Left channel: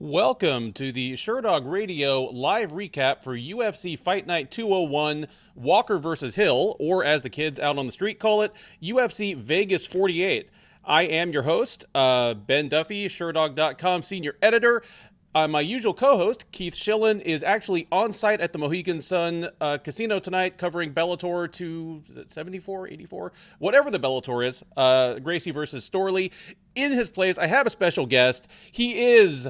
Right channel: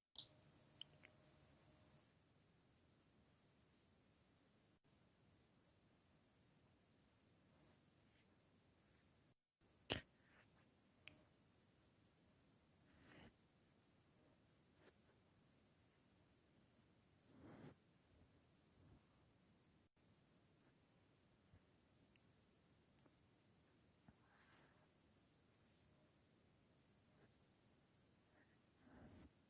Welcome to the Sherdog Radio live recap for UFC Fight Night 201, Walker versus Hill, or as the kids out on the street call it, UFC Vegas 48. I am your host, Ben Duffy, Sherdog.com senior editor. My usual co-host, Keith Shillan, is actually on site at the Mohegan Sun Casino tonight covering Bellator 274, 84, whatever the Bellator is, Gracie versus Storley. In his place, I have a special guest. He is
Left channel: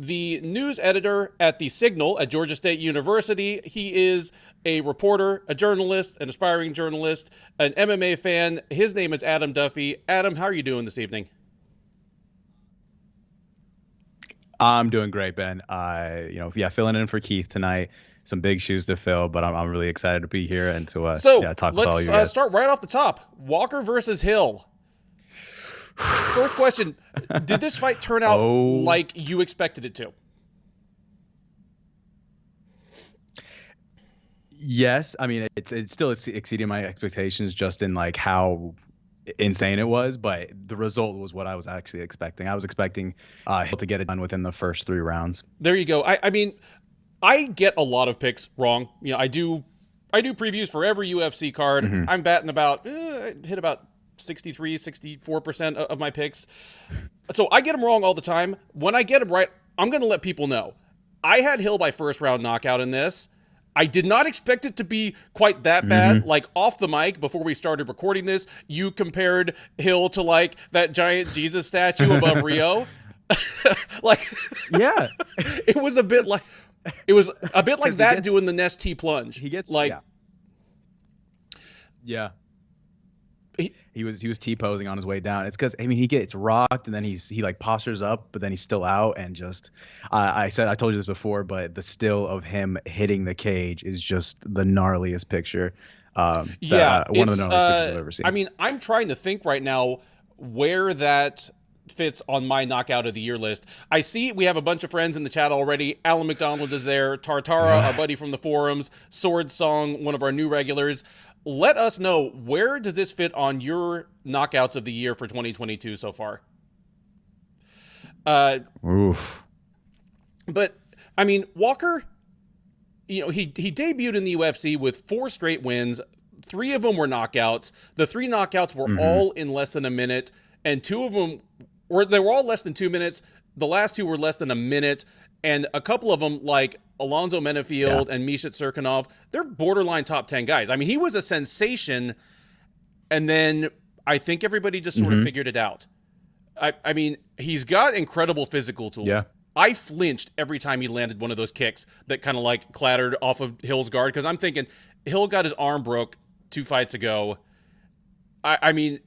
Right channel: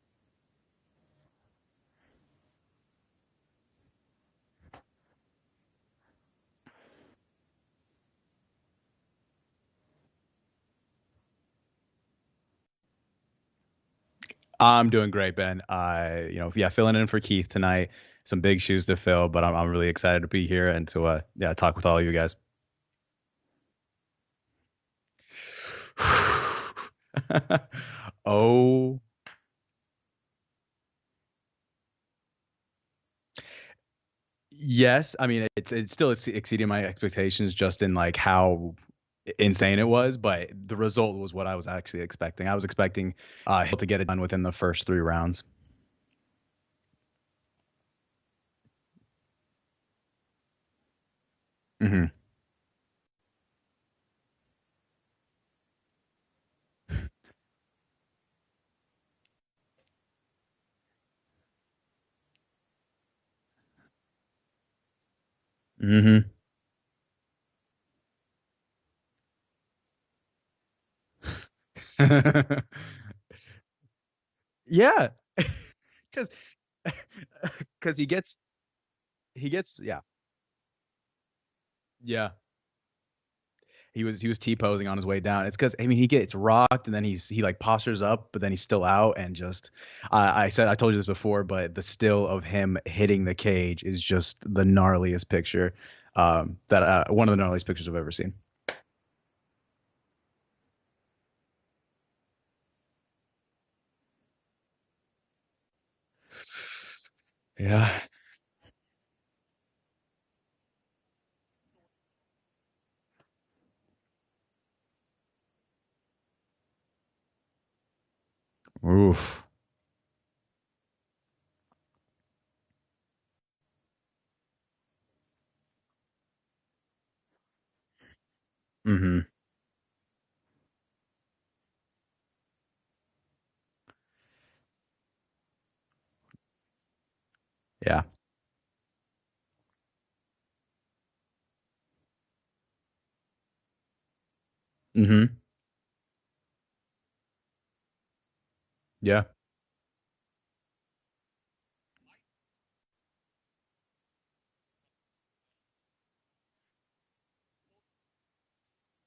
the news editor at The Signal at Georgia State University. He is a reporter, a journalist, an aspiring journalist, an MMA fan. His name is Adam Duffy. Adam, how are you doing this evening? I'm doing great, Ben. Filling in for Keith tonight. Some big shoes to fill, but I'm really excited to be here and to talk with all you guys. Let's start right off the top. Walker versus Hill. First question, did this fight turn out like you expected it to? Yes. I mean, it's still exceeding my expectations just in like how insane it was, but the result was what I was actually expecting. I was expecting Hill to get it done within the first 3 rounds. There you go. I mean, I get a lot of picks wrong. You know, I do previews for every UFC card. Mm-hmm. I'm batting about, hit about 63, 64% of my picks. So I get them wrong all the time. When I get them right, I'm going to let people know. I had Hill by first round knockout in this. I did not expect it to be quite that bad. Like off the mic before we started recording this, you compared Hill to like that giant Jesus statue above Rio. Like, yeah, it was a bit like that doing the Nest T plunge. He gets like, yeah. He was T-posing on his way down. It's because, I mean, he gets rocked and then he like postures up, but then he's still out. And just I told you this before, but the still of him hitting the cage is just the gnarliest picture. One of the gnarliest pictures I've ever seen. I mean, I'm trying to think right now where that fits on my knockout of the year list. I see we have a bunch of friends in the chat already. Alan McDonald is there, Tartara, our buddy from the forums, Sword Song, one of our new regulars. Let us know, where does this fit on your knockouts of the year for 2022 so far? Oof. But I mean, Walker, you know, he debuted in the UFC with 4 straight wins. 3 of them were knockouts. The 3 knockouts were all in less than a minute, and 2 of them they were all less than 2 minutes. The last 2 were less than a minute, and a couple of them, like Alonzo Menefield and Misha Serkinov, they're borderline top 10 guys. I mean, he was a sensation, and then I think everybody just sort of figured it out. I mean, he's got incredible physical tools. Yeah. I flinched every time he landed one of those kicks that kind of like clattered off of Hill's guard, because I'm thinking Hill got his arm broke 2 fights ago. I mean,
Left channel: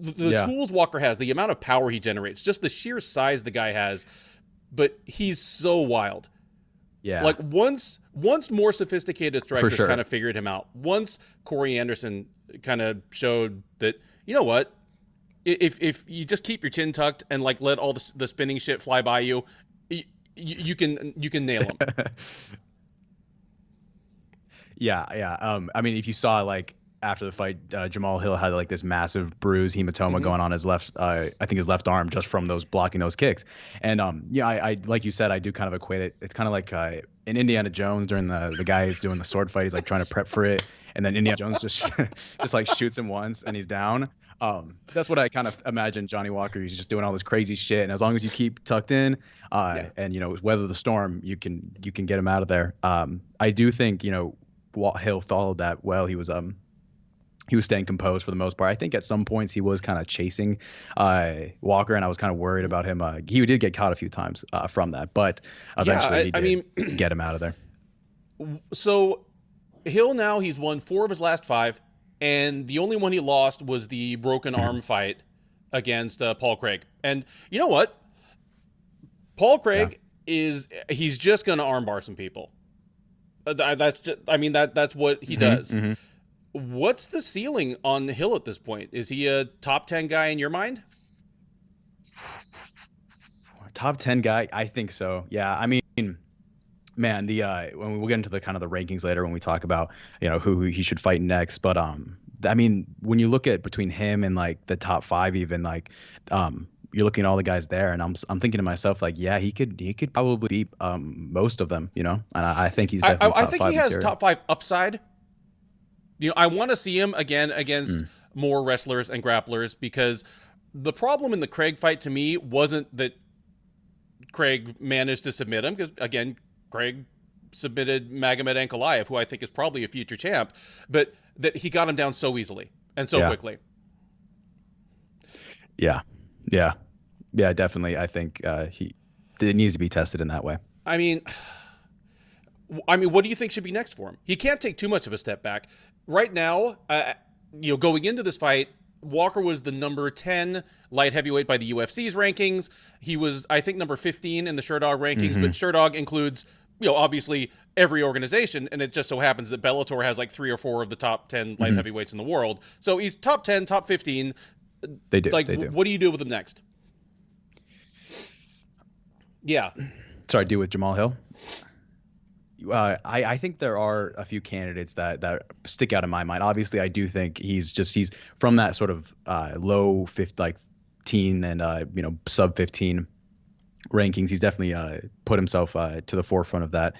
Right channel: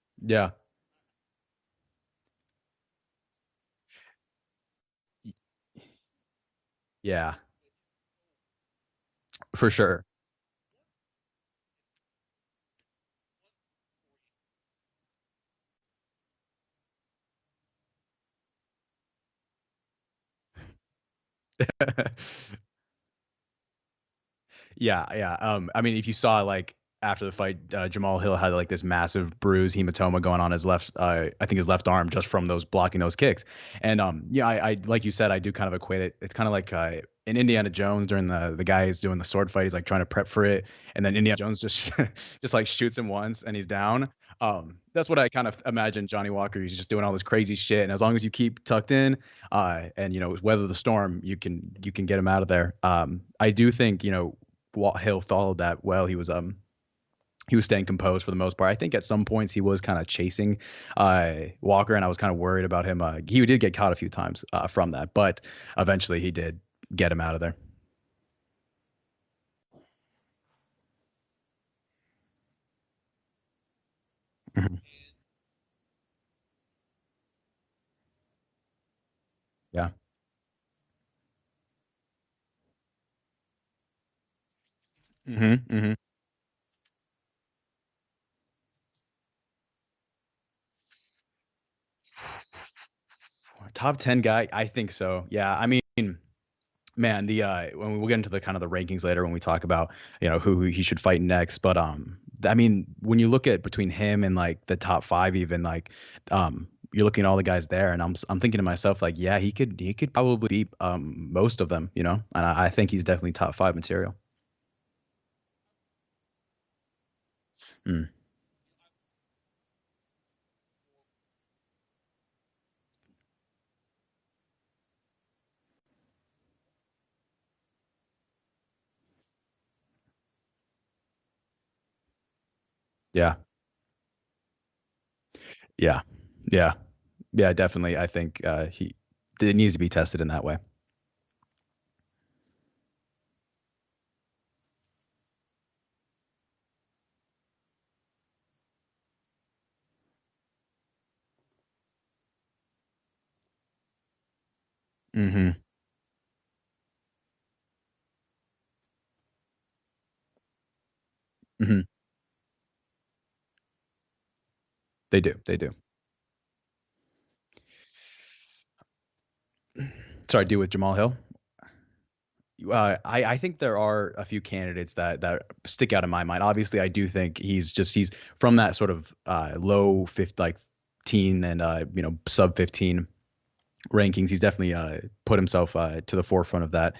the tools Walker has, the amount of power he generates, just the sheer size the guy has, but he's so wild. Yeah. Like once more sophisticated strikers kind of figured him out. Once Corey Anderson kind of showed that, you know what, if you just keep your chin tucked and like let all the spinning shit fly by you, you can nail him. Yeah. I mean, if you saw like after the fight, Jamal Hill had like this massive bruise, hematoma going on his left, I think his left arm, just from blocking those kicks. And I like you said, I do kind of equate it. It's kind of like in Indiana Jones during the guy who's doing the sword fight, he's like trying to prep for it, and then Indiana Jones just like shoots him once and he's down. That's what I kind of imagine Johnny Walker. He's just doing all this crazy shit, and as long as you keep tucked in, and weather the storm, you can get him out of there. I do think Hill followed that well. He was staying composed for the most part. I think at some points he was kind of chasing Walker, and I was kind of worried about him. He did get caught a few times from that, but eventually he did get him out of there. So Hill now, he's won 4 of his last 5, and the only one he lost was the broken arm fight against Paul Craig. And you know what? Paul Craig he's just going to armbar some people. That's what he does. What's the ceiling on Hill at this point? Is he a top 10 guy in your mind? Top 10 guy? I think so. Yeah. I mean, man, when we'll get into the kind of the rankings later when we talk about, who he should fight next. But I mean, when you look at between him and like the top 5, even like you're looking at all the guys there, and I'm thinking to myself like, yeah, he could probably beat most of them, and I think he's definitely I top think he five has material. top 5 upside. I want to see him again against Mm. more wrestlers and grapplers, because the problem in the Craig fight to me wasn't that Craig managed to submit him, because again, Craig submitted Magomed Ankalaev, who I think is probably a future champ, but that he got him down so easily and so Yeah, quickly. yeah, yeah, yeah. Definitely, I think he it needs to be tested in that way. I mean, what do you think should be next for him? He can't take too much of a step back. Right now, going into this fight, Walker was the number 10 light heavyweight by the UFC's rankings. He was, I think, number 15 in the Sherdog rankings, Mm-hmm. but Sherdog includes, obviously every organization, and it just so happens that Bellator has like 3 or 4 of the top 10 light Mm-hmm. heavyweights in the world. So he's top 10, top 15. They do. Like, They do. what do you do with him next? Yeah. Sorry, do with Jamal Hill. I think there are a few candidates that stick out in my mind. Obviously, I do think he's from that sort of low 50, like teen and sub 15 rankings. He's definitely put himself to the forefront of that.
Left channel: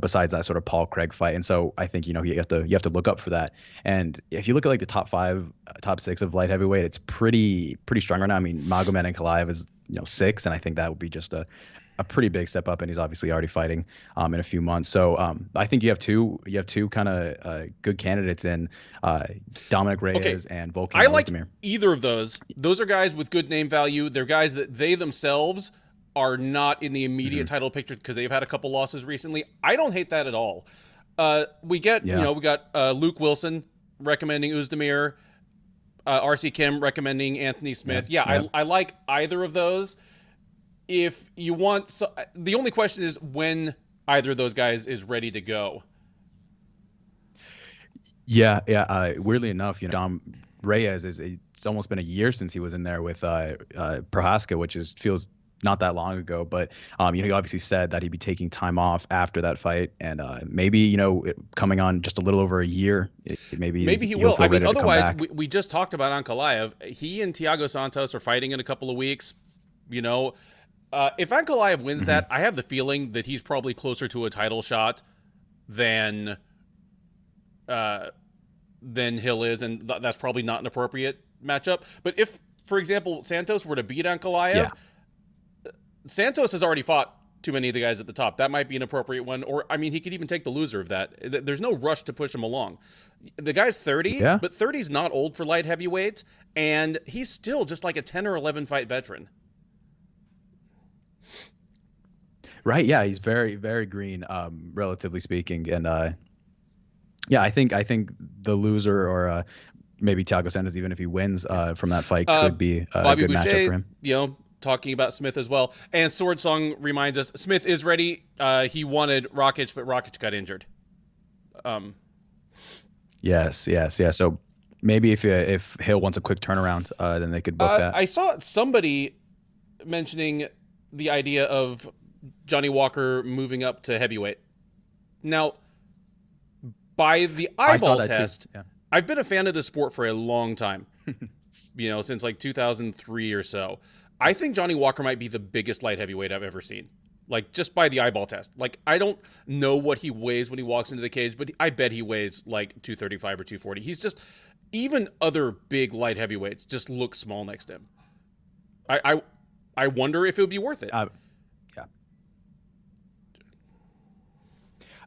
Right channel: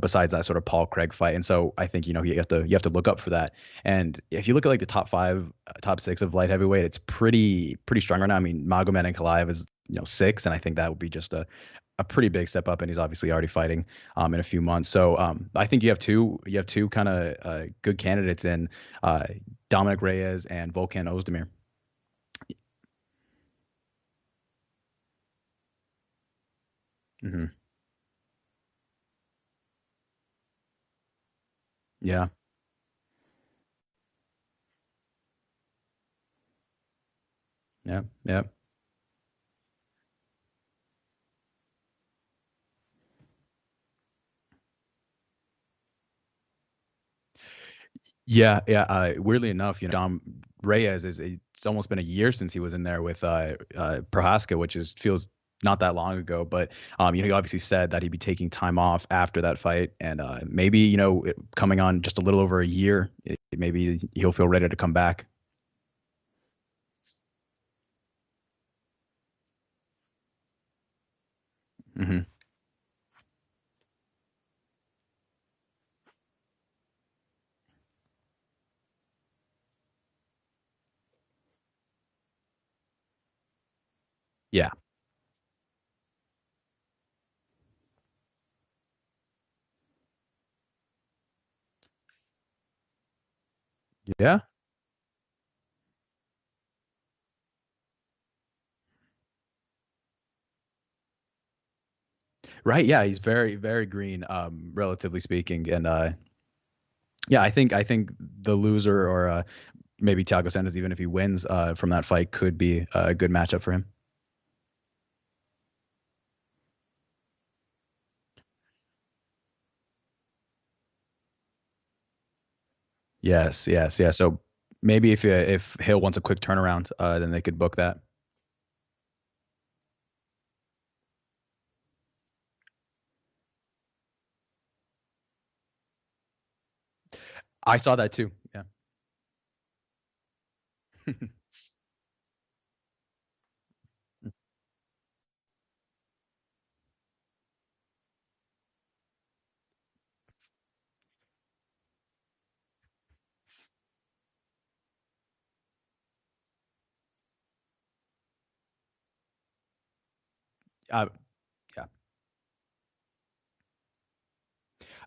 Besides that sort of Paul Craig fight, and so I think you have to look up for that. And if you look at like the top 5, top 6 of light heavyweight, it's pretty strong right now. I mean, Magomed Ankalaev is 6, and I think that would be just a pretty big step up, and he's obviously already fighting in a few months. So I think you have two kind of good candidates in Dominic Reyes and Volkan I like Ozdemir. either of those. Those are guys with good name value. They're guys that they themselves are not in the immediate title picture because they've had a couple losses recently. I don't hate that at all. We got Luke Wilson recommending Ozdemir, RC Kim recommending Anthony Smith. I like either of those. If you want, the only question is when either of those guys is ready to go. Yeah. Weirdly enough, Dom Reyes it's almost been a year since he was in there with Prohaska, which feels not that long ago. But he obviously said that he'd be taking time off after that fight, and maybe coming on just a little over a year, maybe he'll feel ready to come back. We just talked about Ankalaev. He and Thiago Santos are fighting in a couple of weeks. If Ankalaev wins that, I have the feeling that he's probably closer to a title shot than Hill is, and that's probably not an appropriate matchup. But if, for example, Santos were to beat Ankalaev, Santos has already fought too many of the guys at the top. That might be an appropriate one. Or, I mean, he could even take the loser of that. There's no rush to push him along. The guy's 30, but 30 is not old for light heavyweights, and he's still just like a 10 or 11 fight veteran. Right. Yeah. He's very, very green, relatively speaking. And I think the loser or maybe Thiago Santos, even if he wins from that fight, could be a good matchup for him. Talking about Smith as well. And Sword Song reminds us Smith is ready. He wanted Rakic, but Rakic got injured. Yes. So maybe if Hill wants a quick turnaround, then they could book that. I saw somebody mentioning the idea of Johnny Walker moving up to heavyweight. Now, by the eyeball I saw that test, too. Yeah. I've been a fan of the sport for a long time. Since like 2003 or so. I think Johnny Walker might be the biggest light heavyweight I've ever seen. Like, just by the eyeball test. Like, I don't know what he weighs when he walks into the cage, but I bet he weighs like 235 or 240. He's just, even other big light heavyweights just look small next to him. I wonder if it would be worth it. Yeah.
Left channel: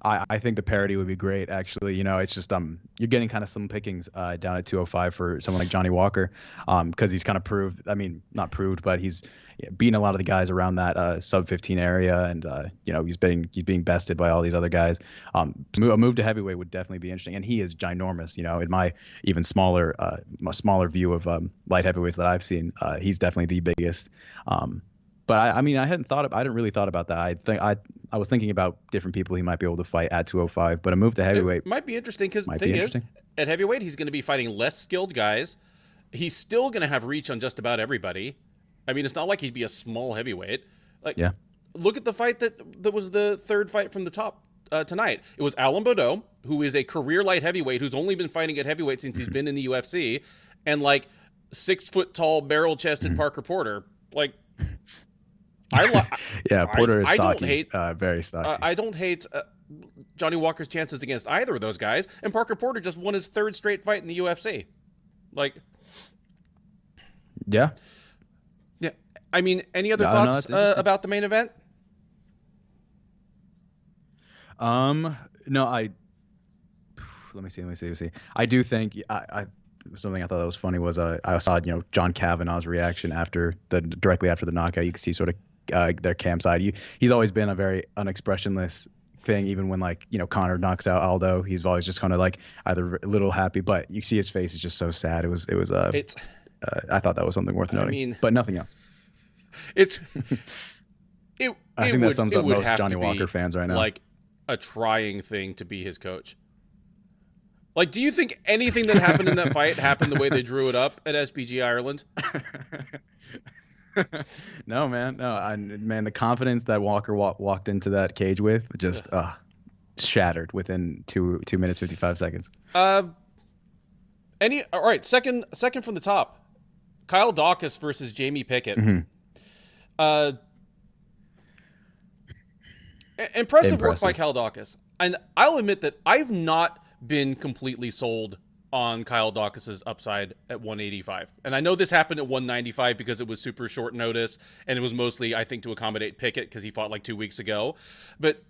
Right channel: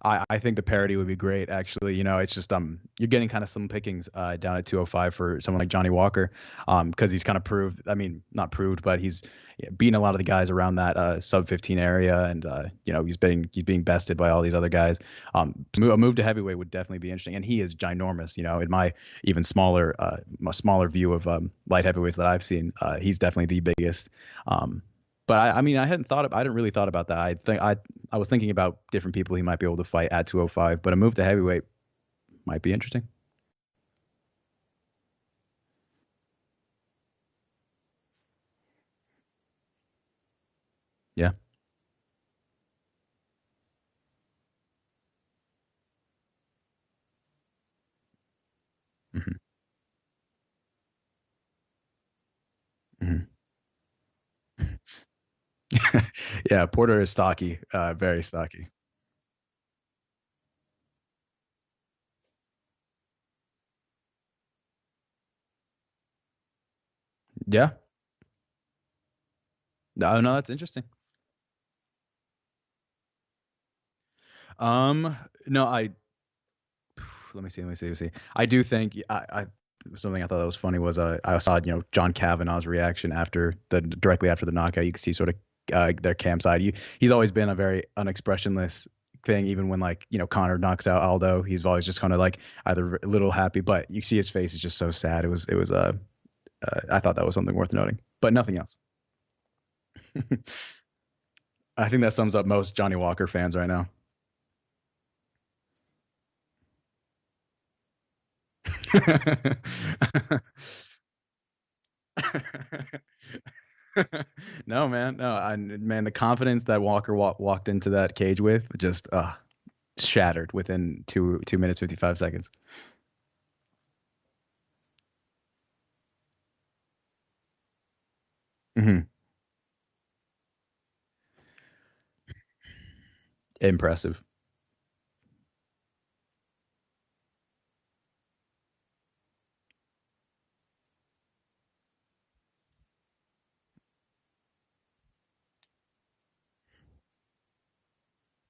I think the parity would be great, actually. It's just you're getting kind of some pickings down at 205 for someone like Johnny Walker, because he's kind of proved. I mean, not proved, but he's beaten a lot of the guys around that sub 15 area, and he's being bested by all these other guys. A move to heavyweight would definitely be interesting, and he is ginormous. In my even smaller view of light heavyweights that I've seen, he's definitely the biggest. But I hadn't really thought about that. I was thinking about different people he might be able to fight at 205, but a move to heavyweight it might be interesting, because at heavyweight he's going to be fighting less skilled guys. He's still going to have reach on just about everybody. I mean, it's not like he'd be a small heavyweight. Look at the fight that was the third fight from the top tonight. It was Alan Baudot, who is a career light heavyweight who's only been fighting at heavyweight since he's been in the UFC, and like 6 foot tall barrel chested Parker Porter. Like, I Yeah, Porter is I don't stocky, hate very stocky. I don't hate Johnny Walker's chances against either of those guys. And Parker Porter just won his 3rd straight fight in the UFC. Like, Yeah. yeah. I mean, any other No, thoughts that's interesting. about the main event? No, let me see. I do think something I thought that was funny was I saw John Kavanaugh's reaction directly after the knockout. You could see sort of their campsite. He's always been a very unexpressionless thing, even when Conor knocks out Aldo. He's always just kind of like either a little happy, but you see his face is just so sad. It's I thought that was something worth I noting, mean, but nothing else. it's I think that sums up would most have Johnny to Walker be fans right now. like a trying thing to be his coach. Like, do you think anything that happened in that fight happened the way they drew it up at SPG Ireland? No, man. No, man, the confidence that Walker walked into that cage with just shattered within 2 minutes 55 seconds. All right, second from the top. Kyle Dawkis versus Jamie Pickett. Mm-hmm. Impressive work by Kyle Dawkis. And I'll admit that I've not been completely sold on Kyle Dawkis's upside at 185. And I know this happened at 195 because it was super short notice, and it was mostly, I think, to accommodate Pickett because he fought like 2 weeks ago. But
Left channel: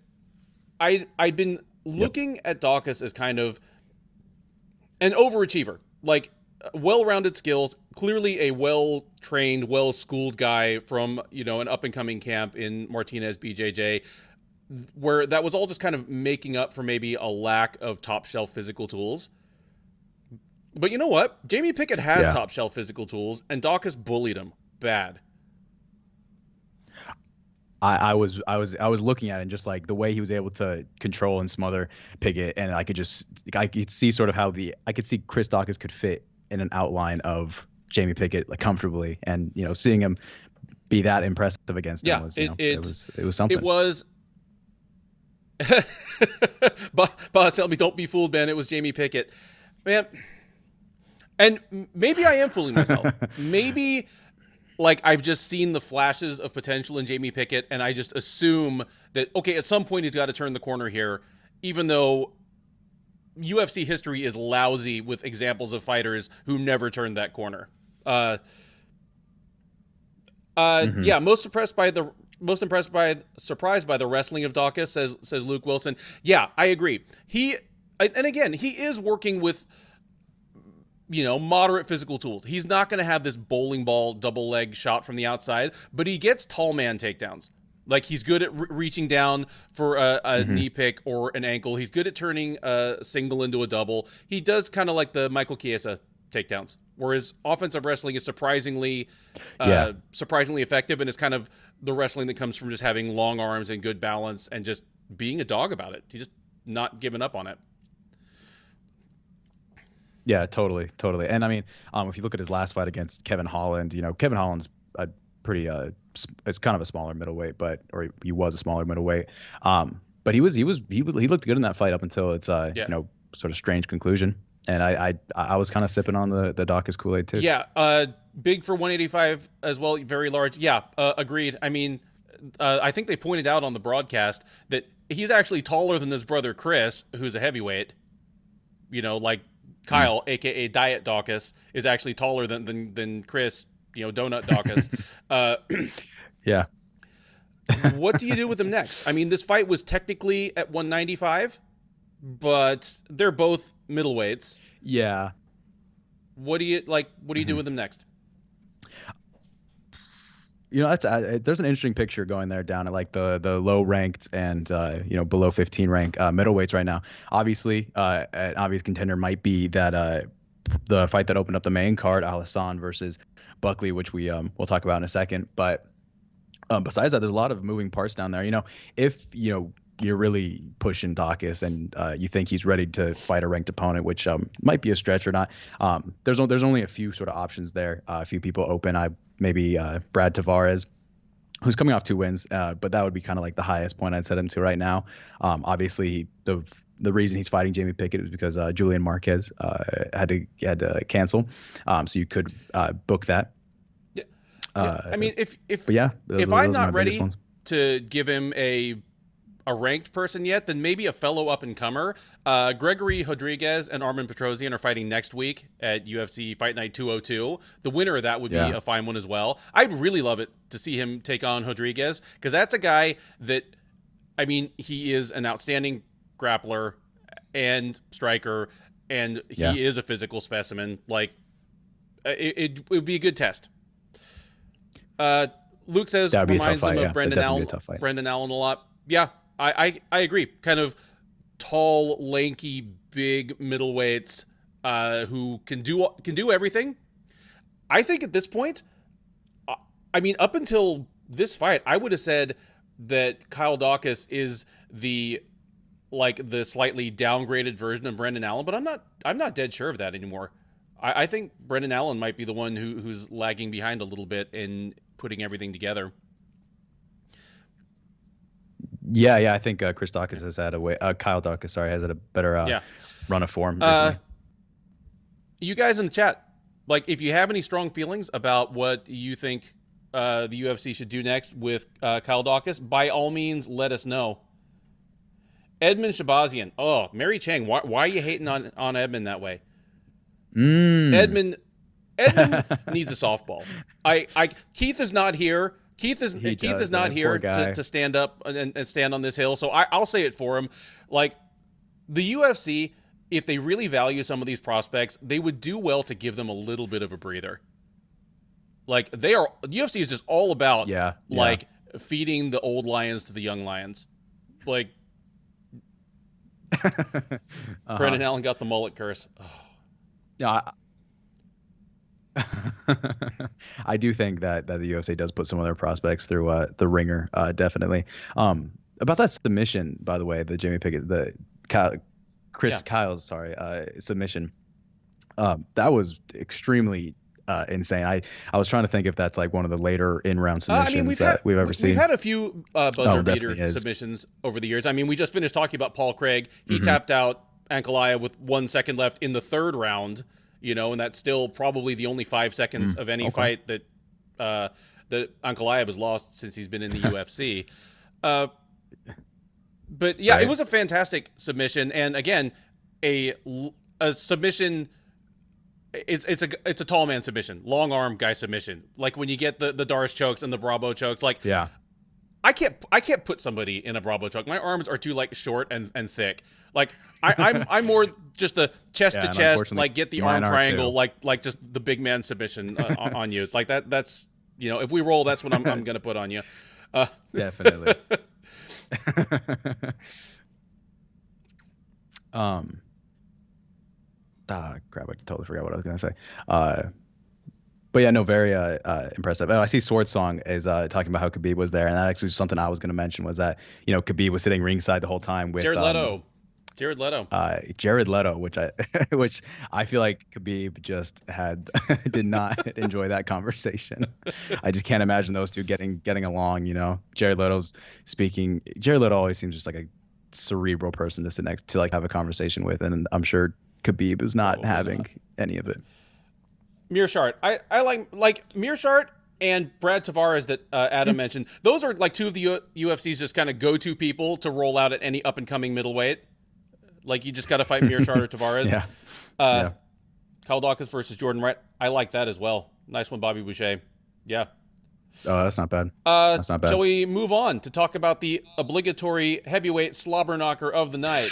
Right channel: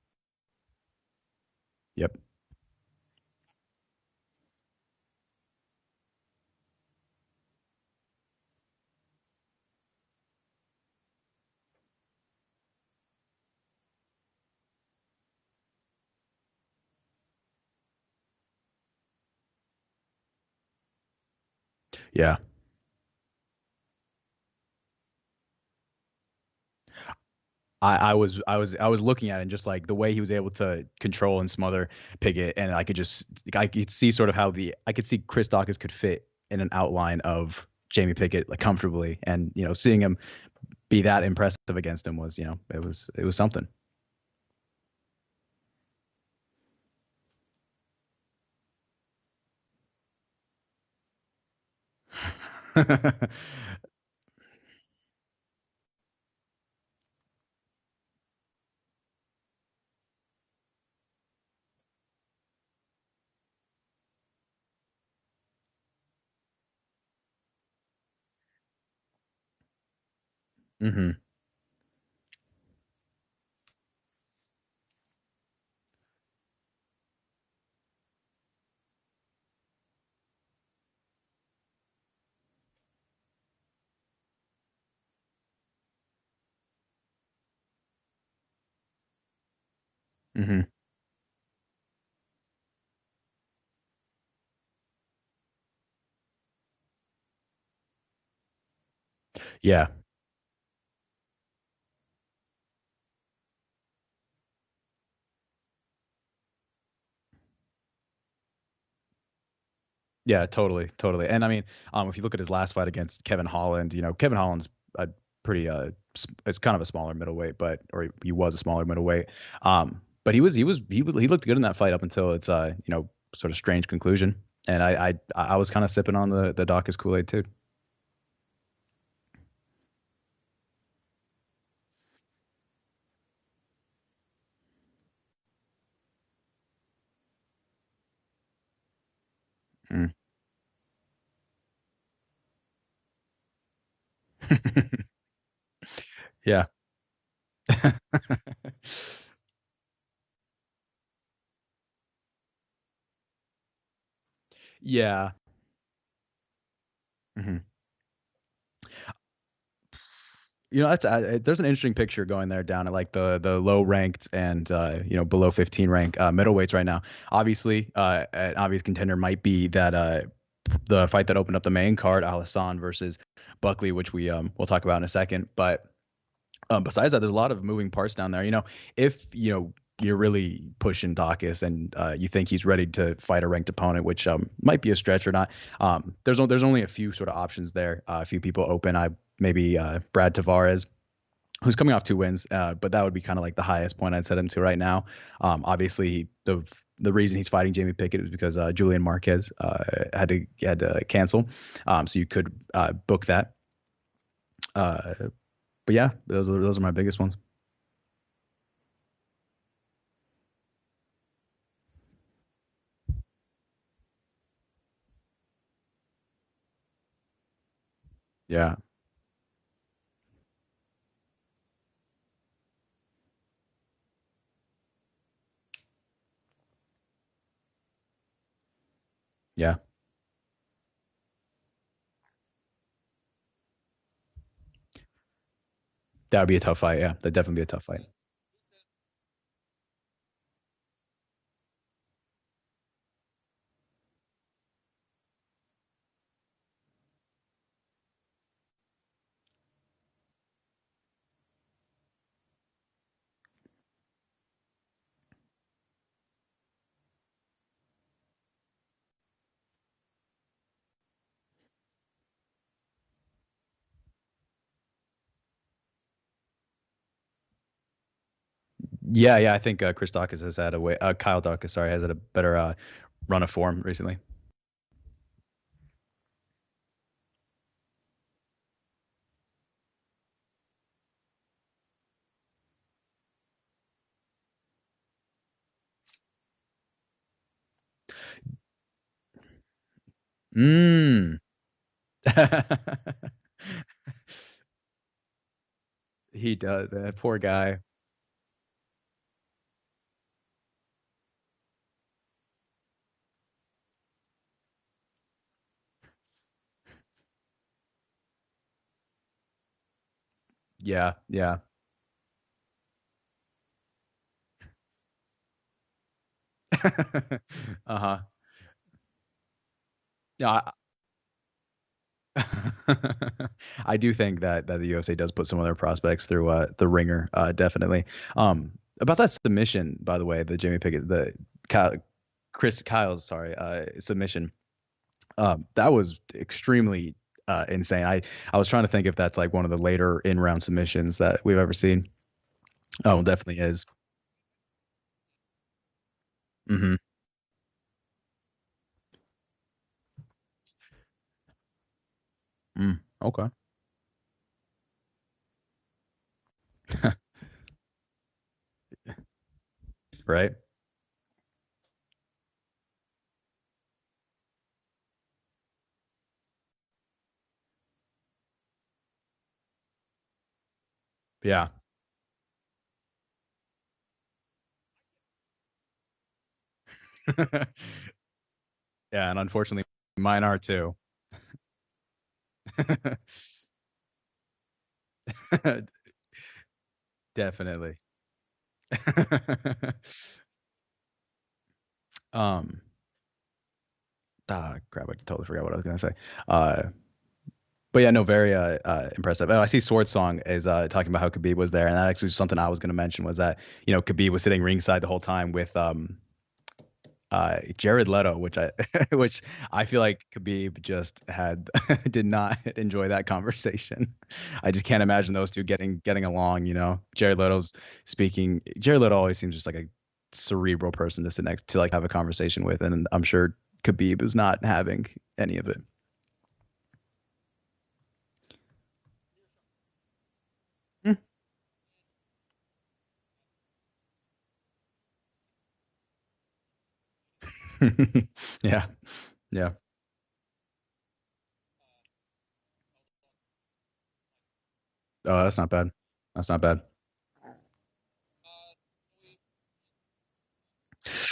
I'd been looking at Dawkis as kind of an overachiever. Like, well-rounded skills, clearly a well-trained, well-schooled guy from, an up-and-coming camp in Martinez BJJ, where that was all just kind of making up for maybe a lack of top-shelf physical tools. But you know what? Jamie Pickett has top-shelf physical tools, and Dawkis bullied him bad. I was looking at it and just like the way he was able to control and smother Pickett, and I could see sort of how I could see Chris Dawkis could fit in an outline of Jamie Pickett like comfortably, and seeing him be that impressive against him was it was something. It was. Boss, tell me, don't be fooled, man. It was Jamie Pickett, man. And maybe I am fooling myself. Maybe like I've just seen the flashes of potential in Jamie Pickett, and I just assume that okay, at some point he's got to turn the corner here, even though UFC history is lousy with examples of fighters who never turned that corner. Yeah, surprised by the wrestling of Dawkis, says Luke Wilson. Yeah, I agree. And again, he is working with moderate physical tools. He's not going to have this bowling ball double leg shot from the outside, but he gets tall man takedowns. Like, he's good at reaching down for a knee pick or an ankle. He's good at turning a single into a double. He does kind of like the Michael Chiesa takedowns, whereas offensive wrestling is surprisingly effective, and it's kind of the wrestling that comes from just having long arms and good balance and just being a dog about it. He's just not giving up on it. Yeah, totally. And I mean, if you look at his last fight against Kevin Holland, Kevin Holland's a pretty it's kind of a smaller middleweight, or he was a smaller middleweight. But he looked good in that fight up until its sort of strange conclusion. And I was kind of sipping on the Dawkis Kool-Aid too. Yeah, big for 185 as well, very large. Yeah, agreed. I mean, I think they pointed out on the broadcast that he's actually taller than his brother Chris, who's a heavyweight. Like Kyle, aka Diet Dawkis, is actually taller than Chris, Donut Dawkis. Yeah. What do you do with him next? I mean, this fight was technically at 195, but they're both middleweights. Yeah. What do you do with him next? That's there's an interesting picture going there down at like the low ranked and below 15 rank middleweights right now. Obviously, an obvious contender might be that the fight that opened up the main card, Alhassan versus Buckley, which we'll talk about in a second. But besides that, there's a lot of moving parts down there. If you're really pushing Dawkis and you think he's ready to fight a ranked opponent, which might be a stretch or not. There's only a few sort of options there. A few people open. Maybe Brad Tavares, who's coming off 2 wins, but that would be kind of like the highest point I'd set him to right now. Obviously, the reason he's fighting Jamie Pickett is because Julian Marquez had to cancel, so you could book that. Yeah, I mean, But yeah, those I'm are my not biggest ready ones. to give him a ranked person yet, then maybe a fellow up and comer. Gregory Rodriguez and Armin Petrosian are fighting next week at UFC Fight Night 202. The winner of that would be Yeah. a fine one as well. I'd really love it to see him take on Rodriguez, because that's a guy that, I mean, he is an outstanding grappler and striker, and Yeah. he is a physical specimen. Like, it would be a good test. Luke says That would be a tough reminds him fight. of Yeah, that'd Brendan definitely Allen, be a tough fight. Brendan Allen a lot. Yeah, I agree. Kind of tall, lanky, big middleweights who can do everything. I think at this point, I mean, up until this fight, I would have said that Kyle Dawkis is the slightly downgraded version of Brendan Allen, but I'm not dead sure of that anymore. I think Brendan Allen might be the one who's lagging behind a little bit in putting everything together. Yeah. I think Chris Dawkis has had a way. Kyle Dawkis, sorry, has had a better run of form recently. You guys in the chat, like, if you have any strong feelings about what you think the UFC should do next with Kyle Dawkis, by all means, let us know. Edmund Shabazian. Oh, Mary Chang. Why are you hating on Edmund that way? Edmund needs a softball. Keith is not here. Keith is not here to stand up and stand on this hill. So I'll say it for him. Like, the UFC, if they really value some of these prospects, they would do well to give them a little bit of a breather. Like, UFC is just all about like feeding the old lions to the young lions. Like, Brendan Allen got the mullet curse. Oh. Yeah. I do think that the UFC does put some of their prospects through the ringer, definitely. About that submission, by the way, the Jamie Pickett, Kyle's submission. That was extremely insane. I was trying to think if that's like one of the later in-round submissions we've ever seen. We've had a few buzzer beater submissions over the years. I mean, we just finished talking about Paul Craig. He tapped out Ankalaev with 1 second left in the 3rd round. You know, and that's still probably the only 5 seconds of any fight that Ankalaev has lost since he's been in the UFC. But yeah, It was a fantastic submission, and again, a submission. It's a tall man submission, long arm guy submission. Like when you get the Doris chokes and the Bravo chokes, like I can't put somebody in a Bravo choke. My arms are too short and thick. Like I'm more just the chest to chest, like get the arm triangle, like just the big man submission on you. Like that's if we roll, that's what I'm gonna put on you. Definitely. Crap! I totally forgot what I was gonna say. But yeah, no, very impressive. And I see Sword Song is talking about how Khabib was there, and that actually is something I was going to mention was that Khabib was sitting ringside the whole time with Jared Leto. Jared Leto, which I feel like Khabib just did not enjoy that conversation. I just can't imagine those two getting along. Jared Leto's speaking. Jared Leto always seems just like a cerebral person to sit next to, like, have a conversation with, and I'm sure Khabib is not having any of it. Mearshart. I like Mearshart and Brad Tavares that Adam mentioned. Those are like two of the UFC's just kind of go-to people to roll out at any up-and-coming middleweight. Like, you just got to fight Mearshart or Tavares. Yeah. Kyle Dawkins versus Jordan Wright. I like that as well. Nice one, Bobby Boucher. Yeah. Oh, that's not bad. That's not bad. So we move on to talk about the obligatory heavyweight slobber knocker of the night.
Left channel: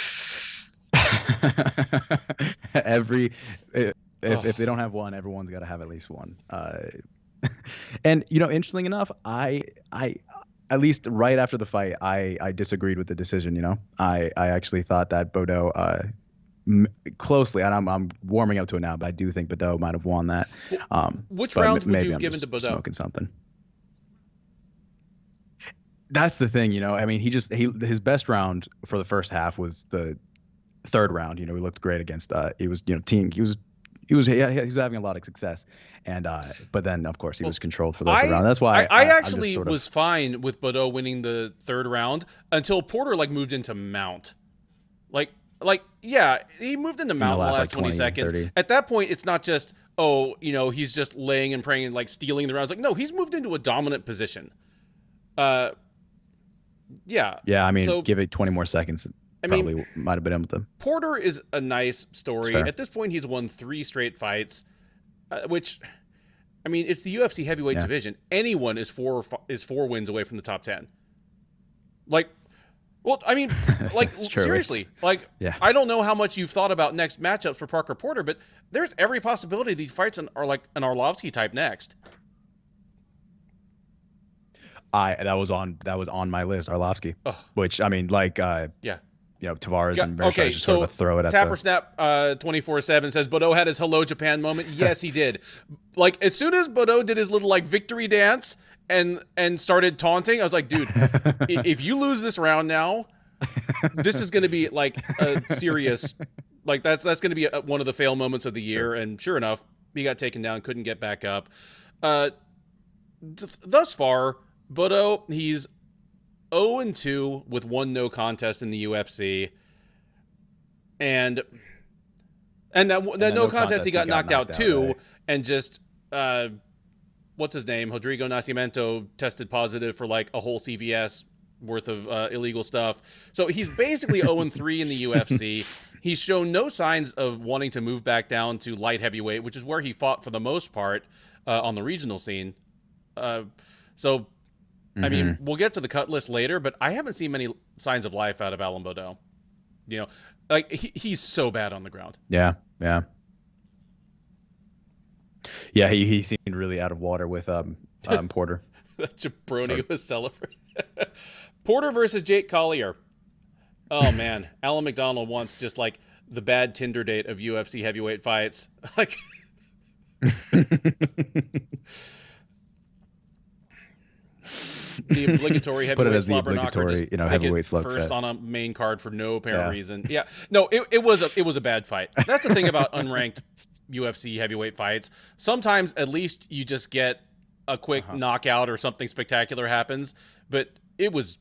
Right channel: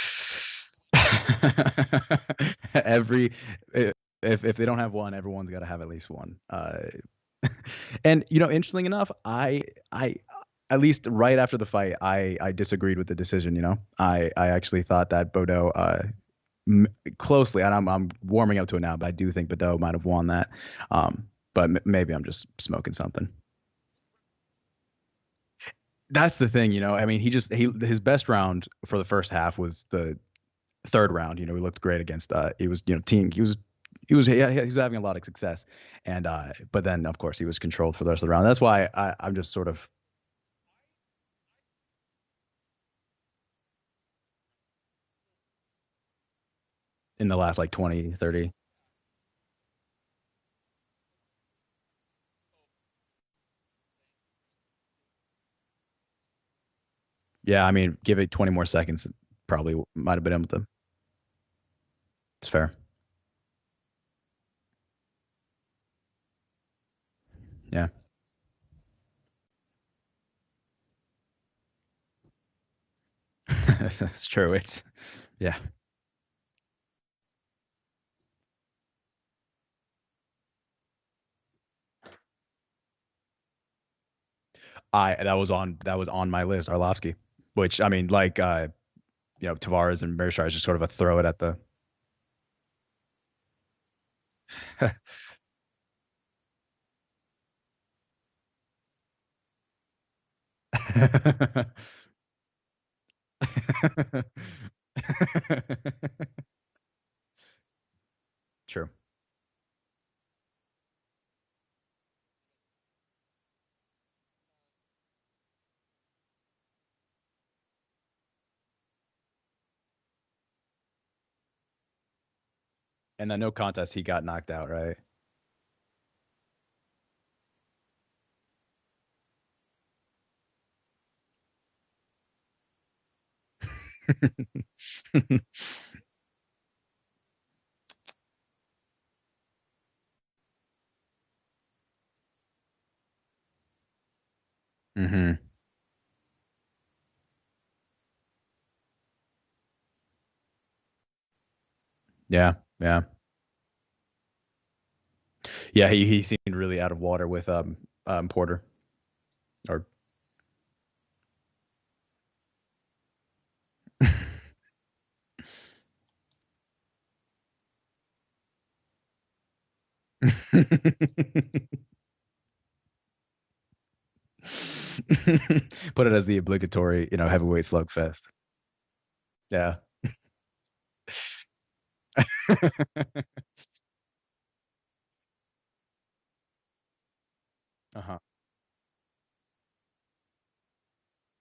If they don't have one, everyone's got to have at least one. And interesting enough, I at least right after the fight, I disagreed with the decision. I actually thought that Bordeaux closely, and I'm warming up to it now, but I do think Bordeaux might have won that. Which rounds would you have I'm given just to Bordeaux? Smoking something. That's the thing, I mean, his best round for the first half was the 3rd round. He looked great against. He was he was having a lot of success, and but then of course he was controlled for the rest of the round. That's why I actually was fine with Bordeaux winning the 3rd round until Porter moved into mount. Like yeah, he moved into mount in the last 20 seconds. 30. At that point, it's not just oh, he's just laying and praying and like stealing the rounds. Like, no, he's moved into a dominant position. Uh, yeah. Yeah, I mean, So give it 20 more seconds, I mean, probably might have been able to. Porter is a nice It's story. fair. At this point, he's won 3 straight fights, which, I mean, it's the UFC heavyweight Yeah. division. Anyone is 4 wins away from the top 10. Like, well, I mean, like It's true. seriously, like Yeah. I don't know how much you've thought about next matchups for Parker Porter, but there's every possibility these fights are like an Arlovsky type next. That was on my list, Arlovsky, Ugh. which I mean, like, Yeah. Tavares and Mershaw Okay, just sort so of a throw it at Tapper the. Snap 24/7 says Bodo had his hello Japan moment. Yes, he did. Like as soon as Bodo did his little like victory dance and started taunting, I was like, dude, if you lose this round now, this is going to be like a serious, like that's going to be one of the fail moments of the year. Sure. And sure enough, he got taken down, couldn't get back up. Thus far, Bodo, he's 0-2 with 1 no contest in the UFC, and that no contest he got knocked out too, right? and just what's his name, Rodrigo Nascimento tested positive for like a whole CVS worth of illegal stuff. So he's basically 0-3 in the UFC. He's shown no signs of wanting to move back down to light heavyweight, which is where he fought for the most part on the regional scene. So I mean, we'll get to the cut list later, but I haven't seen many signs of life out of Alan Bodo. Like he's so bad on the ground. Yeah. He seemed really out of water with Porter. Jabroni was celebrating. Porter versus Jake Collier. Oh man, Alan McDonald wants just like the bad Tinder date of UFC heavyweight fights. Like the obligatory Put it as the slobber knocker, obligatory, just heavyweight first slugfest on a main card for no apparent reason. Yeah, no, it was a bad fight. That's the thing about unranked UFC heavyweight fights. Sometimes at least you just get a quick knockout or something spectacular happens, but it was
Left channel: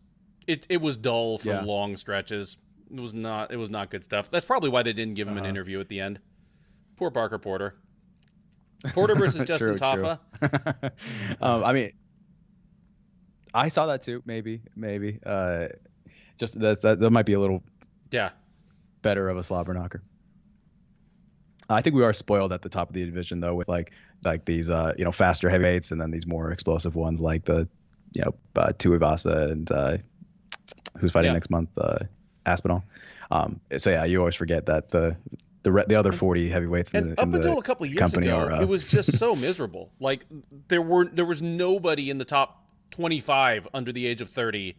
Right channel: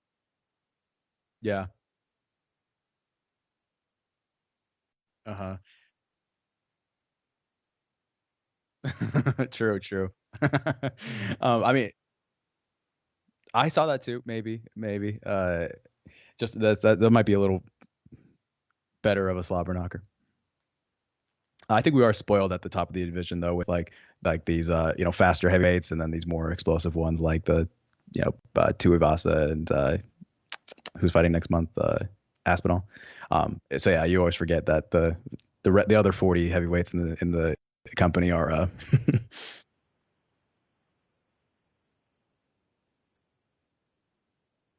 dull for long stretches. It was not good stuff. That's probably why they didn't give him an interview at the end. Poor Parker Porter. Porter versus Justin Taffa. I mean, I saw that too. Maybe. Just that might be a little better of a slobber knocker. I think we are spoiled at the top of the division though, with like these faster heavyweights and then these more explosive ones like the Tuivasa and who's fighting next month, Aspinall. So yeah, you always forget that the other 40 heavyweights in the company ago, are. It was just so miserable. Like there was nobody in the top 25 under the age of 30.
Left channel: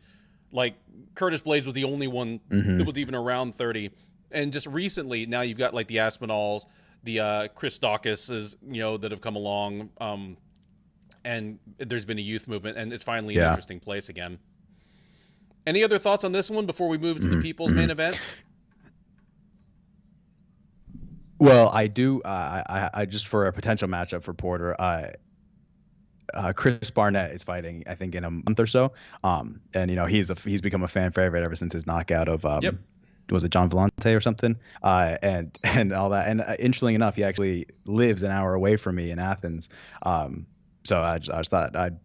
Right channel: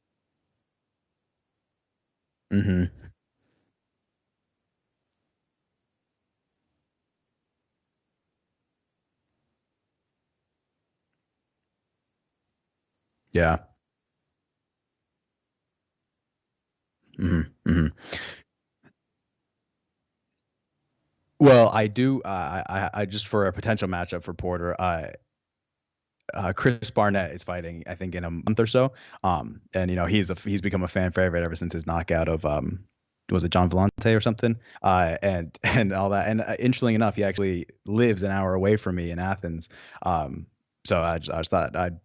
Like Curtis Blades was the only one that was even around 30. And just recently, now you've got like the Aspinalls, the Chris Dawkis that have come along, and there's been a youth movement, and it's finally an interesting place again. Any other thoughts on this one before we move to the people's main event? Well, I do. I just for a potential matchup for Porter, Chris Barnett is fighting, I think, in a month or so. And he's become a fan favorite ever since his knockout of was it John Vellante or something? And all that. And interestingly enough, he actually lives an hour away from me in Athens. So I just thought I'd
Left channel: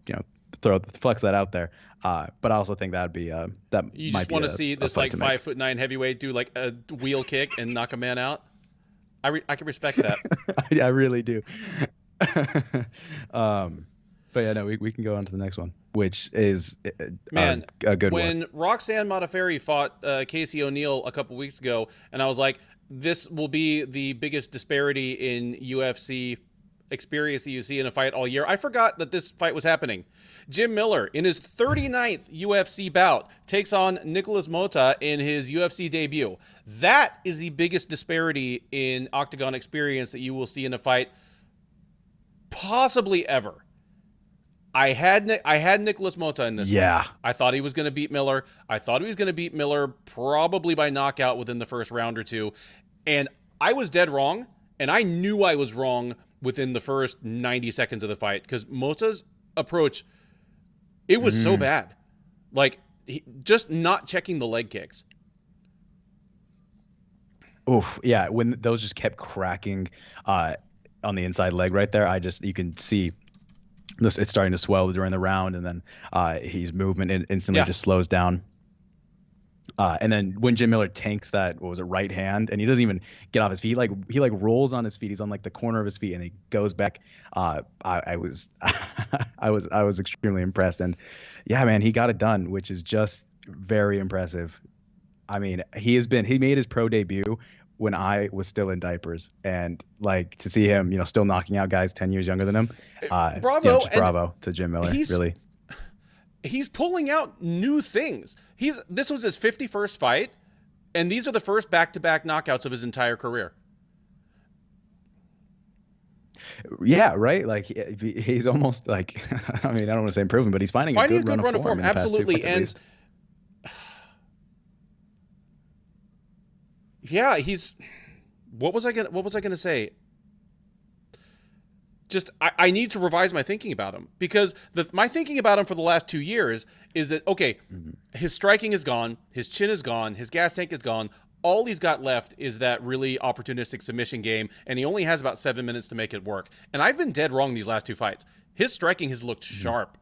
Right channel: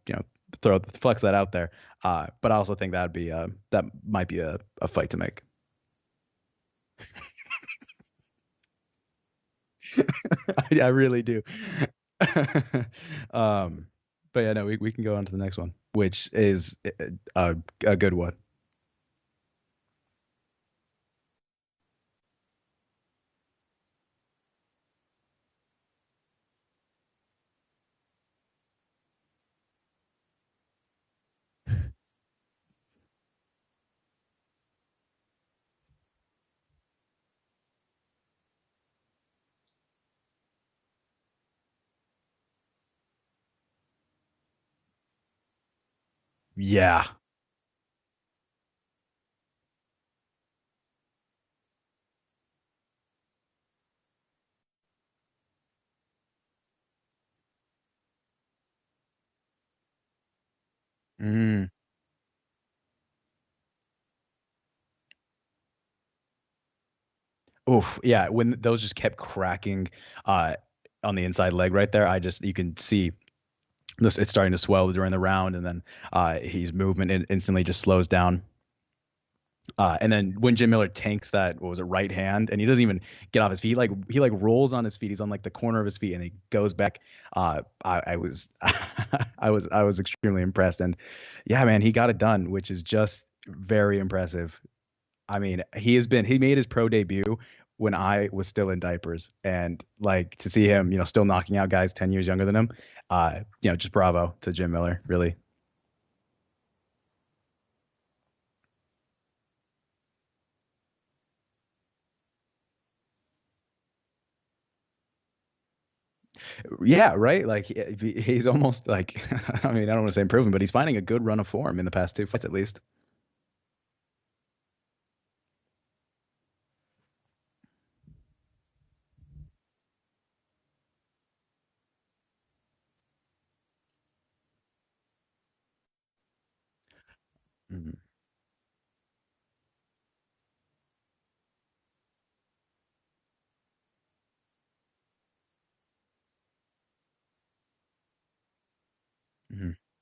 flex that out there. But I also think that'd be that you might just want be to see a this fight like to make. 5'9" heavyweight do like a wheel kick and knock a man out. I can respect that. I really do. But yeah, no, we can go on to the next one, which is a good one. When Roxanne Modafferi fought Casey O'Neill a couple weeks ago, and I was like, this will be the biggest disparity in UFC experience that you see in a fight all year. I forgot that this fight was happening. Jim Miller, in his 39th UFC bout, takes on Nicholas Mota in his UFC debut. That is the biggest disparity in octagon experience that you will see in a fight possibly ever. I had Nicholas Mota in this one. I thought he was going to beat Miller. I thought he was going to beat Miller probably by knockout within the first round or two. And I was dead wrong. And I knew I was wrong within the first 90 seconds of the fight because Mota's approach, it was so bad. Like, just not checking the leg kicks. Oof, yeah, when those just kept cracking. on the inside leg right there. You can see this, it's starting to swell during the round, and then his movement instantly Yeah. just slows down. And then when Jim Miller tanks that, what was it, right hand, and he doesn't even get off his feet. He like rolls on his feet. He's on like the corner of his feet, and he goes back. I was, I was extremely impressed, and yeah, man, he got it done, which is just very impressive. I mean, he made his pro debut when I was still in diapers, and like to see him, still knocking out guys 10 years younger than him. Bravo. Just And bravo to Jim Miller, he's really. he's pulling out new things. This was his 51st fight, and these are the first back-to-back knockouts of his entire career. Yeah, right. Like he's almost like, I mean, I don't want to say improving, but he's finding a Finding good run of form in the past two absolutely. fights at And least. yeah, he's. What was I gonna say? Just I need to revise my thinking about him, because my thinking about him for the last 2 years is that, okay, his striking is gone, his chin is gone, his gas tank is gone. All he's got left is that really opportunistic submission game, and he only has about 7 minutes to make it work. And I've been dead wrong these last two fights. His striking has looked sharp,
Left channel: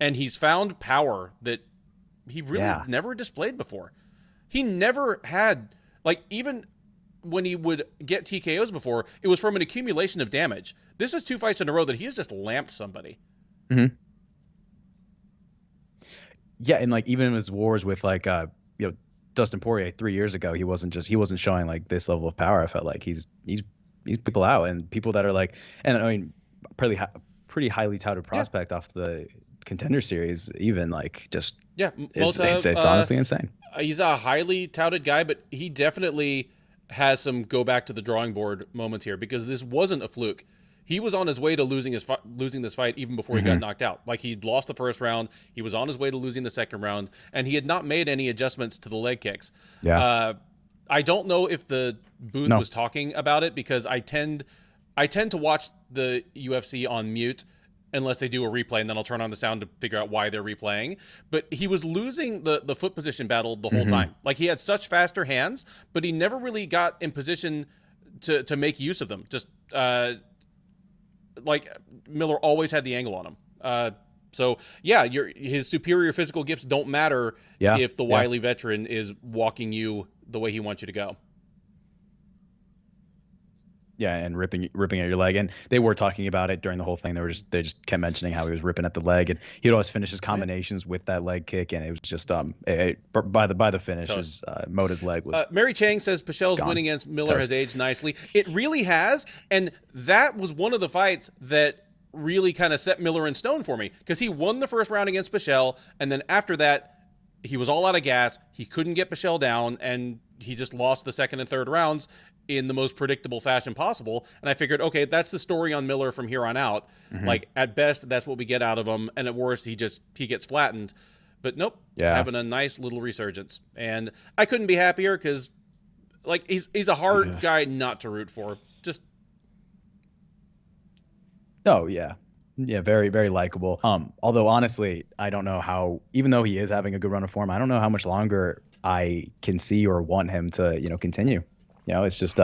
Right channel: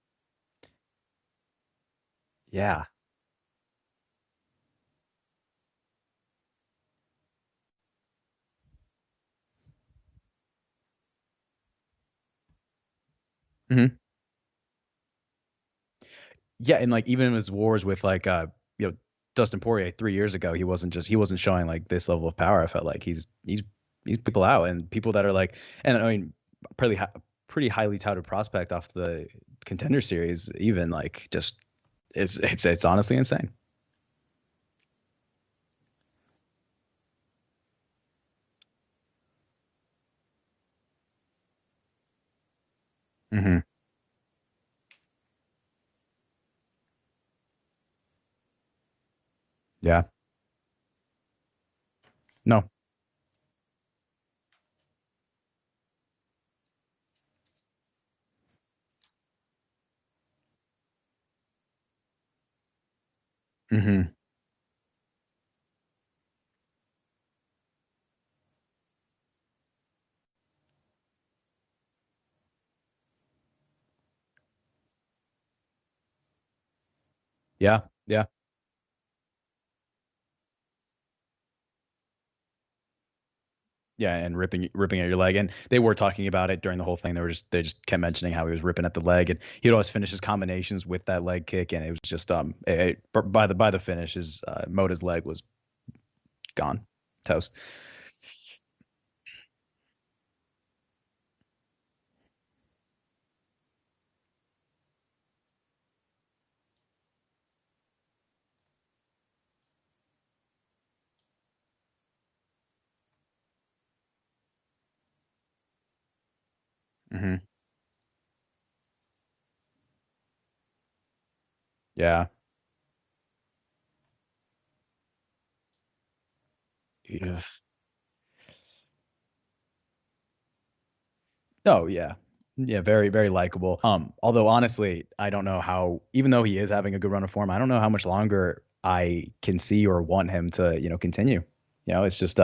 and he's found power that he really never displayed before. He never had, like, even when he would get TKOs before, it was from an accumulation of damage. This is 2 fights in a row that he has just lamped somebody. Mm-hmm. Yeah, and like even in his wars with like Dustin Poirier 3 years ago, he wasn't showing like this level of power. I felt like he's people out, and people that are like, and I mean, pretty highly touted prospect off the Contender Series, even like just it's honestly insane. He's a highly touted guy, but he definitely has some go back to the drawing board moments here, because this wasn't a fluke. He was on his way to losing this fight even before he got knocked out. Like, he'd lost the first round, he was on his way to losing the second round, and he had not made any adjustments to the leg kicks. Yeah. I don't know if the booth was talking about it, because I tend to watch the UFC on mute unless they do a replay, and then I'll turn on the sound to figure out why they're replaying. But he was losing the foot position battle the whole time. Like, he had such faster hands, but he never really got in position to make use of them. Just like, Miller always had the angle on him. So yeah, his superior physical gifts don't matter if the wily veteran is walking you the way he wants you to go. Yeah, and ripping at your leg, and they were talking about it during the whole thing. They just kept mentioning how he was ripping at the leg, and he'd always finish his combinations with that leg kick, and it was just by the finish, his Mota's leg was. Mary Chang says Pichel's win against Miller has aged nicely. It really has, and that was one of the fights that really kind of set Miller in stone for me, because he won the first round against Pichel, and then after that, he was all out of gas. He couldn't get Pichel down, and he just lost the second and third rounds in the most predictable fashion possible. And I figured, okay, that's the story on Miller from here on out. Like, at best, that's what we get out of him, and at worst, he gets flattened. But nope, he's having a nice little resurgence, and I couldn't be happier, because like, he's a hard guy not to root for. Just Very, very likable. Although honestly, I don't know how, even though he is having a good run of form, I don't know how much longer I can see or want him to, continue. It's just,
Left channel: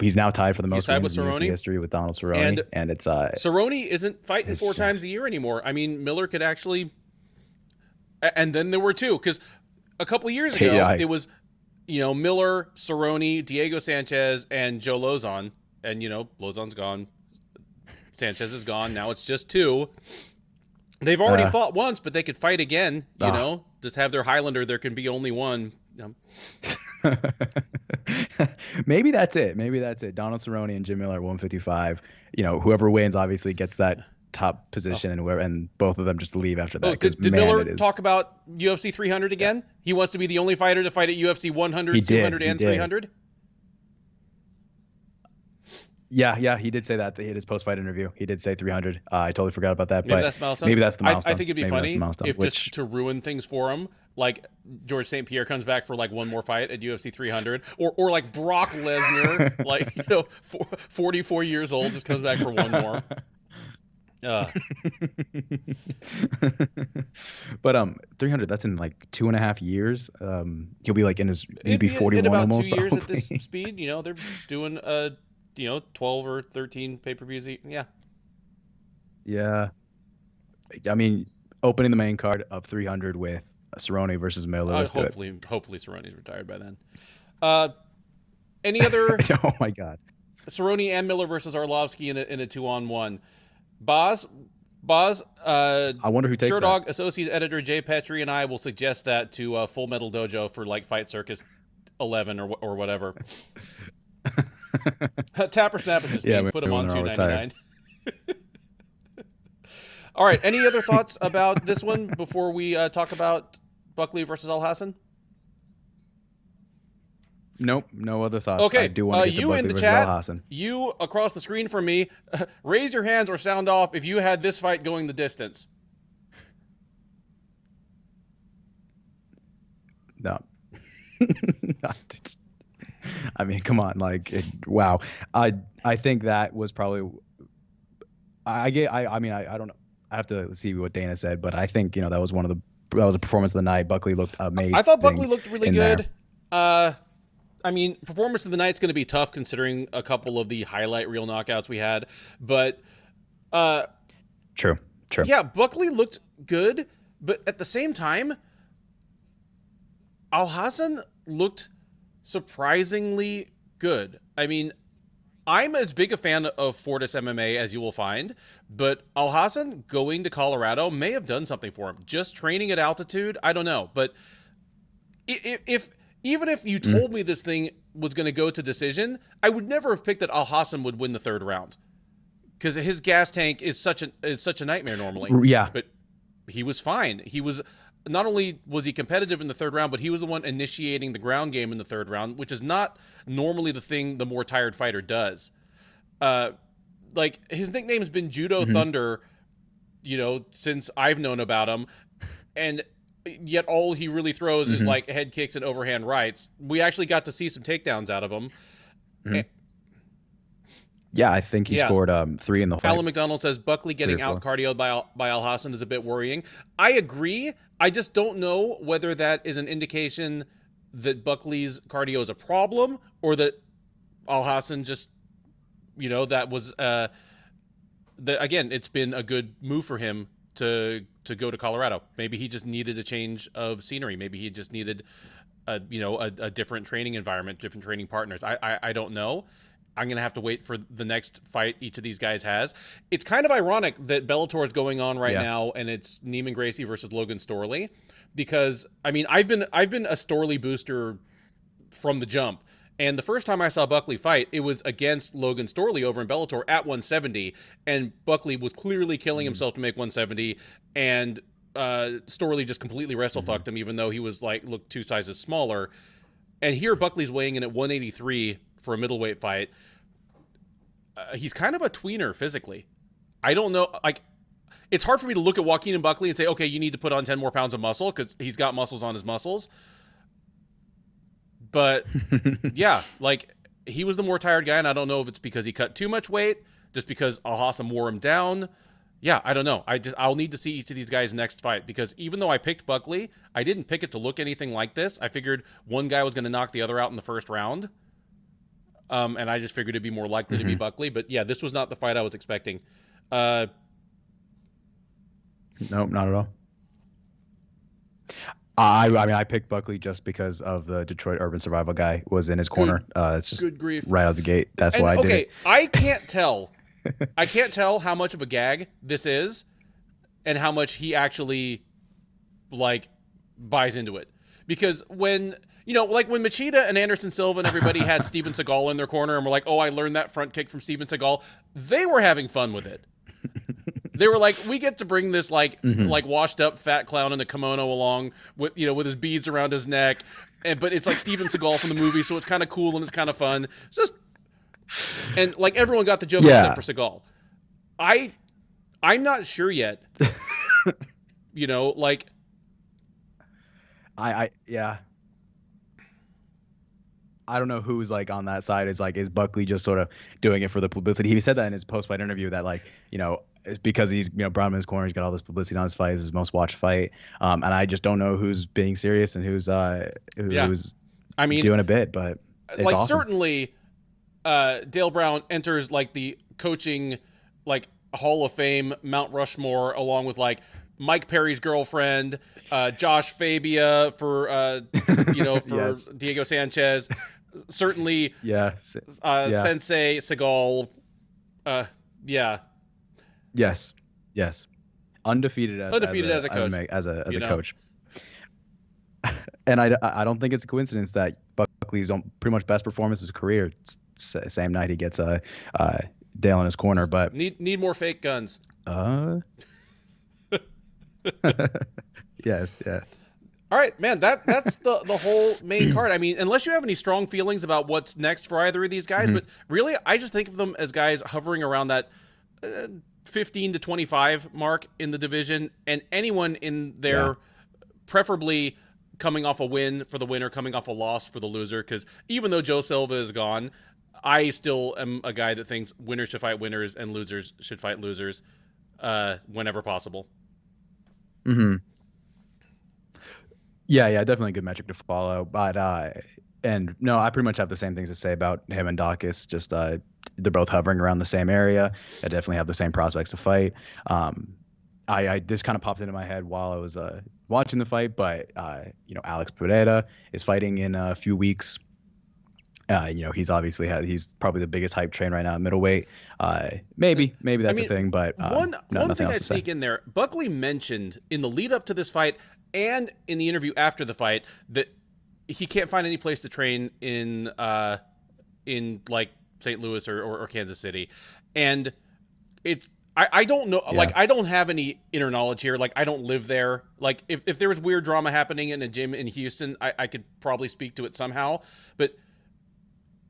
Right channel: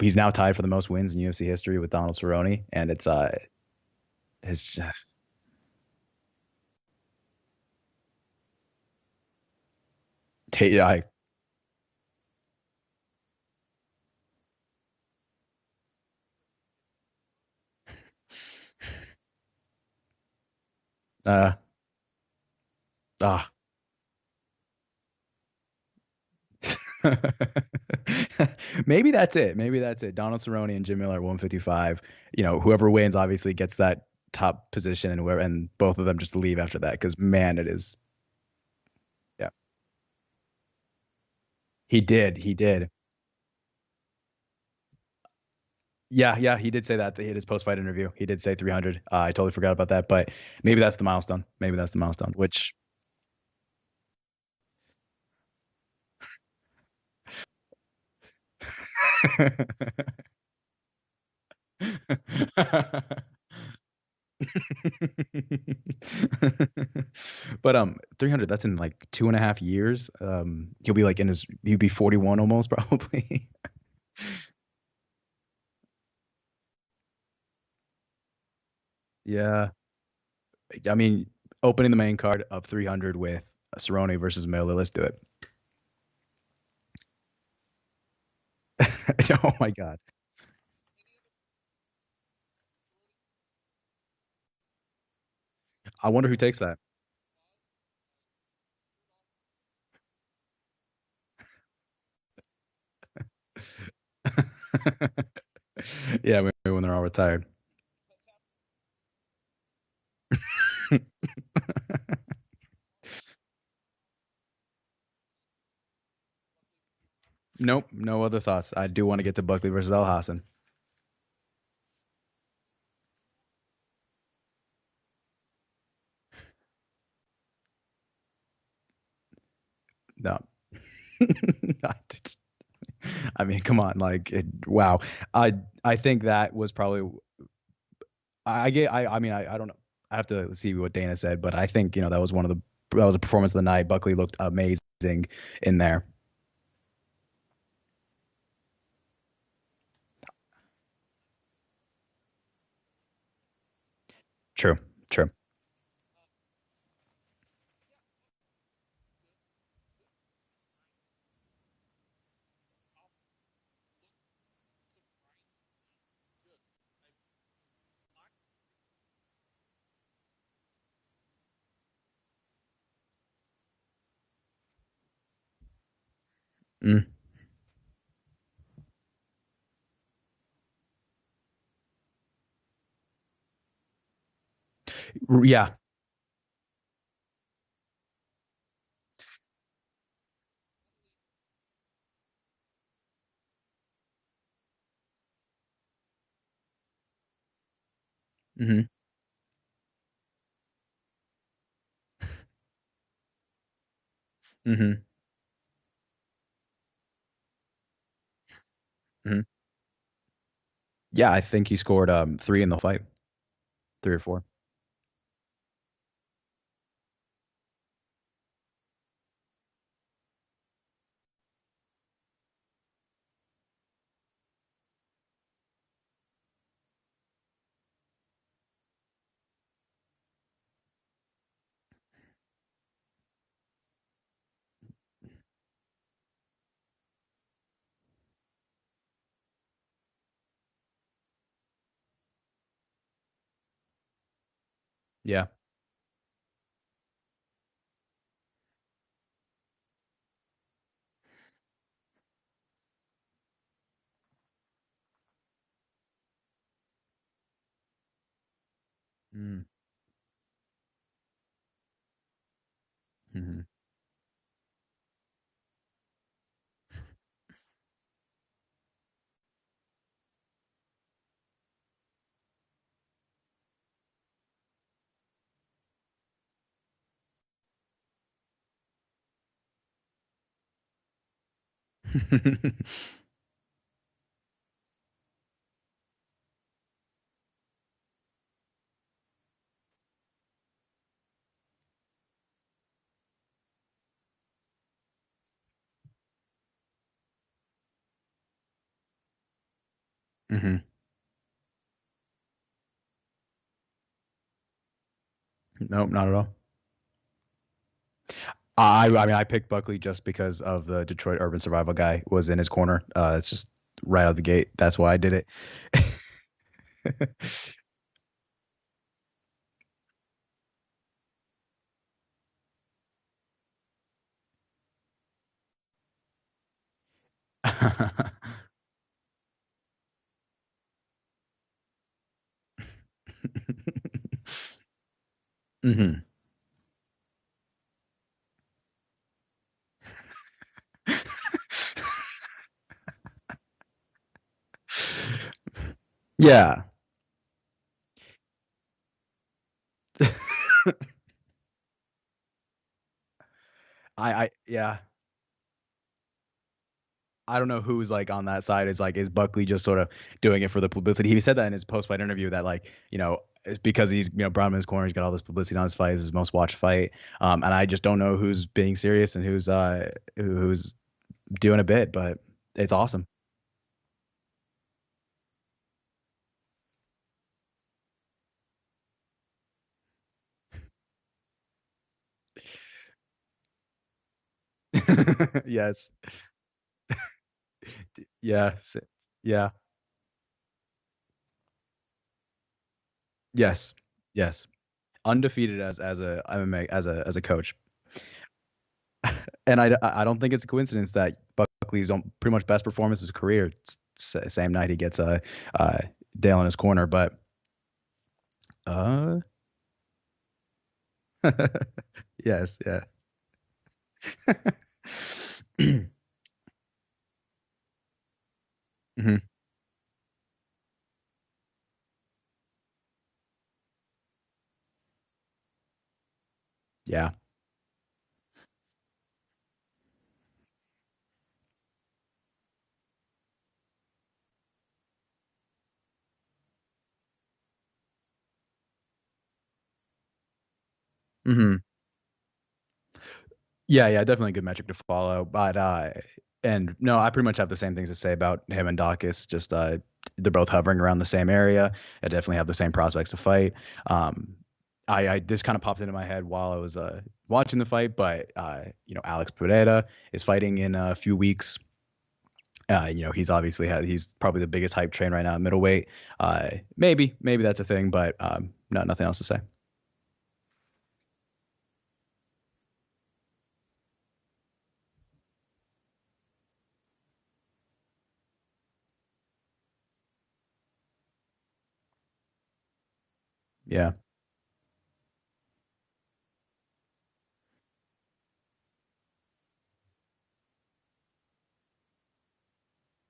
he's now tied for the most wins in UFC history with Donald Cerrone, and it's Cerrone isn't fighting 4 times a year anymore. I mean, Miller could actually, and then there were 2, because a couple of years ago it was, Miller, Cerrone, Diego Sanchez, and Joe Lozon, and Lozon's gone, Sanchez is gone. Now it's just 2. They've already fought once, but they could fight again. Just have their Highlander. There can be only one. Maybe that's it. Donald Cerrone and Jim Miller at 155. Whoever wins obviously gets that top position, and both of them just leave after that, because Miller it is. Talk about UFC 300 again. Yeah. He wants to be the only fighter to fight at UFC 100, he 200, did. and 300. Yeah, he did say that in his post-fight interview. He did say 300. I totally forgot about that, maybe but maybe that's the milestone. I think it'd be funny if, just to ruin things for him, like George St. Pierre comes back for like one more fight at UFC 300, or like Brock Lesnar, like 44 years old, just comes back for one more. But 300, that's in like 2.5 years. He'll be like he'd be 41 almost, probably. At this speed, they're doing 12 or 13 pay-per-views. Yeah. Yeah. I mean, opening the main card of 300 with Cerrone versus Miller. Let's do it. Hopefully Cerrone's retired by then. Any other Oh my God. Cerrone and Miller versus Arlovsky in a 2-on-1? Boz, Boz, I wonder who takes that. Sherdog associate editor Jay Petrie and I will suggest that to Full Metal Dojo for like Fight Circus 11 or whatever. Tapper Snap is his name. Put him on $2.99. All right. Any other thoughts about this one before we talk about Buckley versus Alhassan? Nope, no other thoughts. Okay, I do want to get to Buckley versus Alhassan. You across the screen from me, raise your hands or sound off if you had this fight going the distance. No. I mean, come on, wow. I think that was probably. I mean, I don't know. I have to see what Dana said, but I think that was that was a performance of the night. Buckley looked amazing. I thought Buckley looked really good. There. I mean, performance of the night's going to be tough considering a couple of the highlight reel knockouts we had, but True. Yeah, Buckley looked good, but at the same time, Alhassan looked surprisingly good. I mean, I'm as big a fan of Fortis MMA as you will find, but Alhassan going to Colorado may have done something for him. Just training at altitude, I don't know, but even if you told me this thing was going to go to decision, I would never have picked that Alhassan would win the third round because his gas tank is such a nightmare normally. Yeah, but he was fine. He was not only was he competitive in the third round, but he was the one initiating the ground game in the third round, which is not normally the thing the more tired fighter does. Like his nickname has been Judo Thunder, since I've known about him, and yet all he really throws is like head kicks and overhand rights. We actually got to see some takedowns out of him. Yeah, I think he scored 3 in the fight. Alan McDonald says Buckley getting out cardioed by Alhassan is a bit worrying. I agree. I just don't know whether that is an indication that Buckley's cardio is a problem or that Alhassan just, that was again, it's been a good move for him to go to Colorado. Maybe he just needed a change of scenery. Maybe he just needed a different training environment, different training partners. I don't know. I'm going to have to wait for the next fight each of these guys has. It's kind of ironic that Bellator is going on right now and it's Neiman Gracie versus Logan Storley, because I mean, I've been a Storley booster from the jump. And the first time I saw Buckley fight, it was against Logan Storley over in Bellator at 170, and Buckley was clearly killing himself to make 170, and Storley just completely wrestle fucked him, even though he was looked 2 sizes smaller. And here Buckley's weighing in at 183 for a middleweight fight. He's kind of a tweener physically. I don't know, it's hard for me to look at Joaquin and Buckley and say, okay, you need to put on 10 more pounds of muscle because he's got muscles on his muscles. But yeah, he was the more tired guy, and I don't know if it's because he cut too much weight, just because Alhassan wore him down. Yeah, I don't know. I'll need to see each of these guys' next fight, because even though I picked Buckley, I didn't pick it to look anything like this. I figured one guy was going to knock the other out in the first round. And I just figured it'd be more likely to be Buckley. But yeah, this was not the fight I was expecting. Nope, not at all. I mean, I picked Buckley just because of the Detroit Urban Survival guy was in his corner. It's just right out the gate. That's why I did it. I can't tell. I can't tell how much of a gag this is and how much he actually buys into it. Because when, when Machida and Anderson Silva and everybody had Steven Seagal in their corner and were like, oh, I learned that front kick from Steven Seagal, they were having fun with it. They were like, we get to bring this washed up fat clown in a kimono along with with his beads around his neck, but it's like Steven Seagal from the movie, so it's kind of cool and it's kind of fun. It's just everyone got the joke for Seagal. I'm not sure yet. I don't know who's on that side. Is Buckley just sort of doing it for the publicity? He said that in his post-fight interview that it's because he's brought him in his corner. He's got all this publicity on his fight. It's his most watched fight. And I just don't know who's being serious and who's doing a bit. But it's awesome. Certainly, Dale Brown enters like the coaching like Hall of Fame Mount Rushmore along with like Mike Perry's girlfriend, Josh Fabia for for Yes. Diego Sanchez, certainly Yeah. Yeah. Sensei Seagal. Uh, yeah, Yes. Yes. Undefeated as undefeated a as a coach. MMA as You a know, coach. And I don't think it's a coincidence that Buckley's pretty much best performance of his career. Same night he gets Dale in his corner, just but need more fake guns. uh, yes, yeah. All right, man. That's the whole main card. I mean, unless you have any strong feelings about what's next for either of these guys, Mhm. but really, I just think of them as guys hovering around that 15 to 25 mark in the division, and anyone in Yeah. there, preferably coming off a win for the winner, coming off a loss for the loser. Because even though Joe Silva is gone, I still am a guy that thinks winners should fight winners and losers should fight losers whenever possible. Hmm. Yeah, yeah, definitely a good metric to follow. But and no, I pretty much have the same things to say about him and Dawkis. Just they're both hovering around the same area. I definitely have the same prospects to fight. I this kind of popped into my head while I was watching the fight, but Alex Pereira is fighting in a few weeks. He's probably the biggest hype train right now at middleweight. Maybe I that's a mean, thing, but one nothing thing else I'd to say. sneak in there. Buckley mentioned in the lead up to this fight and in the interview after the fight that he can't find any place to train in like St. Louis or Kansas City, and it's I don't know, like Yeah. I don't have any inner knowledge here, like I don't live there. Like if there was weird drama happening in a gym in Houston, I could probably speak to it somehow, but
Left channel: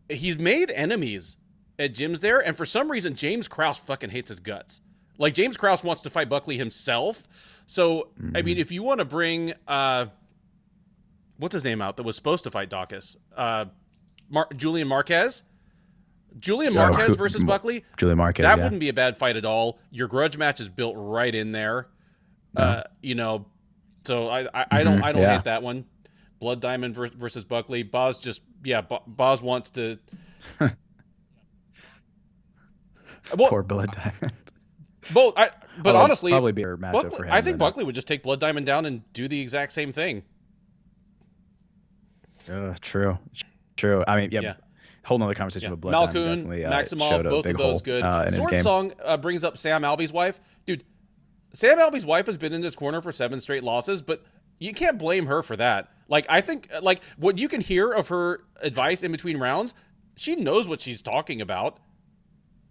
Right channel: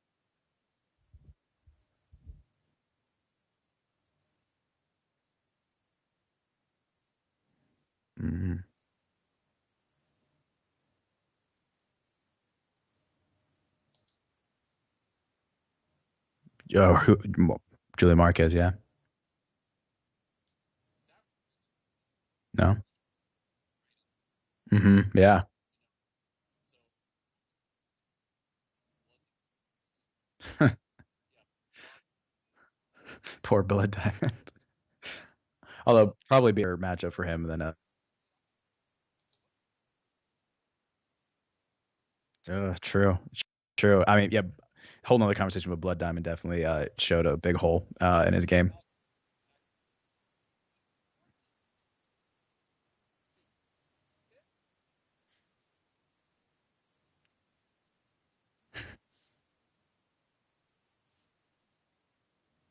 he's made enemies at gyms there, and for some reason James Krause fucking hates his guts. Like James Krause wants to fight Buckley himself. So I mean, Mhm. if you want to bring what's his name out that was supposed to fight Dawkis, Julian Marquez, Julian Marquez versus Buckley, Julie Marquez, that yeah. wouldn't be a bad fight at all. Your grudge match is built right in there. No. You know, so I don't Yeah. hate that one. Blood Diamond versus Buckley. Boz just Boz wants to. Well, Poor Blood Diamond. but Although honestly, probably be a matchup Buckley, for I him think than Buckley would just take Blood Diamond down and do the exact same thing. true. True. I mean, yeah, Yeah, whole nother conversation yeah. with Blood Diamond Malkoon, definitely Maximov, showed a both big of those hole good. in his Sword game. Song brings up Sam Alvey's wife. Dude, Sam Alvey's wife has been in his corner for 7 straight losses, but you can't blame her for that. Like I think like what you can hear of her advice in between rounds, she knows what she's talking about.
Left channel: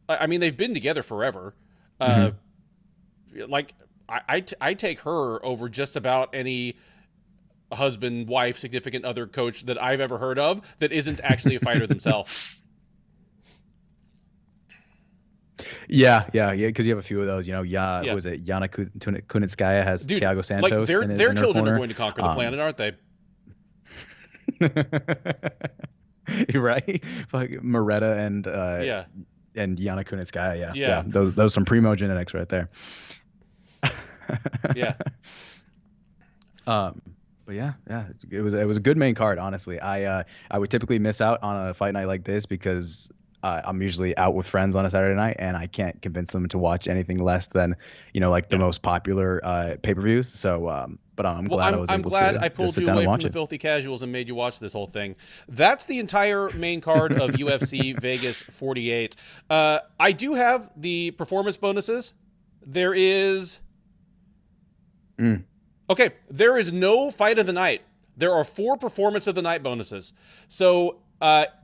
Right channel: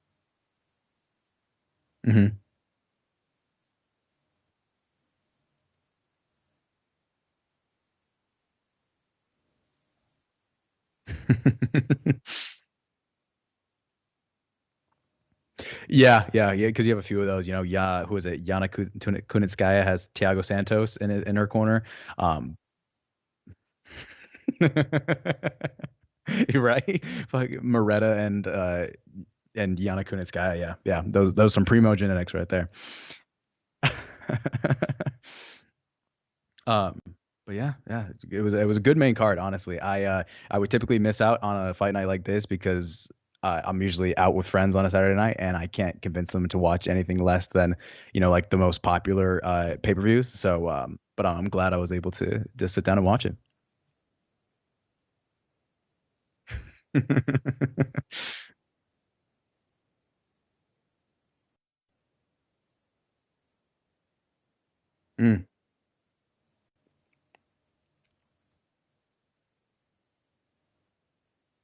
I mean, they've been together forever. Uh, Hmm. like I take her over just about any husband, wife, significant other coach that I've ever heard of that isn't actually a fighter themselves. Yeah, because you have a few of those. Who Yeah, is it? Yana Kunitskaya has dude, Thiago like Santos their in her children are corner. going to conquer the Um, planet, aren't they? you're right. Like Moretta Yeah, and Yana Kunitskaya. Yeah, yeah, yeah. Those some primo genetics right there. yeah. um, but yeah, it was a good main card. Honestly, I would typically miss out on a fight night like this because I'm usually out with friends on a Saturday night, and I can't convince them to watch anything less than like the Yeah. most popular pay-per-views. So, but I'm Well, glad I I'm was I'm able glad to I just pulled sit you down away and from watch the it. filthy casuals and made you watch this whole thing. That's the entire main card of UFC Vegas 48. I do have the performance bonuses. There is Mm. Okay, there is no fight of the night. There are 4 performance of the night bonuses. So,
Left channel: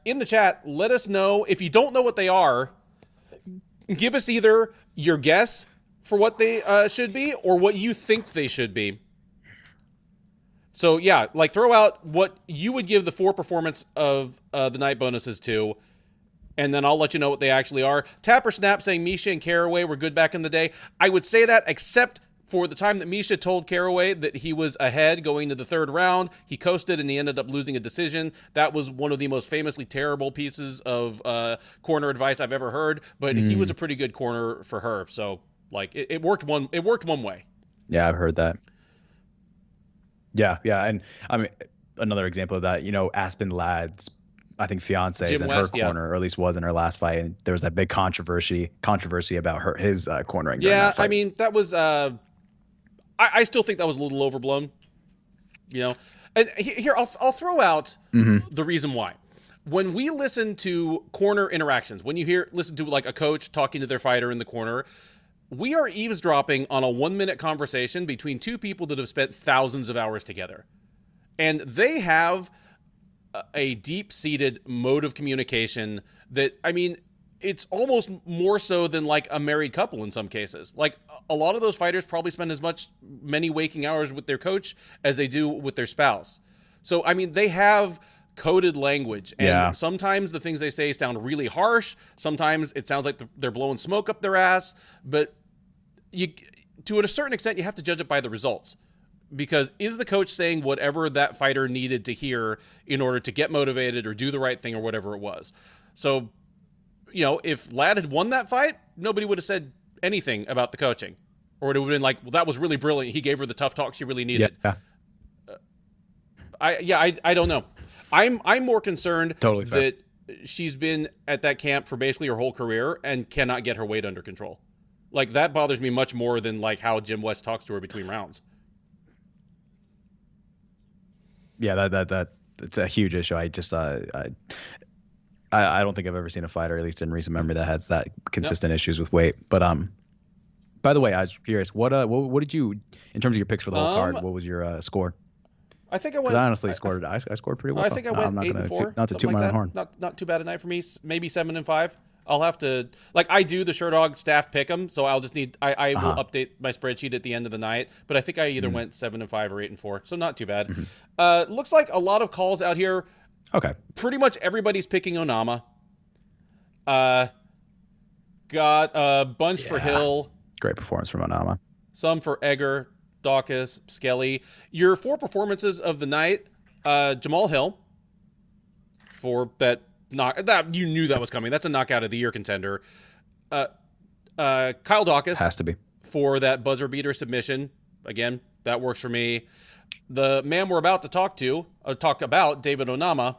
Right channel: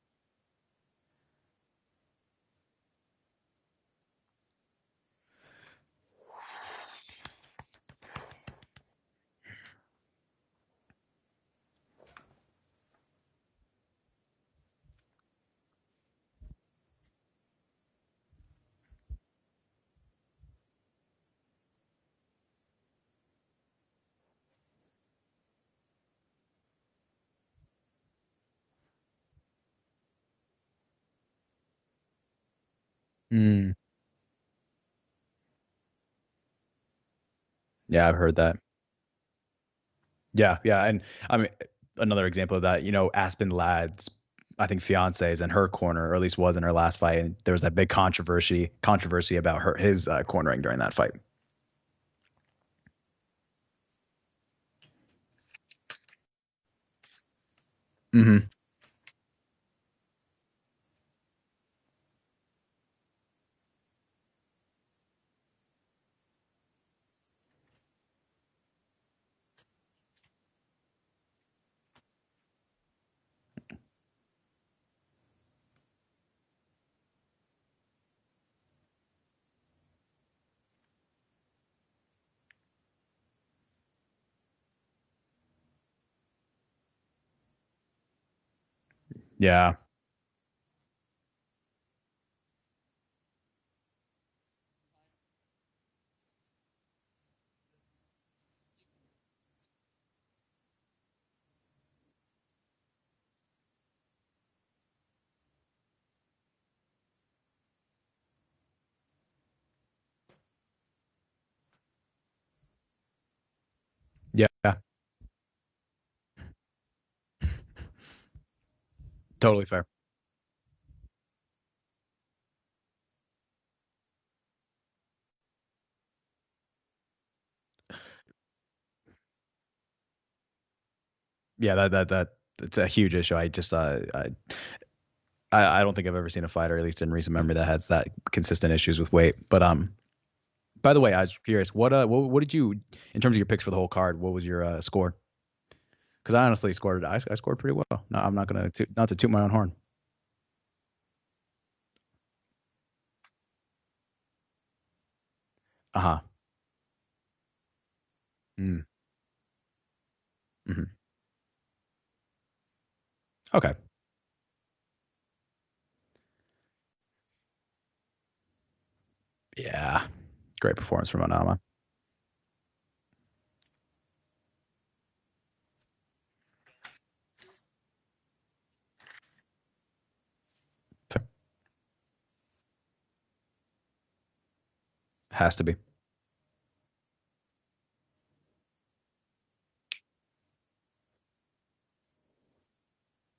in the chat, let us know if you don't know what they are. Give us either your guess for what they should be or what you think they should be. So yeah, like throw out what you would give the 4 performance of the night bonuses to, and then I'll let you know what they actually are. Tapper Snap saying Misha and Caraway were good back in the day. I would say that, except for the time that Misha told Caraway that he was ahead going to the 3rd round. He coasted and he ended up losing a decision. That was one of the most famously terrible pieces of corner advice I've ever heard. But he was Mm. a pretty good corner for her. So like it worked one way. Yeah, I've heard that. Yeah, yeah, and I mean another example of that. Aspen Ladd's I think fiance is Jim in her West, yeah. corner, or at least was in her last fight, and there was that big controversy about his cornering during Yeah, that fight. I mean, that was I still think that was a little overblown, you know. And here I'll throw out the reason why. When we listen to corner interactions, when you listen to like a coach talking to their fighter in the corner, we are eavesdropping on a 1-minute conversation between two people that have spent thousands of hours together. And they have a deep-seated mode of communication that, I mean, it's almost more so than like a married couple in some cases. Like a lot of those fighters probably spend as many waking hours with their coach as they do with their spouse. So, I mean, they have coded language, and sometimes the things they say sound really harsh. Sometimes it sounds like they're blowing smoke up their ass, but to a certain extent, you have to judge it by the results. Because is the coach saying whatever that fighter needed to hear in order to get motivated or do the right thing or whatever it was? So, you know, if Ladd had won that fight, nobody would have said anything about the coaching. Or it would have been like, well, that was really brilliant. He gave her the tough talk she really needed. Yeah. I don't know. I'm more concerned fair. that she's been at that camp for basically her whole career and cannot get her weight under control. Like, that bothers me much more than like how Jim West talks to her between rounds. Yeah, that it's a huge issue. I just I don't think I've ever seen a fighter, at least in recent memory, that has that consistent issues with weight. But by the way, I was curious, what did you, in terms of your picks for the whole card, what was your score? I think I went. Because I honestly scored. I scored pretty well. I think I went I'm not 8-4, gonna not to toot my own horn. Not too bad a night for me. Maybe 7-5. I'll have to, like, I do the Sherdog staff pick 'em, so I'll just need I will update my spreadsheet at the end of the night. But I think I either went 7-5 or 8-4, so not too bad. Looks like a lot of calls out here. Okay. Pretty much everybody's picking Onama. Got a bunch for Hill. Great performance from Onama. Some for Egger, Dawkis, Skelly. Your 4 performances of the night: Jamal Hill for that that you knew that was coming. That's a knockout of the year contender. Kyle Dawkis has to be for that buzzer beater submission. Again, that works for me. The man we're about to talk about, David Onama,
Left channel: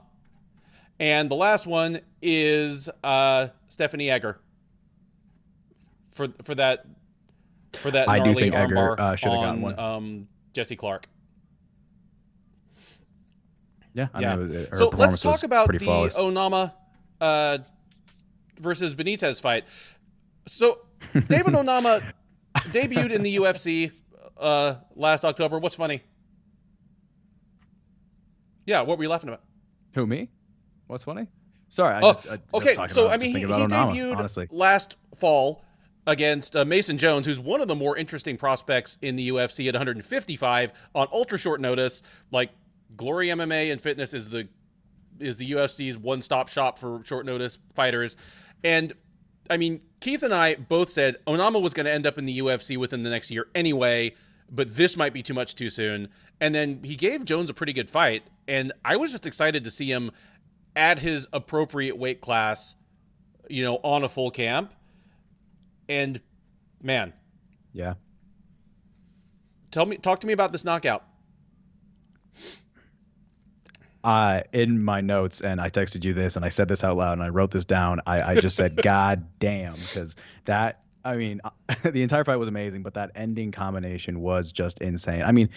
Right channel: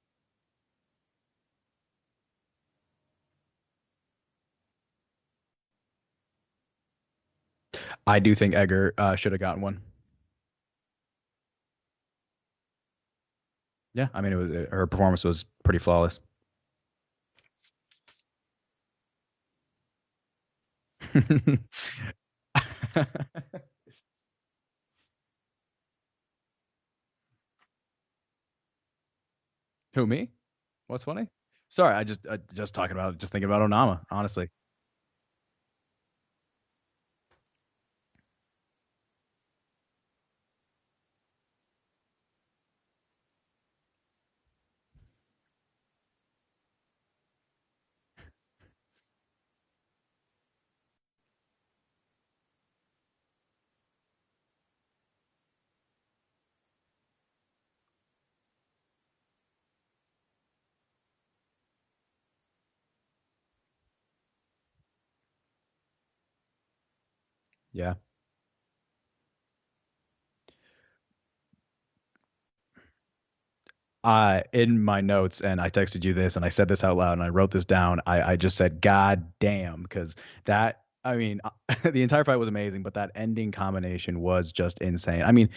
and the last one is Stephanie Egger for that. I do think Egger should have gotten one. Jesse Clark. Yeah, I mean, her performance was pretty flawless. So let's talk about the Onama versus Benitez fight. So David Onama debuted in the UFC last October. What's funny? Yeah, what were you laughing about? Who, me? What's funny? Sorry, I just thinking about Onama, honestly. Last fall against Mason Jones, who's one of the more interesting prospects in the UFC at 155 on ultra short notice. Like, Glory MMA and Fitness is the UFC's one-stop shop for short notice fighters. And I mean, Keith and I both said Onama was going to end up in the UFC within the next year anyway, but this might be too much too soon. And then he gave Jones a pretty good fight, and I was just excited to see him at his appropriate weight class, you know, on a full camp. And man, yeah. Talk to me about this knockout. In my notes, and I texted you this, and I said this out loud, and I wrote this down. I just said, God damn, because that, I mean, the entire fight was amazing, but that ending combination was just insane. I mean,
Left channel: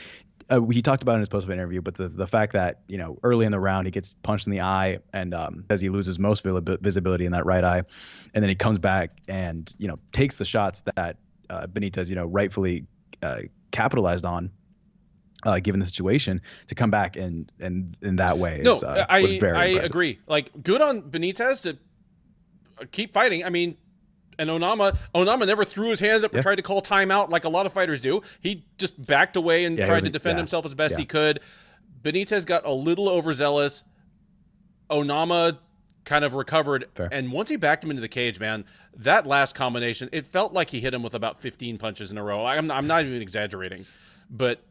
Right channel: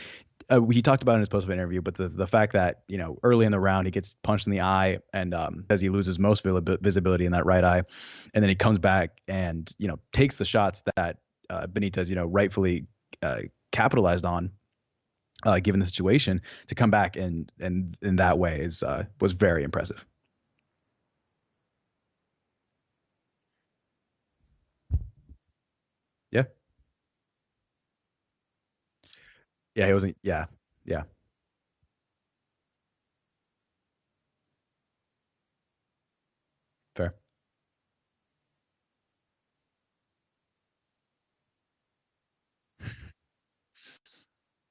he talked about it in his post-fight interview, but the fact that, you know, early in the round, he gets punched in the eye and says he loses most visibility in that right eye. And then he comes back and, you know, takes the shots that Benitez, you know, rightfully capitalized on. Given the situation, to come back and in that way was very impressive. I agree. Like, good on Benitez to keep fighting. I mean, and Onama never threw his hands up and tried to call timeout like a lot of fighters do. He just backed away and tried to defend himself as best he could. Benitez got a little overzealous. Onama kind of recovered. Fair. And once he backed him into the cage, man, that last combination, it felt like he hit him with about 15 punches in a row. I'm not even exaggerating. But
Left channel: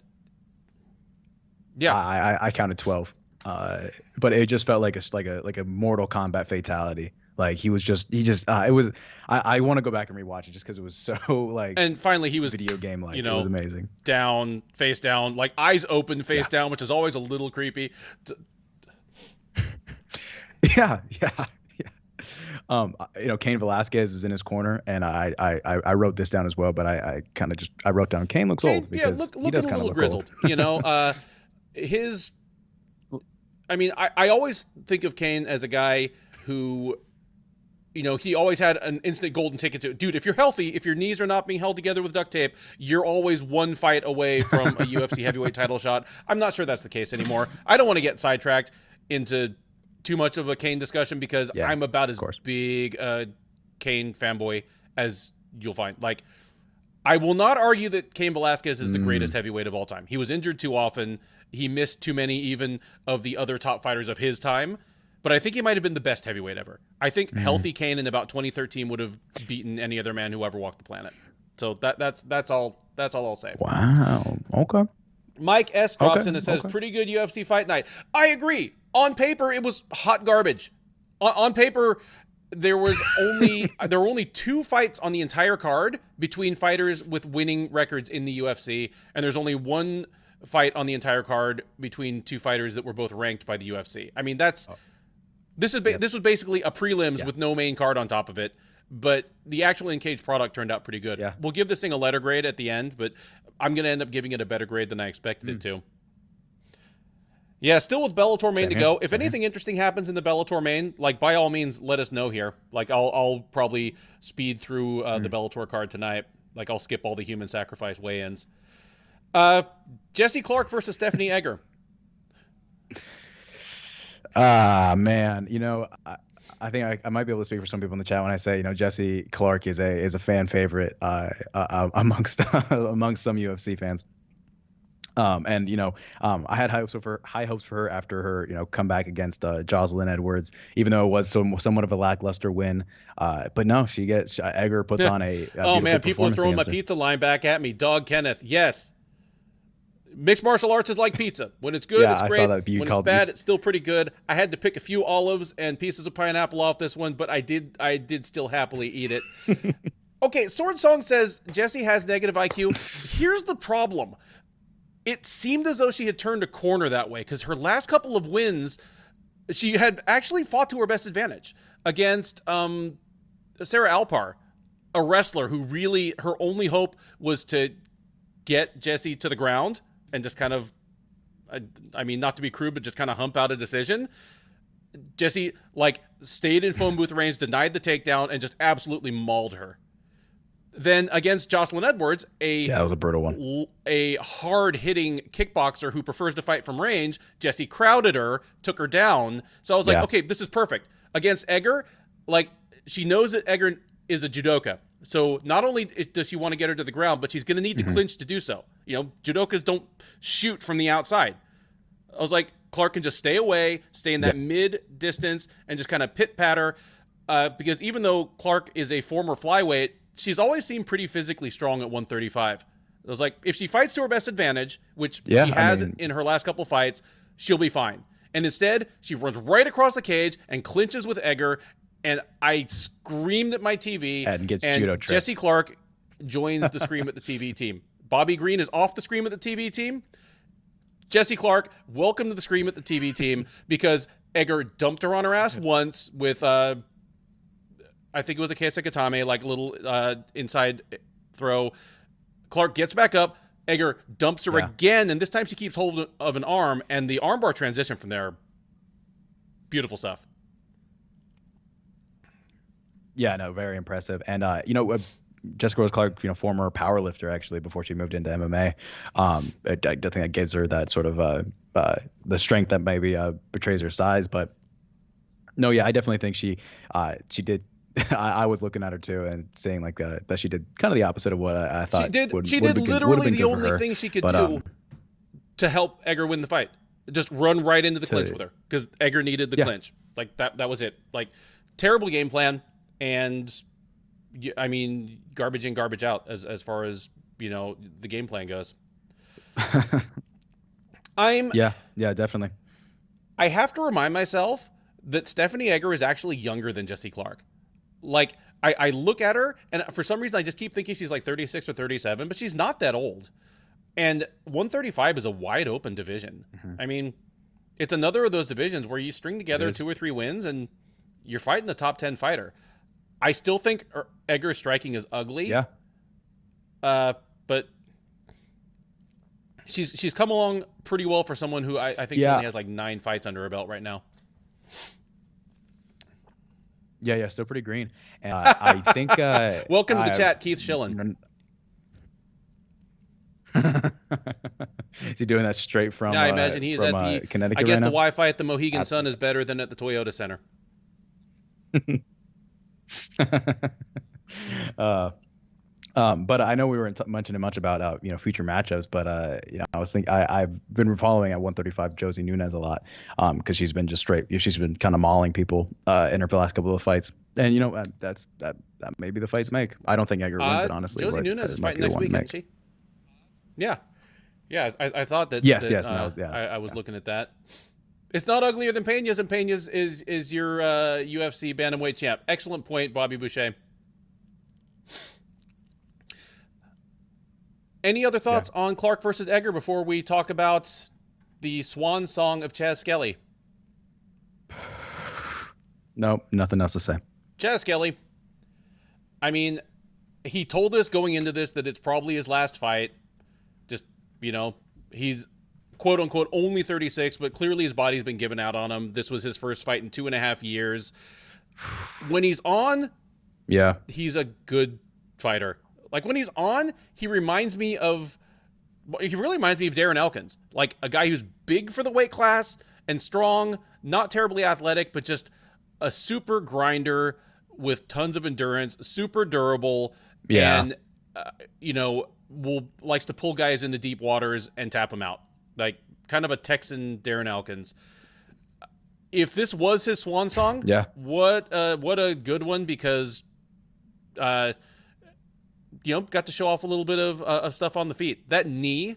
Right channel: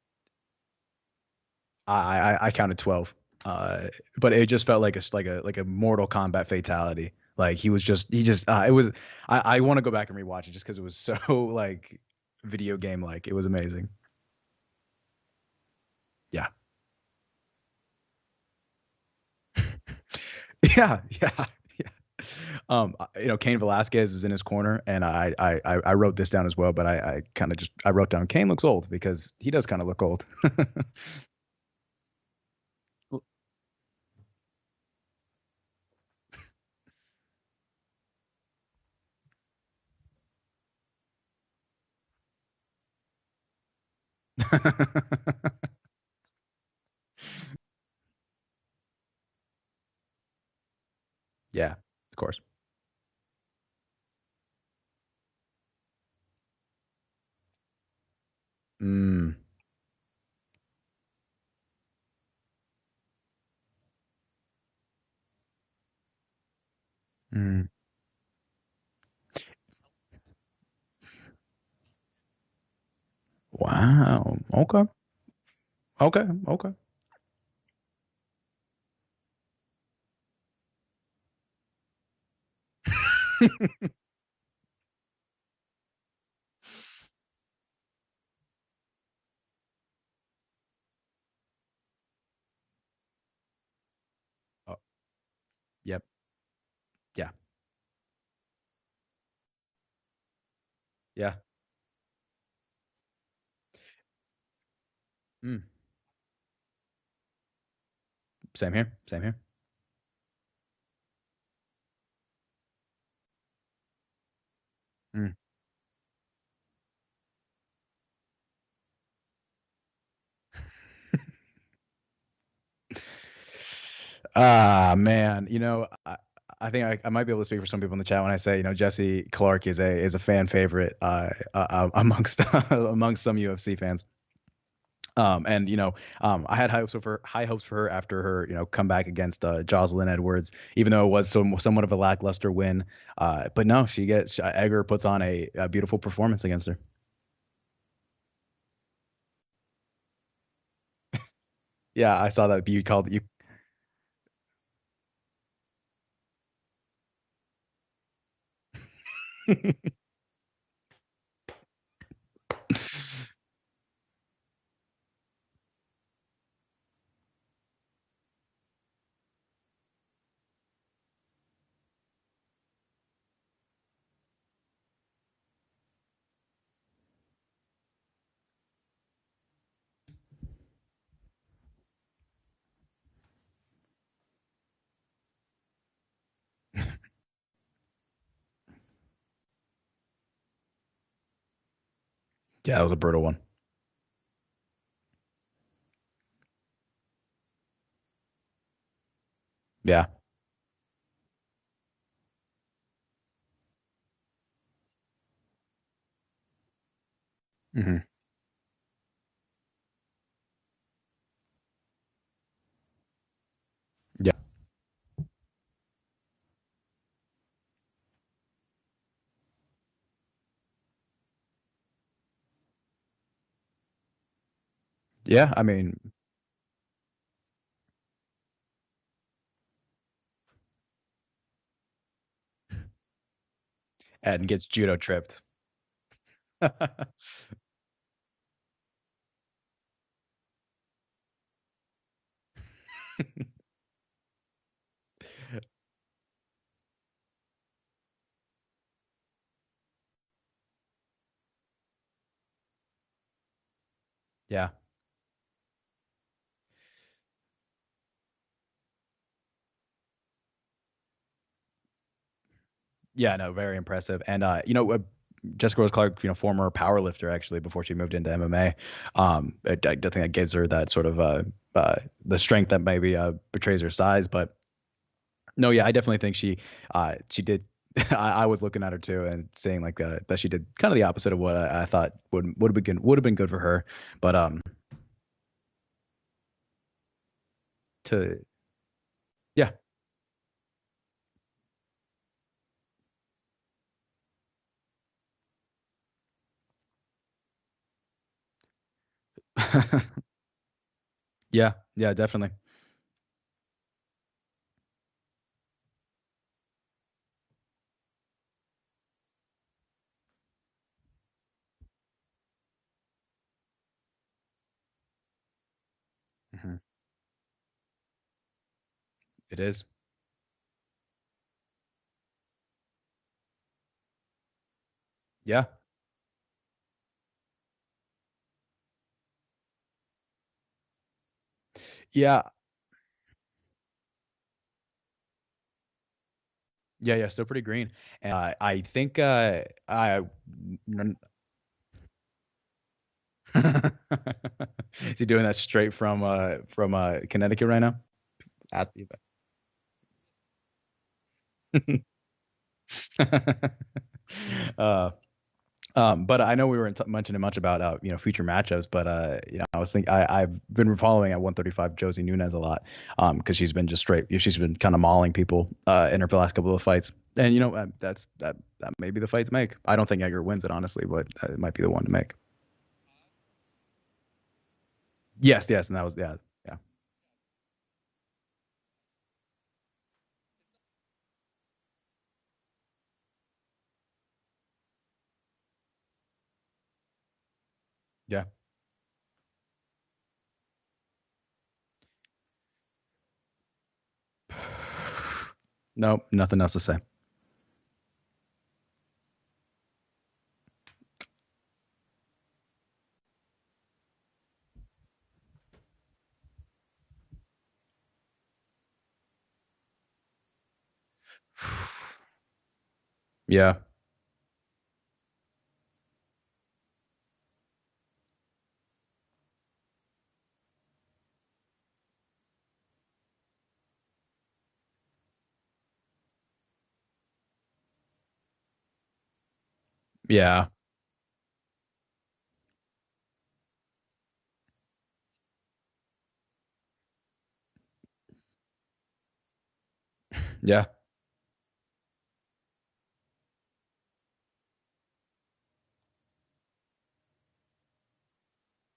yeah, I counted 12, but it just felt like a Mortal Kombat fatality. Like he was just it was. I want to go back and rewatch it just because it was so like. And finally, he was video game like, you know, it was amazing. Down, face down, like eyes open, face down, which is always a little creepy. Yeah, yeah, yeah. Cain Velasquez is in his corner, and I wrote this down as well, but I kind of just I wrote down Cain looks Kane, old yeah, because he looking does a kind of little look old. grizzled. His. I mean, I always think of Kane as a guy who, he always had an instant golden ticket to, dude, if you're healthy, if your knees are not being held together with duct tape, you're always one fight away from a UFC heavyweight title shot. I'm not sure that's the case anymore. I don't want to get sidetracked into too much of a Kane discussion because Yeah, I'm about of as course. big a Kane fanboy as you'll find. Like, I will not argue that Cain Velasquez is the greatest Mm, heavyweight of all time. He was injured too often. He missed too many even of the other top fighters of his time. But I think he might have been the best heavyweight ever. I think mm. healthy Kane in about 2013 would have beaten any other man who ever walked the planet. So that's all I'll say. Wow. Okay. Mike S drops Okay. in and says, Okay. pretty good UFC fight night. I agree. On paper, it was hot garbage. On paper, there were only 2 fights on the entire card between fighters with winning records in the UFC, and there's only 1 fight on the entire card between 2 fighters that were both ranked by the UFC. I mean, Oh, this yep. was basically a prelims Yeah. with no main card on top of it, but the actual in-cage product turned out pretty good. Yeah. We'll give this thing a letter grade at the end, but I'm going to end up giving it a better grade than I expected it to. Yeah, still with Bellator main Same to here. go. If Same here. anything interesting happens in the Bellator main, like by all means, let us know here. Like I'll probably speed through the Bellator card tonight. Like I'll skip all the human sacrifice weigh-ins. Jesse Clark versus Stephanie Egger. Ah, man. I think I might be able to speak for some people in the chat when I say, Jesse Clark is a fan favorite amongst amongst some UFC fans. I had high hopes for her after her, comeback against Jocelyn Edwards, even though it was somewhat of a lackluster win. But no, Egger puts on a Oh beautiful man, people are performance throwing my against her. pizza line back at me. Dog Kenneth, yes. Mixed martial arts is like pizza. When it's good, Yeah, it's I saw great. that you When it's called you. bad, it's still pretty good. I had to pick a few olives and pieces of pineapple off this one, but I did still happily eat it. Okay, Sword Song says Jesse has negative IQ. Here's the problem. It seemed as though she had turned a corner that way because her last couple of wins, she had actually fought to her best advantage against Sarah Alpar, a wrestler who really, her only hope was to get Jesse to the ground and just kind of, I mean, not to be crude, but just kind of hump out a decision. Jesse, stayed in phone booth range, denied the takedown, and just absolutely mauled her. Then against Jocelyn Edwards, Yeah, that was a brutal one. a hard-hitting kickboxer who prefers to fight from range, Jesse crowded her, took her down. So I was like, Yeah. okay, this is perfect. Against Egger, she knows that Egger is a judoka. So not only does she want to get her to the ground, but she's going to need to clinch to do so. Judokas don't shoot from the outside. I was like, Clark can just stay away, stay in that mid-distance, and just kind of pit-pat her. Because even though Clark is a former flyweight, she's always seemed pretty physically strong at 135. I was like, if she fights to her best advantage, which she has in her last couple fights, she'll be fine. And instead, she runs right across the cage and clinches with Egger, and I screamed at my TV. And gets judo tripped. Jesse Clark joins the Scream at the TV team. Bobby Green is off the Scream at the TV team. Jesse Clark, welcome to the Scream at the TV team, because Egger dumped her on her ass once with I think it was a Keisakatame, a little inside throw. Clark gets back up. Egger dumps her again, and this time she keeps hold of an arm, and the armbar transition from there, beautiful stuff. Yeah, no, very impressive. And Jessica Rose Clark, former power lifter actually before she moved into MMA. I think that gives her that sort of the strength that maybe betrays her size. But no, yeah, I definitely think she did. I was looking at her too and saying that she did kind of the opposite of what I thought would have been good for her. The only thing she could do to help Egger win the fight, just run right into the clinch with her, because Egger needed the clinch. That was it. Terrible game plan, and I mean, garbage in, garbage out as far as the game plan goes. Yeah, definitely. I have to remind myself that Stephanie Egger is actually younger than Jesse Clark. I look at her, and for some reason I just keep thinking she's 36 or 37, but she's not that old. And 135 is a wide open division. I mean, It's another of those divisions where you string together is. 2 or 3 wins and you're fighting a top 10 fighter. I still think Egger's striking is ugly. Yeah. But she's come along pretty well for someone who I think Yeah. only has like 9 fights under her belt right now. Yeah, still pretty green. And I think welcome to the chat, Keith Shillan. Is he doing that straight from I imagine he's from at the, Connecticut I guess right the now? Wi-Fi at the Mohegan Sun is better than at the Toyota Center. But I know we weren't mentioning much about future matchups, but I was thinking I've been following at 135 Josie Nunez a lot because she's been just straight. She's been kind of mauling people in her last couple of fights, and that may be the fight to make. I don't think Egger wins it, honestly. Josie Nunez it might be the one to make. Yeah, I thought that. Yes, and that was I was looking at that. It's not uglier than Pena's, and Pena's is your UFC bantamweight champ. Excellent point, Bobby Boucher. Any other thoughts on Clark versus Egger before we talk about the swan song of Chaz Skelly? Nope, nothing else to say. Chaz Skelly, I mean, he told us going into this that it's probably his last fight. Just, he's quote unquote only 36, but clearly his body's been given out on him. This was his first fight in 2.5 years. When he's on, he's a good fighter. Like when he's on, he really reminds me of Darren Elkins, like a guy who's big for the weight class and strong, not terribly athletic, but just a super grinder with tons of endurance, super durable. Yeah. And, likes to pull guys into deep waters and tap them out. Like kind of a Texan Darren Elkins. If this was his swan song, what a good one, because, got to show off a little bit of stuff on the feet. That knee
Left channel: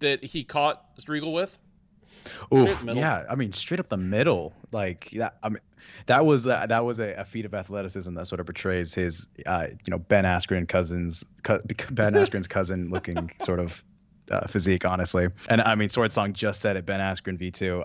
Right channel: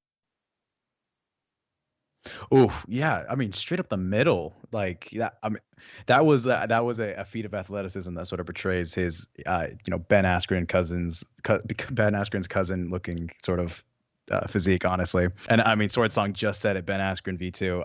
that he caught Striegel with. Oh yeah, I mean straight up the middle, like that. I mean, that was a feat of athleticism that sort of portrays his, Ben Askren's cousin looking sort of physique, honestly. And I mean, Sword Song just said it, Ben Askren V2,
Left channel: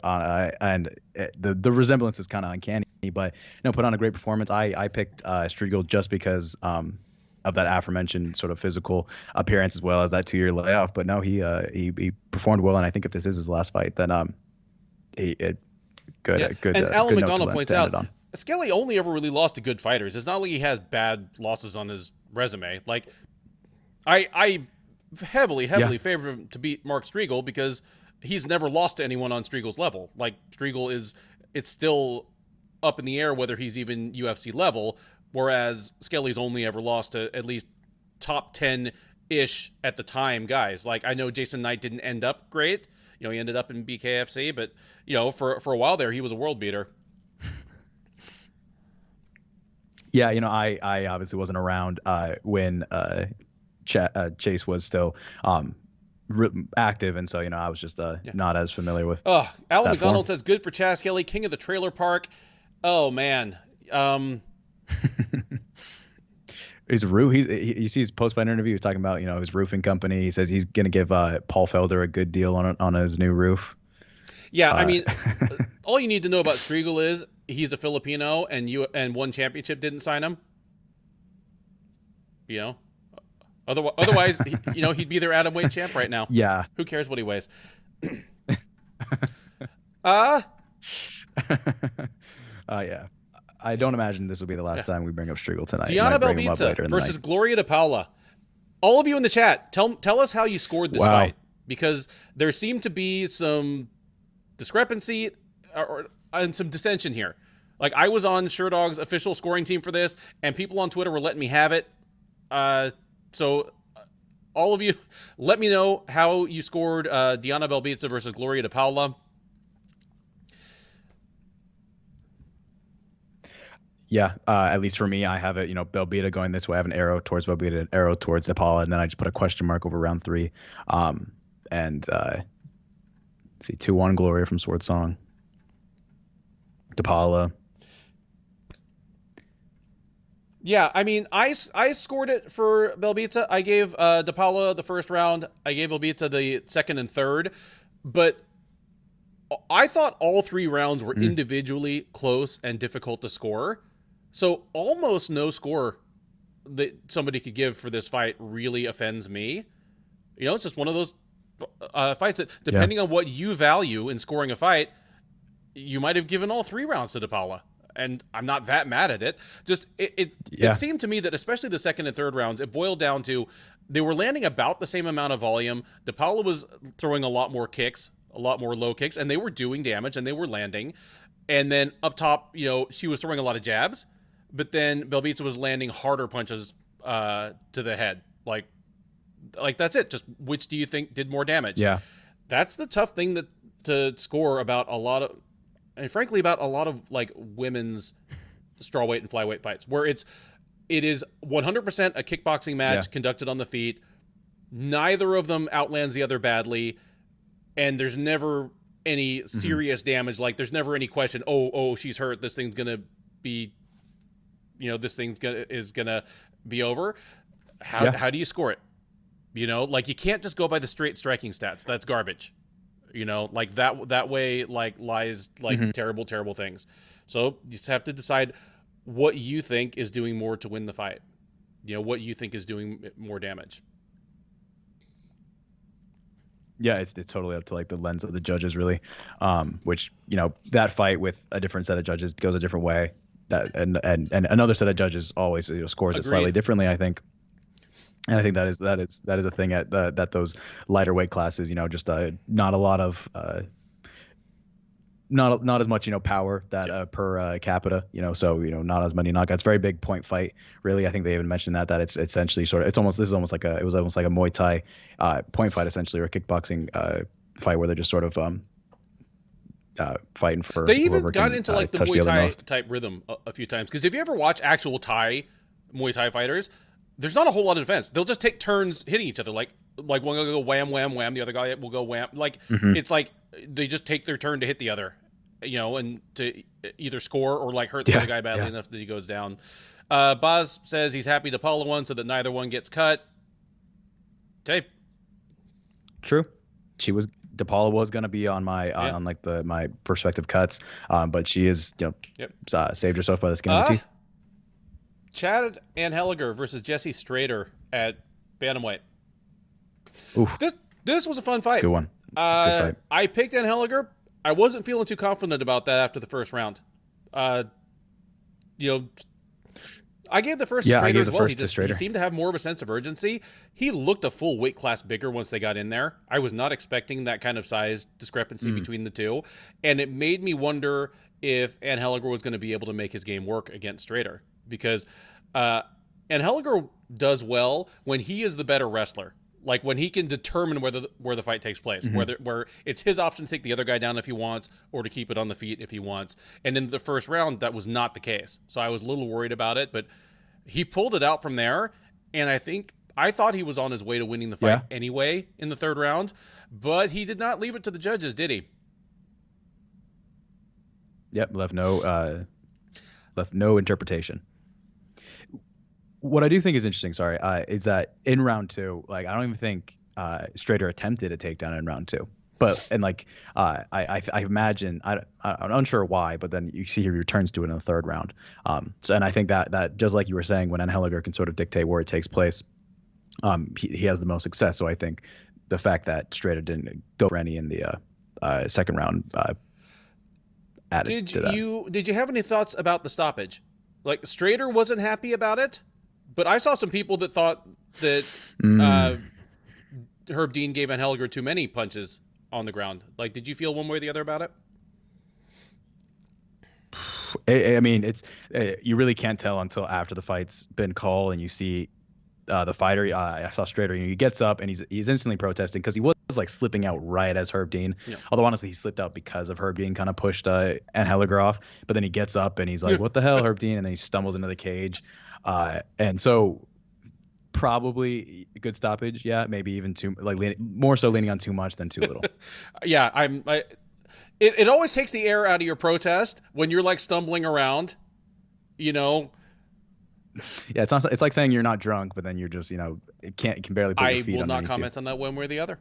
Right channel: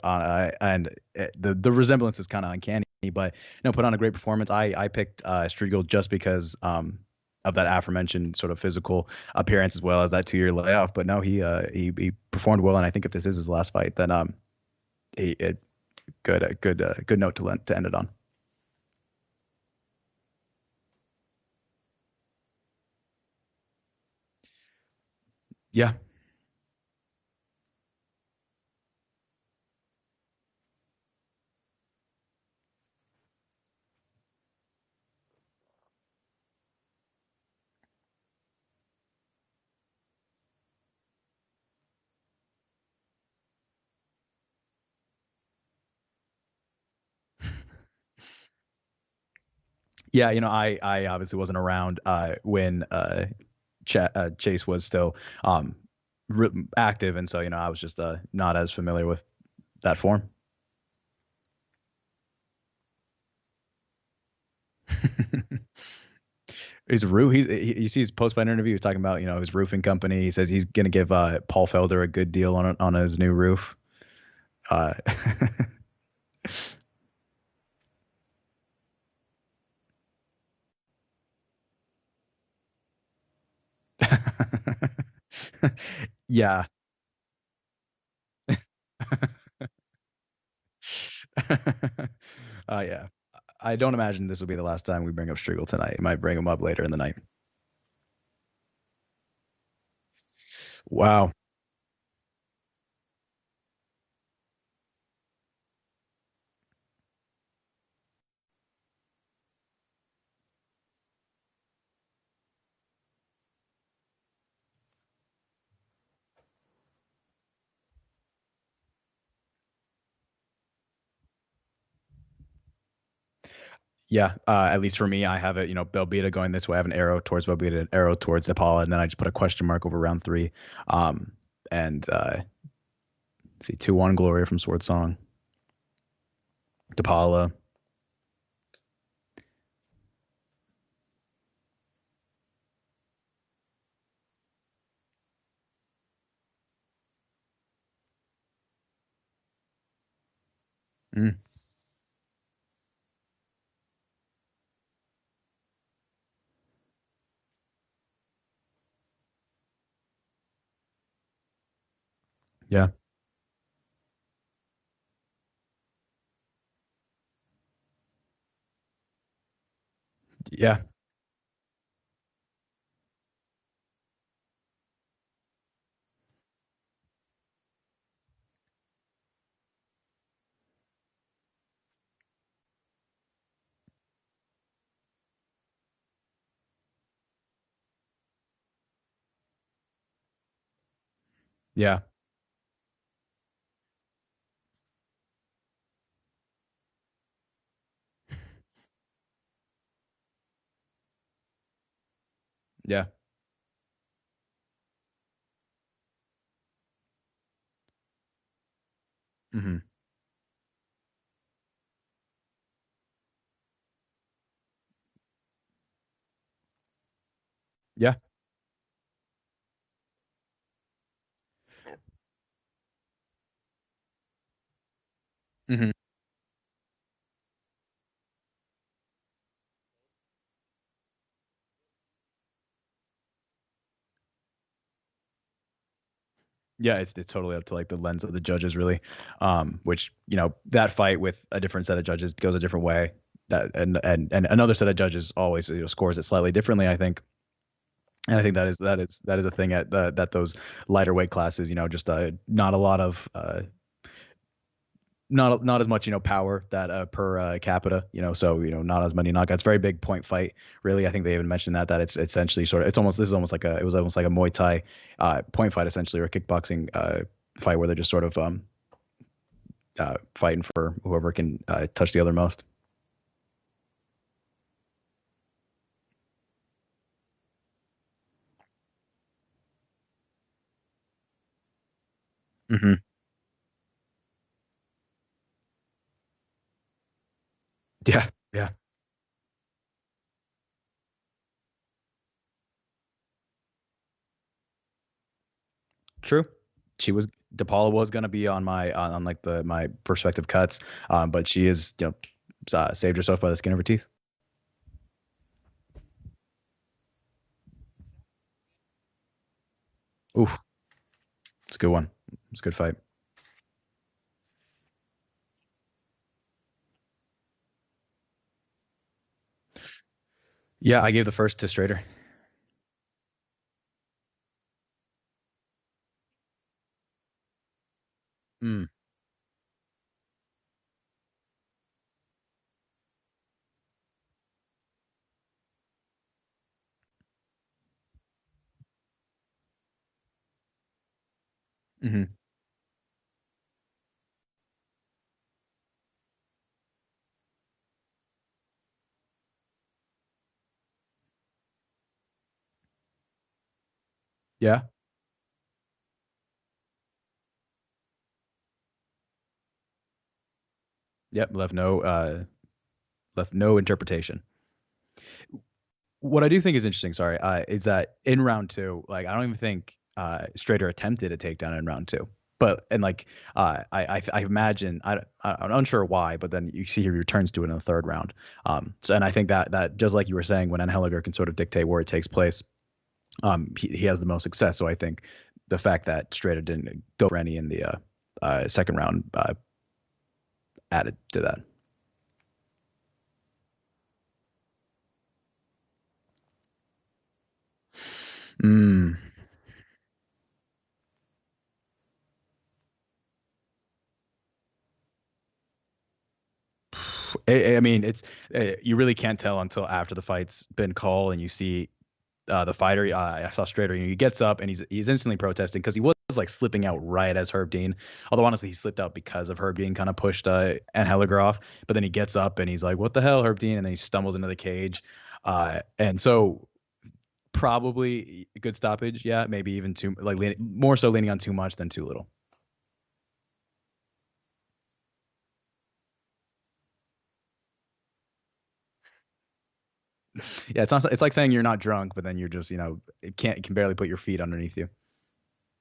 and the resemblance is kind of uncanny, but put on a great performance. I picked Striegel just because of that aforementioned sort of physical appearance, as well as that 2-year layoff. But no, he performed well, and I think if this is his last fight, then good note to end it on. Skelly only ever really lost to good fighters. It's not like he has bad losses on his resume. Like I heavily favor him to beat Mark Striegel because he's never lost to anyone on Striegel's level. Like Striegel it's still up in the air whether he's even UFC level. Whereas Skelly's only ever lost to at least top 10-ish at the time guys. Like I know Jason Knight didn't end up great. He ended up in BKFC, but for a while there he was a world beater. Yeah, I obviously wasn't around when Chase was still active, and so I was just not as familiar with. Alan that McDonald form. says good for Chaz Skelly, king of the trailer park. Oh man. You see his post-fight interview. He's talking about his roofing company. He says he's gonna give Paul Felder a good deal on his new roof. Yeah, I mean, all you need to know about Striegel is he's a Filipino and one championship didn't sign him. Otherwise, he'd be their atomweight champ right now. Yeah. Who cares what he weighs? Yeah. I don't imagine this will be the last time we bring up Striegel tonight. Diana Might bring him up Belbita later in the night. versus Gloria DePaula. All of you in the chat, tell us how you scored this fight, because there seemed to be some discrepancy and some dissension here. Like I was on Sherdog's official scoring team for this, and people on Twitter were letting me have it. So all of you, let me know how you scored Diana Belbita versus Gloria DePaula. Yeah, at least for me, I have it. Belbita going this way. I have an arrow towards Belbita, an arrow towards DePaula, and then I just put a question mark over round 3. And see, 2-1 Gloria from Sword Song. DePaula. Yeah, I mean, I scored it for Belbita. I gave DePaula the first round. I gave Belbita the second and third. But I thought all 3 rounds were individually close and difficult to score. So almost no score that somebody could give for this fight really offends me. It's just one of those fights that, Yeah. depending on what you value in scoring a fight, you might have given all 3 rounds to DePaula. And I'm not that mad at it. Just it seemed to me that especially the second and third rounds, it boiled down to they were landing about the same amount of volume. DePaula was throwing a lot more kicks, a lot more low kicks, and they were doing damage and they were landing. And then up top, she was throwing a lot of jabs, but then Belbita was landing harder punches to the head. Like that's it. Just which do you think did more damage? Yeah. That's the tough thing to score about a lot of, and frankly about a lot of like women's strawweight and flyweight fights, where it is 100% a kickboxing match conducted on the feet. Neither of them outlands the other badly, and there's never any serious damage. Like there's never any question, oh, she's hurt. This thing's gonna be, this is gonna be over. How do you score it? Like you can't just go by the straight striking stats. That's garbage. Like that way lies terrible, terrible things. So you just have to decide what you think is doing more to win the fight. What you think is doing more damage. Yeah, it's totally up to like the lens of the judges, really. Which that fight with a different set of judges goes a different way. That and another set of judges always scores it slightly differently, I think. And I think that is a thing at that those lighter weight classes, just not a lot of not as much power that per capita, so not as many knockouts. Very big point fight, really. I think they even mentioned that it's essentially it was almost like a Muay Thai point fight essentially, or a kickboxing fight where they're just sort of fighting for whoever can into like the touch the other most type rhythm a few times. Because if you ever watch actual Muay Thai fighters, there's not a whole lot of defense. They'll just take turns hitting each other. Like one will go wham, wham, wham. The other guy will go wham. Like it's like they just take their turn to hit the other, and to either score or like hurt the other guy badly enough that he goes down. Boz says he's happy to Paula one so that neither one gets cut. Okay. True. DePaula was going to be on my on like my prospective cuts, but she is saved herself by the skin of her teeth. Chad Anheliger versus Jesse Strader at bantamweight. Oof. This was a fun fight. It's a good one. It's a good fight. I picked Anheliger. I wasn't feeling too confident about that after the first round. I gave the first. Yeah, I gave the first to Strader. He seemed to have more of a sense of urgency. He looked a full weight class bigger once they got in there. I was not expecting that kind of size discrepancy between the two, and it made me wonder if Anheliger was going to be able to make his game work against Strader, because Anheliger does well when he is the better wrestler. Like when he can determine where the fight takes place, where it's his option to take the other guy down if he wants, or to keep it on the feet if he wants. And in the first round, that was not the case. So I was a little worried about it, but he pulled it out from there. And I thought he was on his way to winning the fight anyway in the third round, but he did not leave it to the judges, did he? Yep, left no interpretation. What I do think is interesting, is that in round two, like I don't even think Strader attempted a takedown in round two. But I imagine I'm unsure why, but then you see he returns to it in the third round. And I think that just like you were saying, when Anheliger can sort of dictate where it takes place, he has the most success. So I think the fact that Strader didn't go for any in the second round added to that. Did you have any thoughts about the stoppage? Like Strader wasn't happy about it, but I saw some people that thought that Herb Dean gave Anheliger too many punches on the ground. Like, did you feel one way or the other about it? I mean, it's you really can't tell until after the fight's been called and you see the fighter. I saw Strader, he gets up and he's instantly protesting because he was like slipping out right as Herb Dean. Yeah. Although honestly, he slipped out because of Herb Dean kind of pushed Anheliger off. But then he gets up and he's like, "What the hell, Herb Dean?" And then he stumbles into the cage. And so probably a good stoppage. Yeah, maybe even more so leaning on too much than too little. Yeah, it always takes the air out of your protest when you're like stumbling around, Yeah, it's like saying you're not drunk, but then you're just, can barely put your feet underneath you. I will not comment on that one way or the other.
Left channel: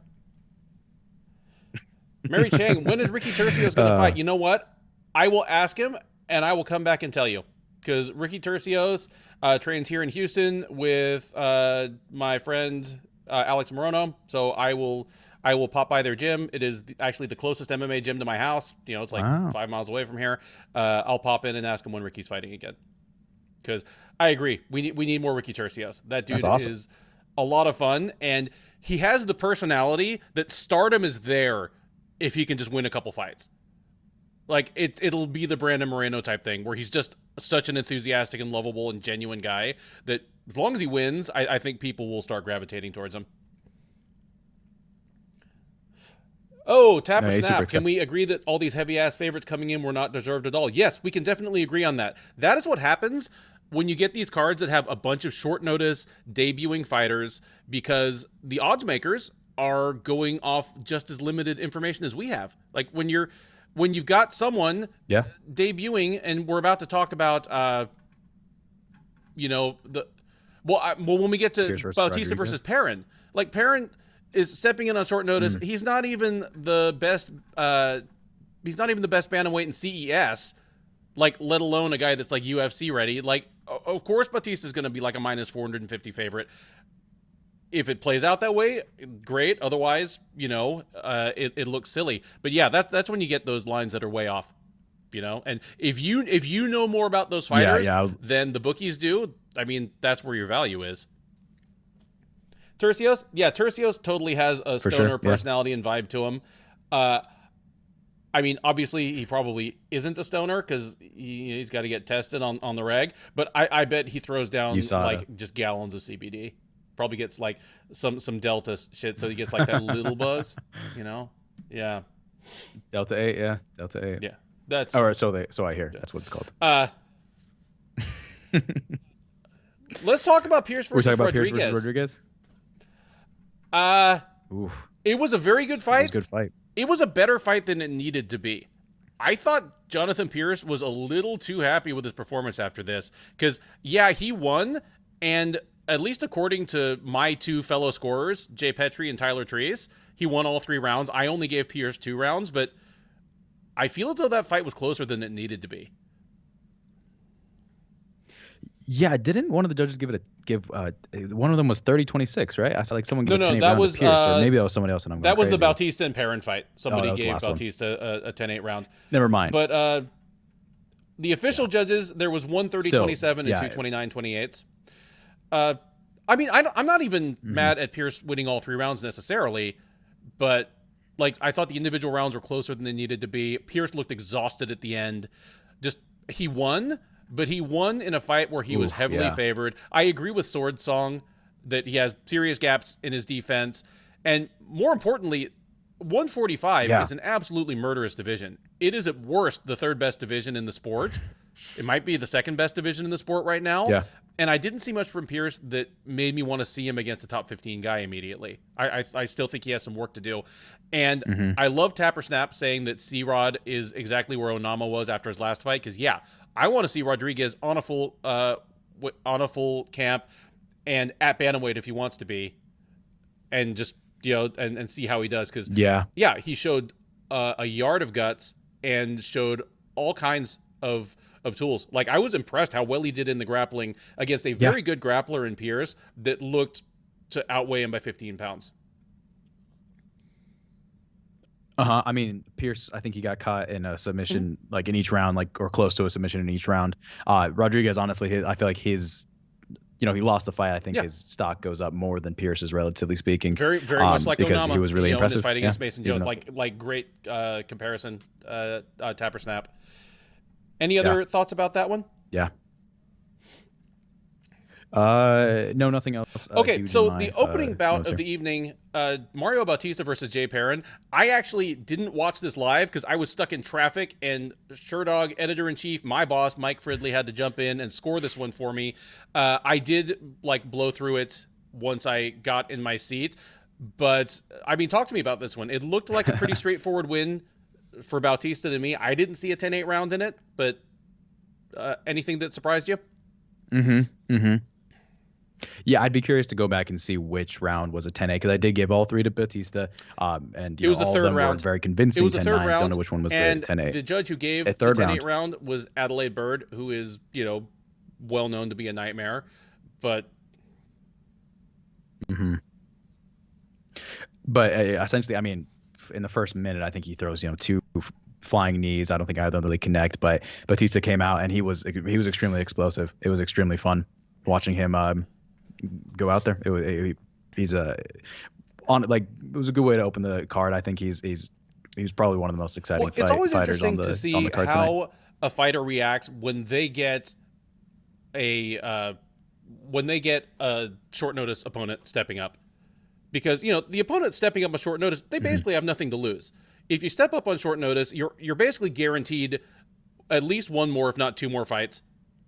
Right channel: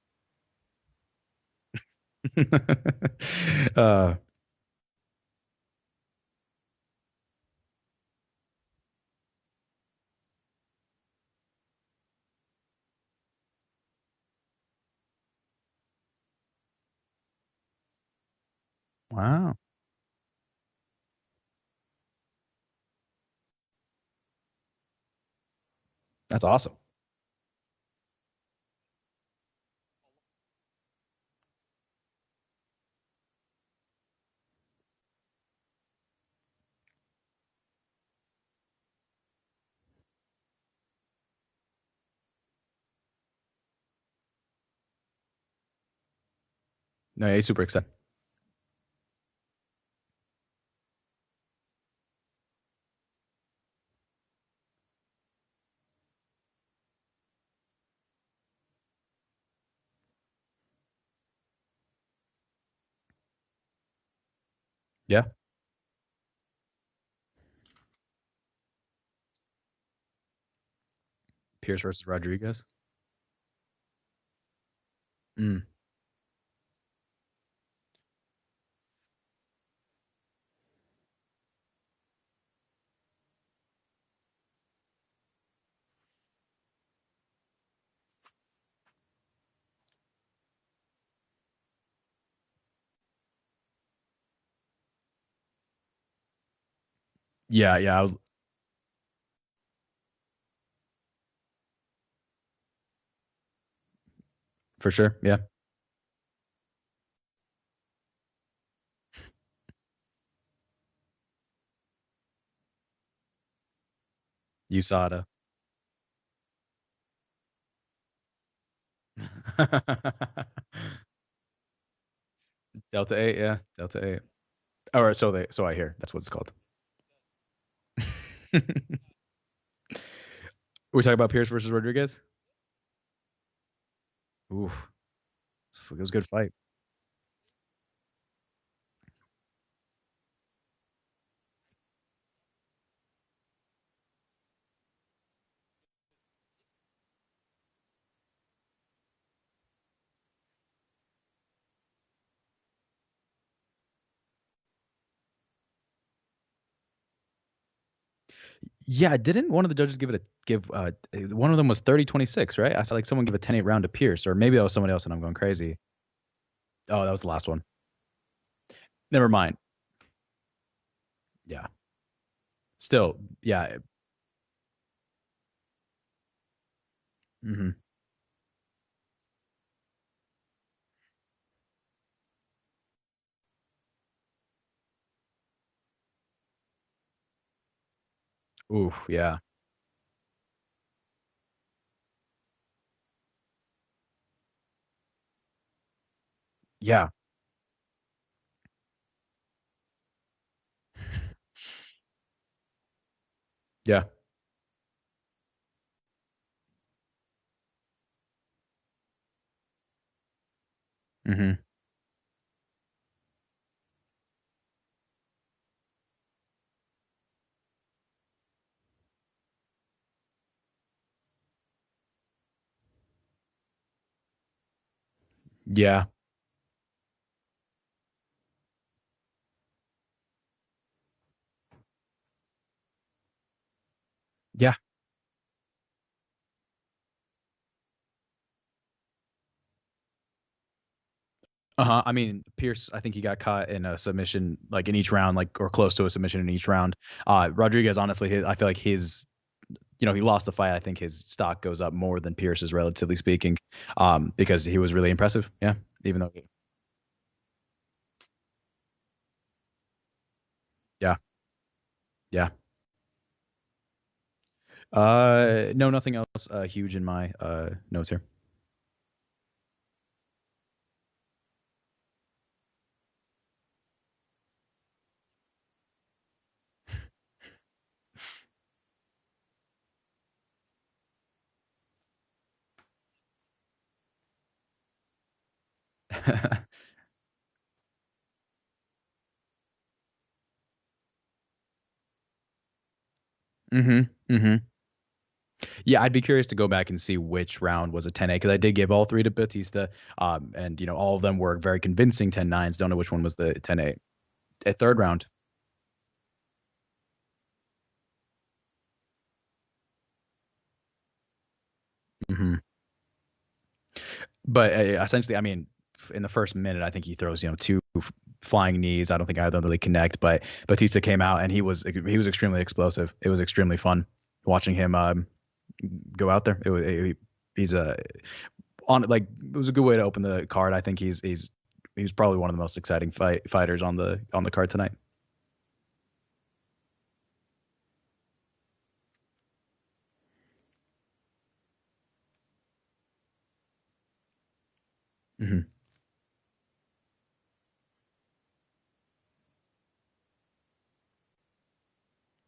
Mary Chang, when is Ricky Tercios going to fight? You know what? I will ask him, and I will come back and tell you. Because Ricky Tercios trains here in Houston with my friend Alex Morono. So I will pop by their gym. It is actually the closest MMA gym to my house. You know, it's like Wow. 5 miles away from here. I'll pop in and ask him when Ricky's fighting again. Because I agree, we need more Ricky Tercios. That dude That's awesome. is a lot of fun, and he has the personality that stardom is there if he can just win a couple fights. Like it'll be the Brandon Moreno type thing where he's just such an enthusiastic and lovable and genuine guy that as long as he wins, I think people will start gravitating towards him. Oh, Tapper No, Snap. Can we agree that all these heavy ass favorites coming in were not deserved at all? Yes, we can definitely agree on that. That is what happens when you get these cards that have a bunch of short notice debuting fighters because the odds makers are going off just as limited information as we have. Like when you've got someone debuting, and we're about to talk about when we get to Bautista versus Perrin, like Perrin is stepping in on short notice. He's not even the best. He's not even the best bantamweight in CES. Like, let alone a guy that's like UFC ready. Like, of course, Bautista is going to be like a minus 450 favorite. If it plays out that way, great. Otherwise, it looks silly. But yeah, that's when you get those lines that are way off. And if you know more about those fighters than the bookies do, I mean, that's where your value is. Tercios, Tercios totally has a stoner personality and vibe to him. I mean, obviously, he probably isn't a stoner because he's got to get tested on the reg. But I bet he throws down just gallons of CBD. Probably gets like some Delta shit, so he gets like that little buzz. Yeah. Delta 8, yeah, Delta 8. Yeah, that's. All right, so I hear that's what it's called. Let's talk about Pierce versus Rodriguez. We're talking about Pierce versus Rodriguez. It was a very good fight. It was a good fight. It was a better fight than it needed to be. I thought Jonathan Pierce was a little too happy with his performance after this because, he won, and at least according to my two fellow scorers, Jay Petrie and Tyler Treese, he won all 3 rounds. I only gave Pierce 2 rounds, but I feel as though that fight was closer than it needed to be. Yeah, didn't one of the judges one of them was 30-26, right? I saw like someone give a 10-8 round to Pierce, or maybe that was somebody else, and I'm going crazy. That was the Bautista and Perrin fight. Somebody gave Bautista a 10-8 round. Never mind. But the official judges, there was 130-27 and 2 29-28. I mean, I'm not even mad at Pierce winning all 3 rounds necessarily, but like I thought the individual rounds were closer than they needed to be. Pierce looked exhausted at the end. He won. But he won in a fight where he was heavily favored. I agree with Sword Song that he has serious gaps in his defense. And more importantly, 145 is an absolutely murderous division. It is at worst the 3rd best division in the sport. It might be the 2nd best division in the sport right now. Yeah. And I didn't see much from Pierce that made me want to see him against a top 15 guy immediately. I still think he has some work to do. And I love Tapper Snap saying that C-Rod is exactly where Onama was after his last fight. Because, I want to see Rodriguez on a full camp and at bantamweight if he wants to be, and just and see how he does because he showed a yard of guts and showed all kinds of tools. Like I was impressed how well he did in the grappling against a very good grappler in Pierce that looked to outweigh him by 15 pounds. I mean, Pierce, I think he got caught in a submission, like in each round, or close to a submission in each round. Rodriguez, honestly, I feel like he lost the fight. I think his stock goes up more than Pierce's, relatively speaking. Very, very much like because Onama, he was really impressive. Fighting against Mason Jones, like great comparison. Tapper Snap. Any other thoughts about that one? Yeah. No, nothing else. Okay, so the opening bout of the evening, Mario Bautista versus Jay Perrin. I actually didn't watch this live because I was stuck in traffic, and Sherdog editor-in-chief, my boss, Mike Fridley, had to jump in and score this one for me. I did blow through it once I got in my seat, but I mean, talk to me about this one. It looked like a pretty straightforward win for Bautista to me. I didn't see a 10-8 round in it, but anything that surprised you? Yeah, I'd be curious to go back and see which round was a 10-8 because I did give all three to Batista, and It was the all of third them were round. very It convincing was the third 10-9s. Don't know round, which one was the and 10-8. the judge who A gave the third 10-8 round. round was Adelaide Bird, who is, well known to be a nightmare. But Hmm. But essentially, I mean, in the first minute, I think he throws two flying knees. I don't think either of them really connect, but Batista came out and he was extremely explosive. It was extremely fun watching him go out there. He's a on like it was a good way to open the card. I think he's probably one of the most exciting it's always fighters on interesting to the see card tonight. how a fighter reacts when they get a short notice opponent stepping up, because the opponent stepping up on short notice, they basically have nothing to lose. If you step up on short notice, you're basically guaranteed at least one more, if not two more fights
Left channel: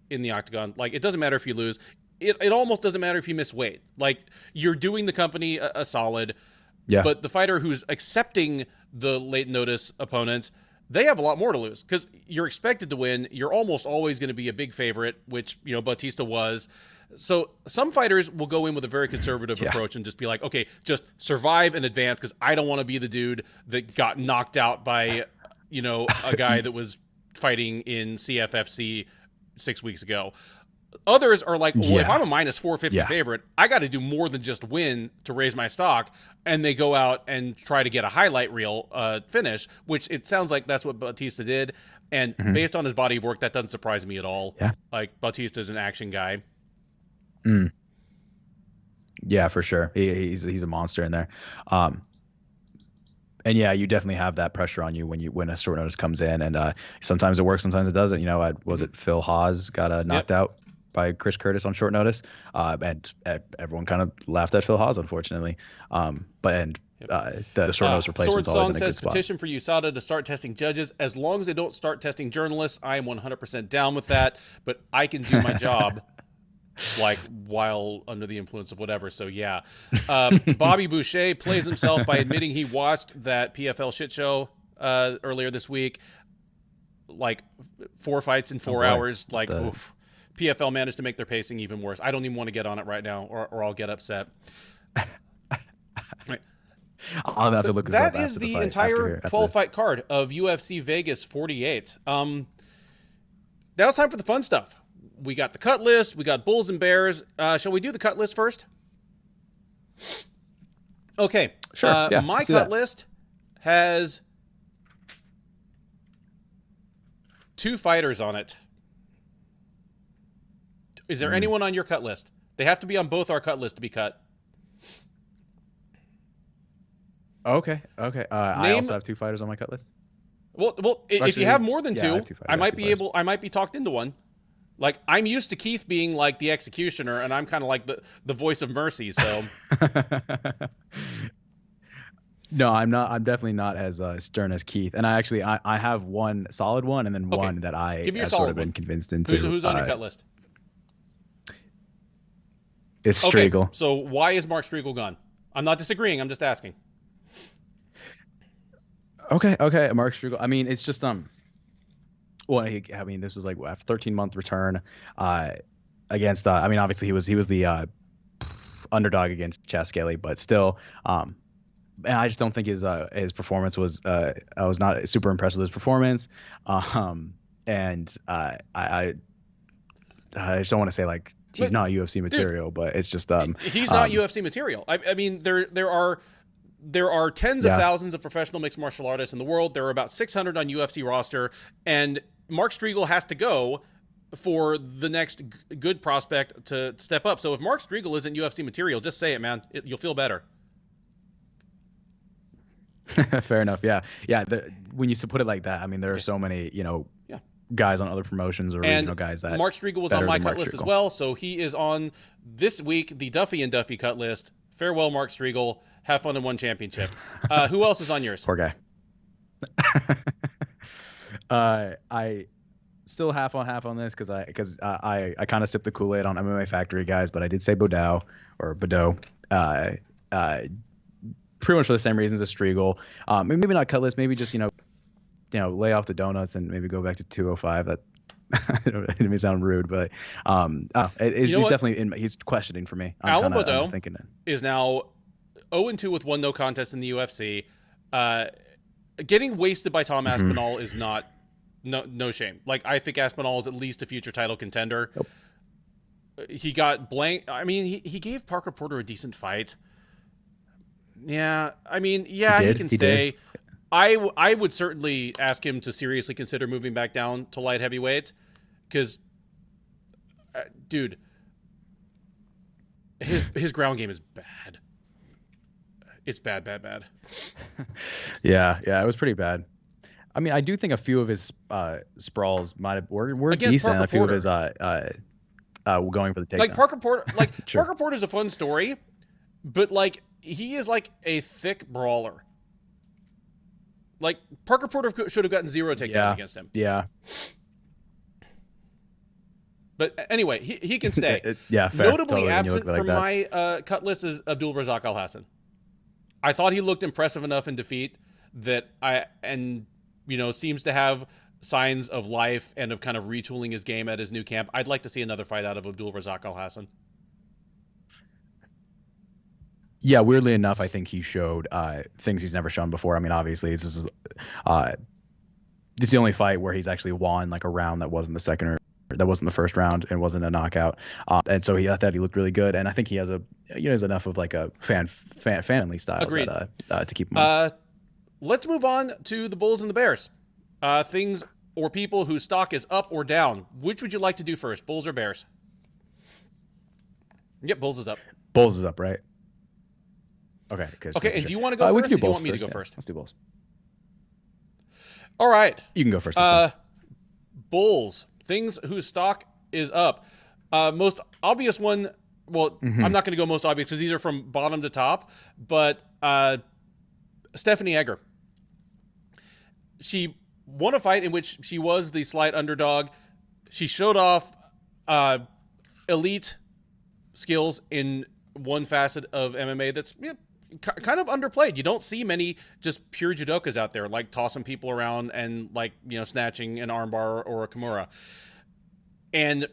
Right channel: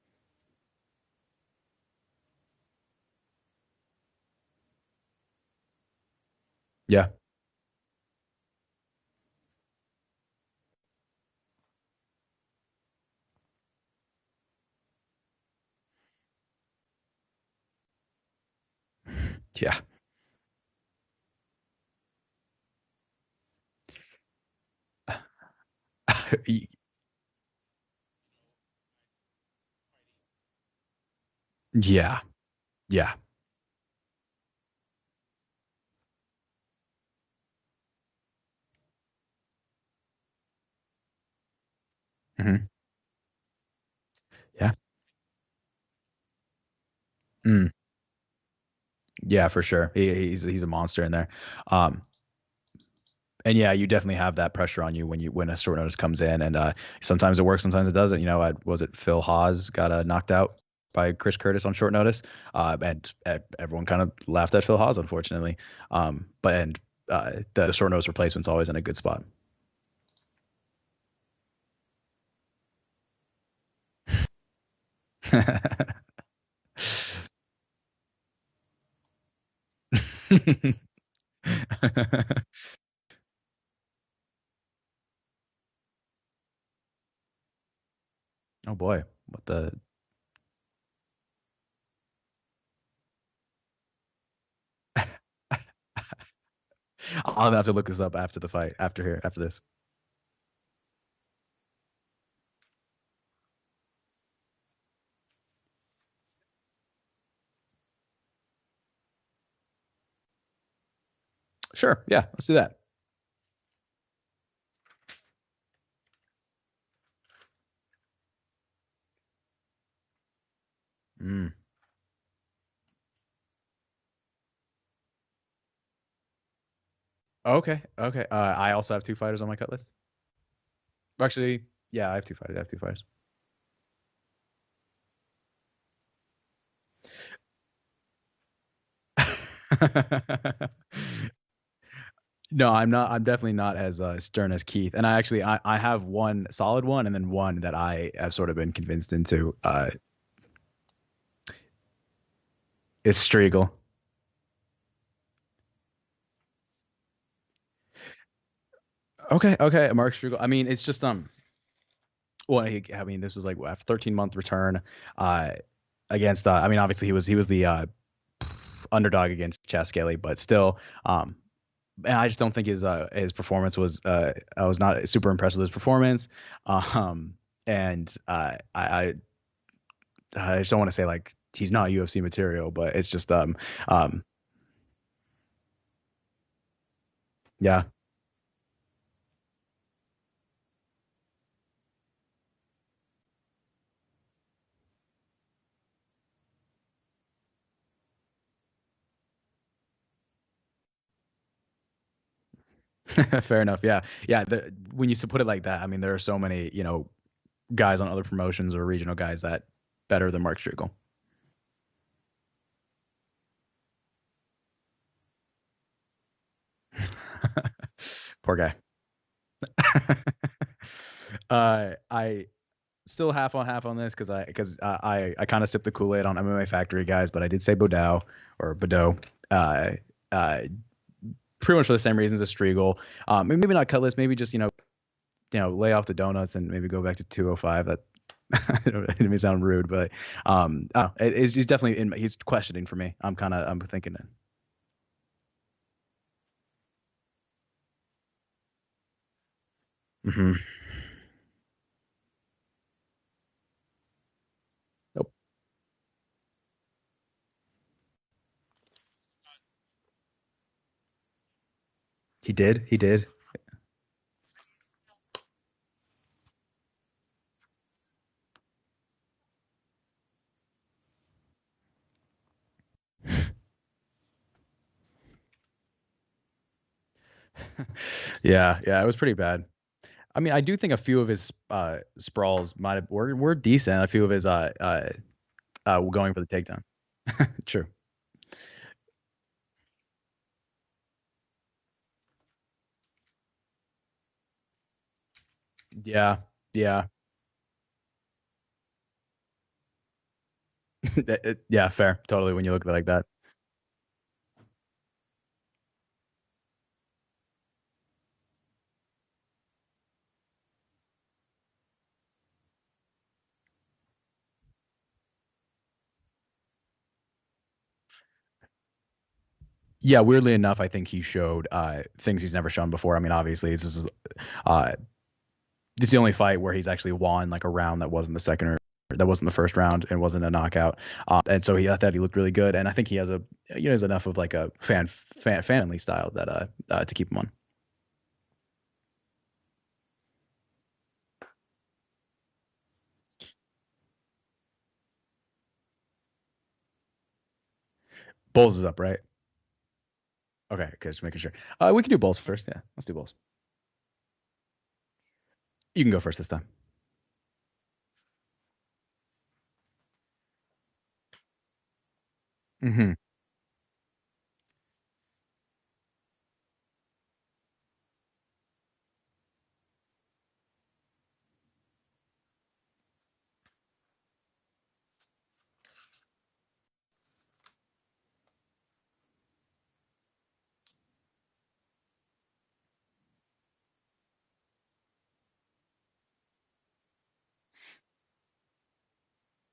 in the octagon. Like, it doesn't matter if you lose. It almost doesn't matter if you miss weight. Like, you're doing the company a solid. Yeah. But the fighter who's accepting the late notice opponents, they have a lot more to lose because you're expected to win. You're almost always going to be a big favorite, which, Bautista was. So some fighters will go in with a very conservative approach and just be like, okay, just survive and advance because I don't want to be the dude that got knocked out by, a guy that was fighting in CFFC 6 weeks ago. Others are like, well, if I'm a minus 450 favorite, I got to do more than just win to raise my stock. And they go out and try to get a highlight reel finish, which it sounds like that's what Bautista did. And based on his body of work, that doesn't surprise me at all. Yeah. Like, Bautista's an action guy. Mm. Yeah, for sure. He's a monster in there. And yeah, you definitely have that pressure on you when a short notice comes in, and sometimes it works, sometimes it doesn't. Was it Phil Haas got knocked out by Chris Curtis on short notice, and everyone kind of laughed at Phil Haas, unfortunately. The short notice replacement's always in a good spot. Petition for USADA to start testing judges. As long as they don't start testing journalists, I am 100% down with that. But I can do my job, like, while under the influence of whatever. So yeah, Bobby Boucher plays himself by admitting he watched that PFL shit show earlier this week. Like 4 fights in 4 hours. Like, PFL managed to make their pacing even worse. I don't even want to get on it right now, or I'll get upset. Right. I'll have to look this up after the fight. That is the entire 12-fight card of UFC Vegas 48. Now it's time for the fun stuff. We got the cut list. We got Bulls and Bears. Shall we do the cut list first? Okay. Sure. Yeah. My cut list has 2 fighters on it. Is there anyone on your cut list? They have to be on both our cut lists to be cut. Okay. I also have 2 fighters on my cut list. Well, actually, if you have more than 2, I have 2 fighters. I might be talked into one. Like, I'm used to Keith being like the executioner, and I'm kind of like the voice of mercy. So. No, I'm not. I'm definitely not as stern as Keith. And I have one solid one, and then one that I have sort of been convinced into. Who's on your cut list? It's Striegel. Okay, so why is Mark Striegel gone? I'm not disagreeing. I'm just asking. Okay, Mark Striegel. I mean, it's just well, I mean, this was like a 13-month return against. I mean, obviously he was the underdog against Skelly, but still, and I just don't think his performance was. I was not super impressed with his performance, and I just don't want to say like he's not UFC material, but it's just he's not UFC material. I mean, there are tens of thousands of professional mixed martial artists in the world. There are about 600 on UFC roster, and Mark Striegel has to go for the next good prospect to step up. So if Mark Striegel isn't UFC material, just say it, man. You'll feel better. Fair enough. Yeah. When you put it like that, I mean, there are so many, guys on other promotions or regional guys that Mark Striegel was on my cut list as well. So he is on this week, the Duffy and Duffy cut list. Farewell, Mark Striegel. Have fun and one championship. Who else is on yours? Poor guy. I still half on this because I kind of sipped the Kool-Aid on MMA Factory guys, but I did say Bordeaux. Pretty much for the same reasons as Striegel. Maybe not cut list. Maybe just lay off the donuts and maybe go back to 205. it may sound rude, but he's definitely he's questioning for me. I'm thinking it is now 0-2 with 1 no contest in the UFC. Getting wasted by Tom Aspinall is not no shame. Like, I think Aspinall is at least a future title contender. Nope. He got blank. I mean, he gave Parker Porter a decent fight. Yeah, I mean, yeah, he can stay. I would certainly ask him to seriously consider moving back down to light heavyweight, because, dude, his ground game is bad. It's bad. Yeah, it was pretty bad. I mean, I do think a few of his sprawls were decent. Parker a few Porter. of his going for the takedown. Like Parker Porter, Parker Porter's a fun story, but like, he is like a thick brawler. Like, Parker Porter should have gotten 0 takedowns against him. Yeah. But anyway, he can stay. Fair. Notably totally. When you look absent like from that. my cut list is Abdulrazak Alhassan. I thought he looked impressive enough in defeat that seems to have signs of life and of kind of retooling his game at his new camp. I'd like to see another fight out of Abdulrazak Alhassan. Yeah, weirdly enough, I think he showed things he's never shown before. I mean, obviously, this is the only fight where he's actually won like a round that wasn't the first round and wasn't a knockout. And so I thought he looked really good, and I think he has has enough of like a family style that to keep him on. Let's move on to the Bulls and the Bears. Things or people whose stock is up or down. Which would you like to do first, Bulls or Bears? Yep, Bulls is up. Bulls is up, right? Okay. Okay, and do you want to go first? We can do Bulls first. First. Let's do Bulls. All right. You can go first this time. Bulls. Things whose stock is up. Most obvious one, I'm not going to go most obvious because these are from bottom to top, but Stephanie Egger. She won a fight in which she was the slight underdog. She showed off elite skills in one facet of MMA that's kind of underplayed. You don't see many just pure judokas out there, like tossing people around and snatching an armbar or a kimura. And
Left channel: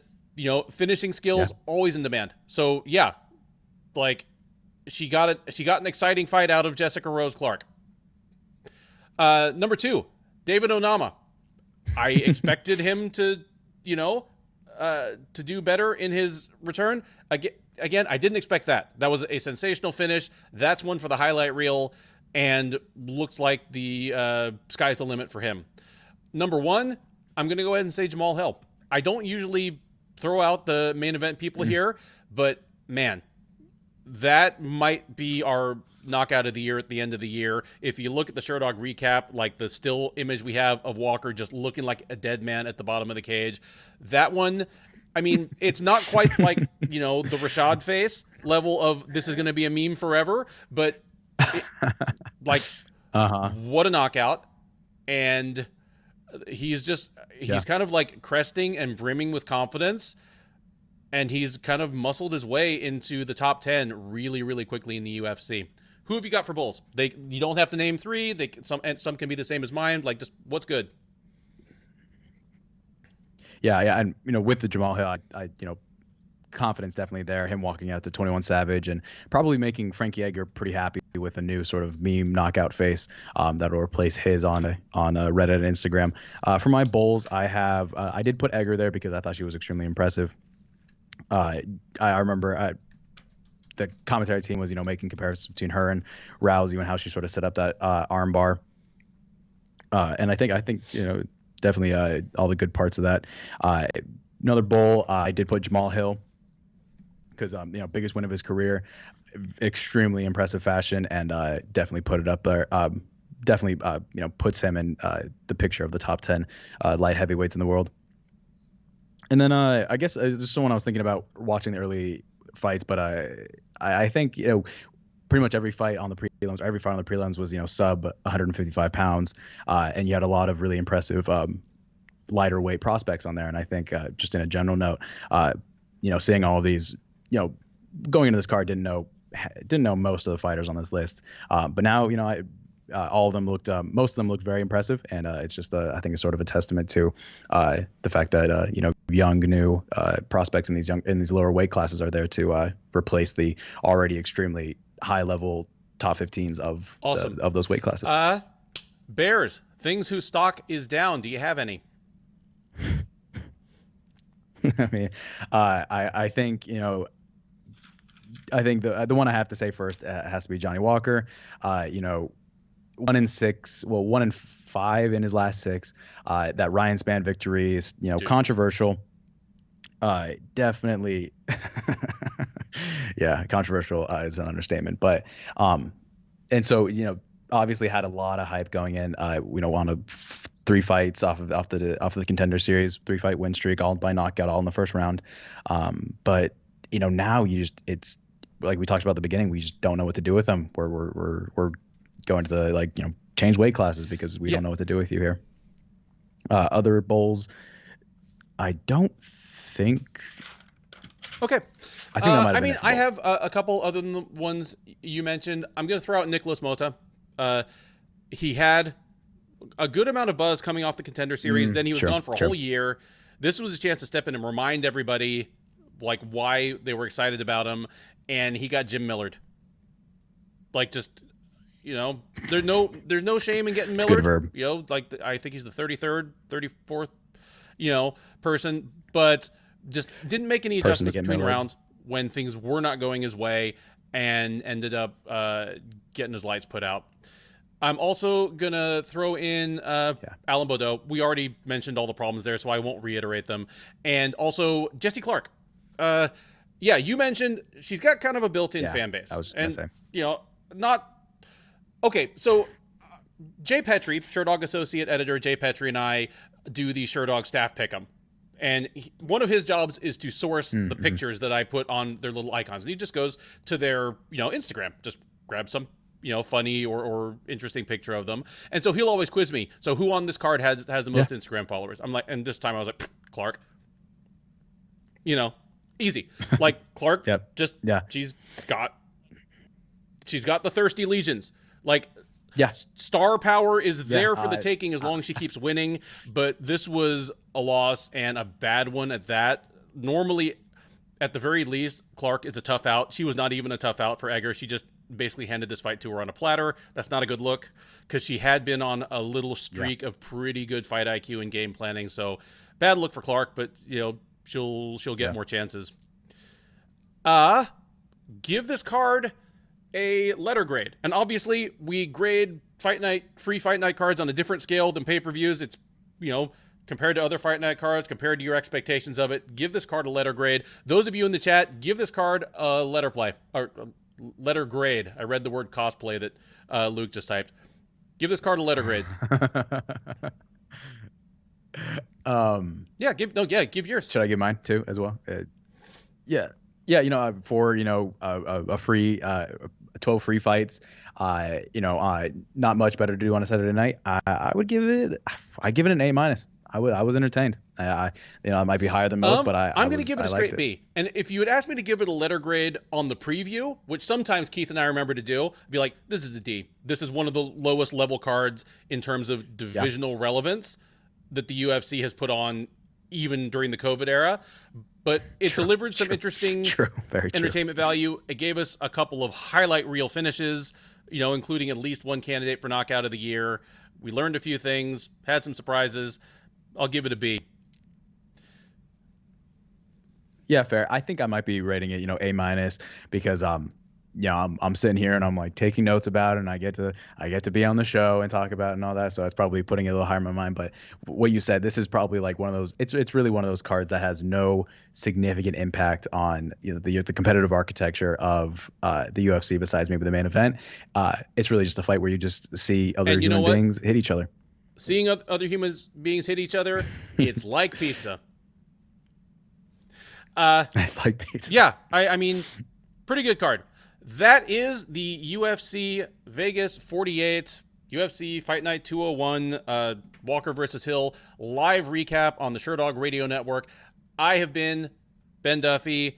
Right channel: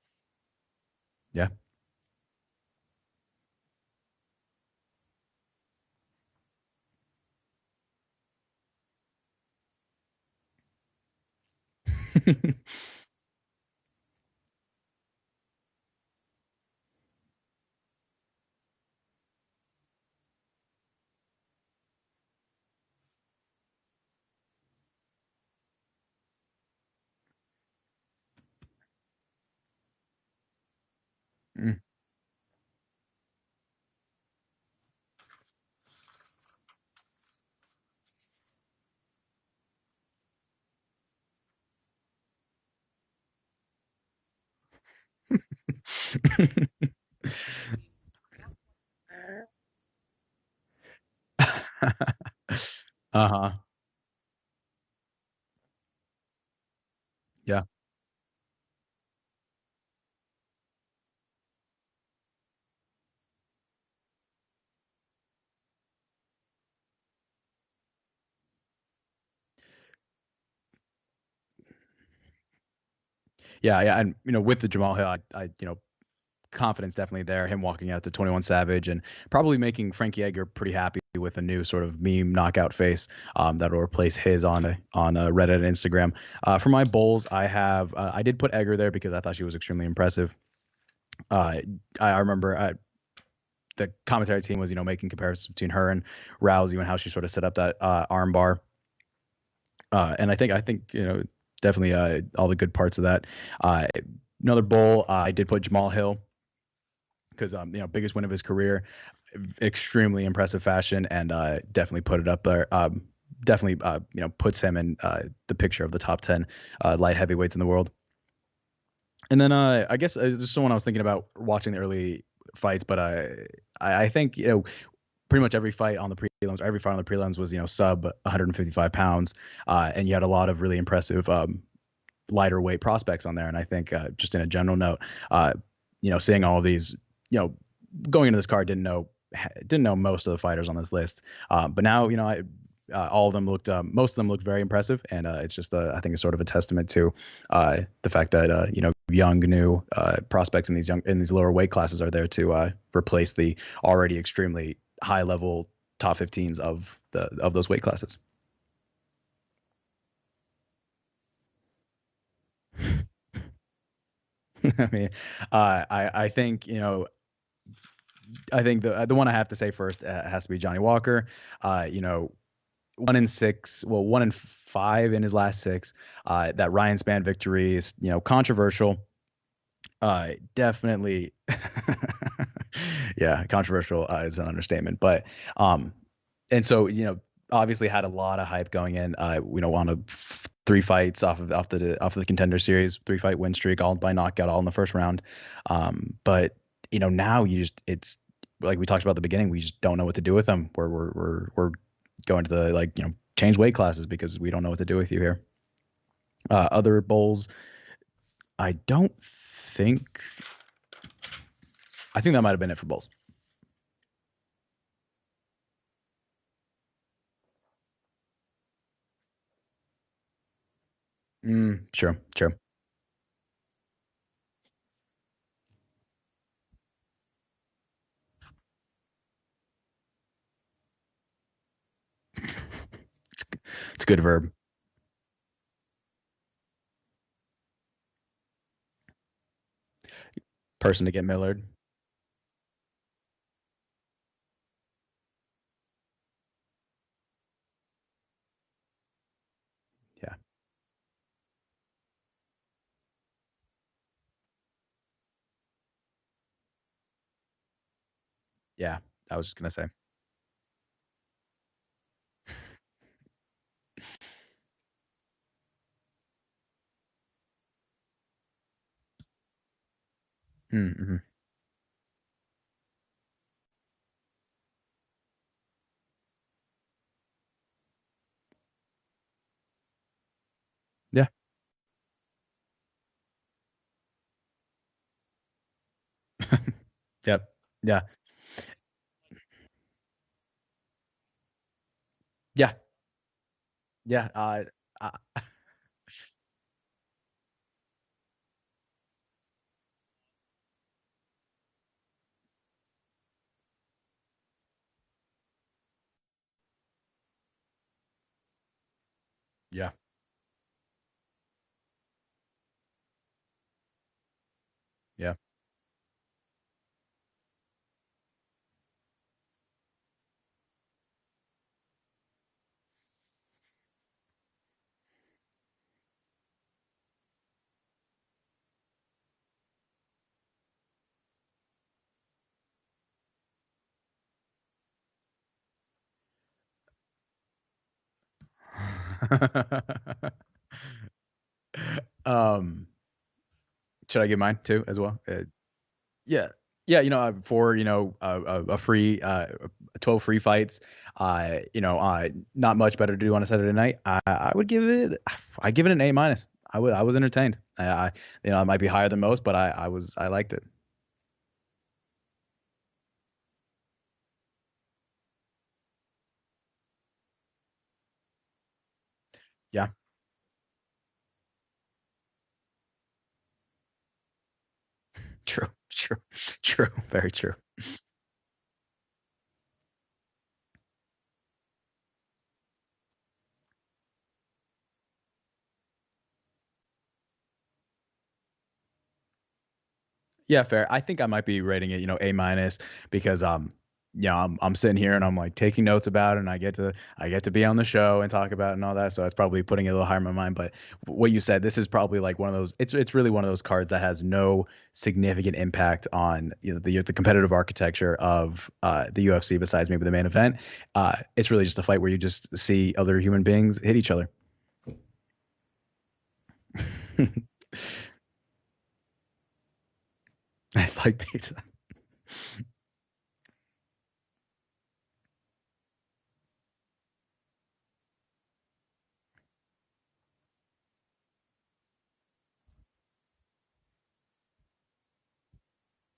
finishing skills always in demand. So she got an exciting fight out of Jessica Rose Clark. Number 2, David Onama. I expected him to do better in his return. Again, I didn't expect that. That was a sensational finish. That's one for the highlight reel, and looks like the sky's the limit for him. Number 1, I'm going to go ahead and say Jamal Hill. I don't usually throw out the main event people here, but man, that might be our knockout of the year at the end of the year. If you look at the Sherdog recap, like the still image we have of Walker just looking like a dead man at the bottom of the cage, that one, I mean, it's not quite like, the Rashad face level of this is going to be a meme forever, but what a knockout. And he's kind of like cresting and brimming with confidence. And he's kind of muscled his way into the top 10 really, really quickly in the UFC. Who have you got for Bulls? You don't have to name 3. Some can be the same as mine. Like, just what's good? Yeah, and with the Jamal Hill, I confidence definitely there. Him walking out to 21 Savage and probably making Frankie Edgar pretty happy with a new sort of meme knockout face that'll replace his on Reddit and Instagram. For my Bulls, I did put Edgar there because I thought she was extremely impressive. I remember the commentary team was making comparisons between her and Rousey and how she sort of set up that arm bar. And I think definitely all the good parts of that. Another Bull, I did put Jamal Hill because biggest win of his career, extremely impressive fashion, and definitely put it up there. Definitely puts him in the picture of the top 10 light heavyweights in the world. And then I guess there's someone I was thinking about watching the early fights, but I think pretty much every fight on the prelims, was sub 155 pounds, and you had a lot of really impressive lighter weight prospects on there. And I think just in a general note, seeing all of these, going into this card, didn't know most of the fighters on this list, but now all of them looked, most of them looked very impressive, and it's just, I think, it's sort of a testament to the fact that young, new prospects in these lower weight classes are there to replace the already extremely high level top 15s of Awesome. of those weight classes. Bears, things whose stock is down. Do you have any? I mean, I think I think the one I have to say first has to be Johnny Walker. 1-6, well, 1-5 in his last 6. That Ryan Spann victory is controversial. Definitely, yeah, controversial is an understatement. But and so obviously had a lot of hype going in. On 3 fights off of the Contender Series, 3-fight win streak, all by knockout, all in the first round. But now it's like we talked about at the beginning, we just don't know what to do with them. We're going to the change weight classes because we don't know what to do with you here. Other bulls, I don't think. Okay. I think that might have been. I have a couple other than the ones you mentioned. I'm going to throw out Nicholas Mota. He had a good amount of buzz coming off the Contender Series. Then he was gone for a whole year. This was a chance to step in and remind everybody why they were excited about him, and he got Jim Millard. There's no shame in getting Millard. It's a good verb. I think he's the 33rd, 34th, person, but just didn't make any adjustments between rounds when things were not going his way, and ended up getting his lights put out. I'm also going to throw in Alan Baudot. We already mentioned all the problems there, so I won't reiterate them. And also Jessie Clark. You mentioned she's got kind of a built-in fan base. I was going to say. Not... Okay, so Jay Petrie, Sherdog associate editor Jay Petrie, and I do the Sherdog staff pick'em. And one of his jobs is to source the pictures that I put on their little icons. And he just goes to their, Instagram, just grab some, funny or interesting picture of them. And so he'll always quiz me. So who on this card has the most Instagram followers? I'm like, and this time I was like, Clark. Easy. Like Clark, she's got the thirsty legions. Star power is there for the taking as long as she keeps winning. But this was a loss, and a bad one at that. Normally, at the very least, Clark is a tough out. She was not even a tough out for Egger. She just basically handed this fight to her on a platter. That's not a good look, because she had been on a little streak of pretty good fight IQ and game planning. So bad look for Clark, but she'll get more chances. Give this card a letter grade. And obviously we grade free fight night cards on a different scale than pay-per-views. It's, compared to other fight night cards, compared to your expectations of it, give this card a letter grade. Those of you in the chat, give this card a letter grade. I read the word cosplay that Luke just typed. Give this card a letter grade. Give yours. Should I give mine too as well? For a free 12 free fights, not much better to do on a Saturday night. I give it an A-. I was entertained. It might be higher than most, but I'm going to give it a straight B. And if you had asked me to give it a letter grade on the preview, which sometimes Keith and I remember to do, I'd be like, this is a D. This is one of the lowest level cards in terms of divisional relevance that the UFC has put on, even during the COVID era. But it delivered some interesting entertainment value. It gave us a couple of highlight reel finishes, including at least one candidate for knockout of the year. We learned a few things, had some surprises. I'll give it a B. Yeah, fair. I think I might be rating it, A- because I'm sitting here and I'm like taking notes about it, and I get to be on the show and talk about it and all that. So it's probably putting it a little higher in my mind. But what you said, this is probably like one of those. It's really one of those cards that has no significant impact on the competitive architecture of the UFC besides maybe the main event. It's really just a fight where you just see other human beings hit each other. Seeing other human beings hit each other, it's like pizza. It's like pizza. Yeah, I mean, pretty good card. That is the UFC Vegas 48 UFC Fight Night 201 Walker versus Hill live recap on the Sherdog Radio Network. I have been Ben Duffy.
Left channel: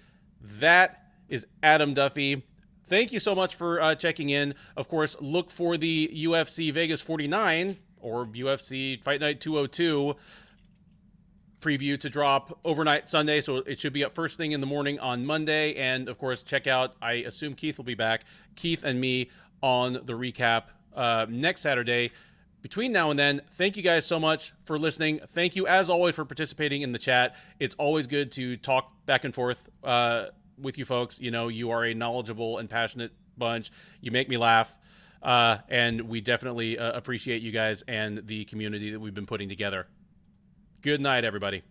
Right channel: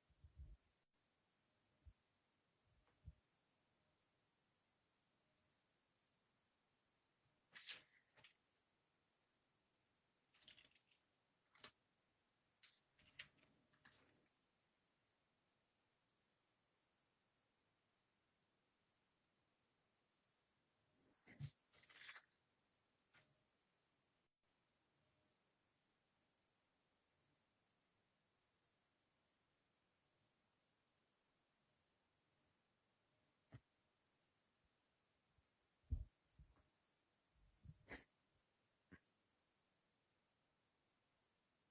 That is Adam Duffy. thank you so much for checking in. Of course, look for the UFC Vegas 49 or UFC Fight Night 202 preview to drop overnight Sunday, so it should be up first thing in the morning on Monday. And of course, check out, I assume Keith will be back, Keith and me on the recap next Saturday. Between now and then, thank you guys so much for listening. Thank you, as always, for participating in the chat. It's always good to talk back and forth with you folks. You know, you are a knowledgeable and passionate bunch. You make me laugh. And we definitely appreciate you guys and the community that we've been putting together. Good night, everybody.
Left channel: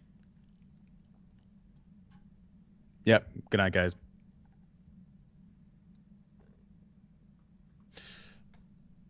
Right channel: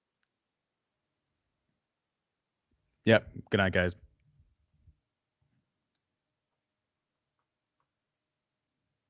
Yep. Good night, guys.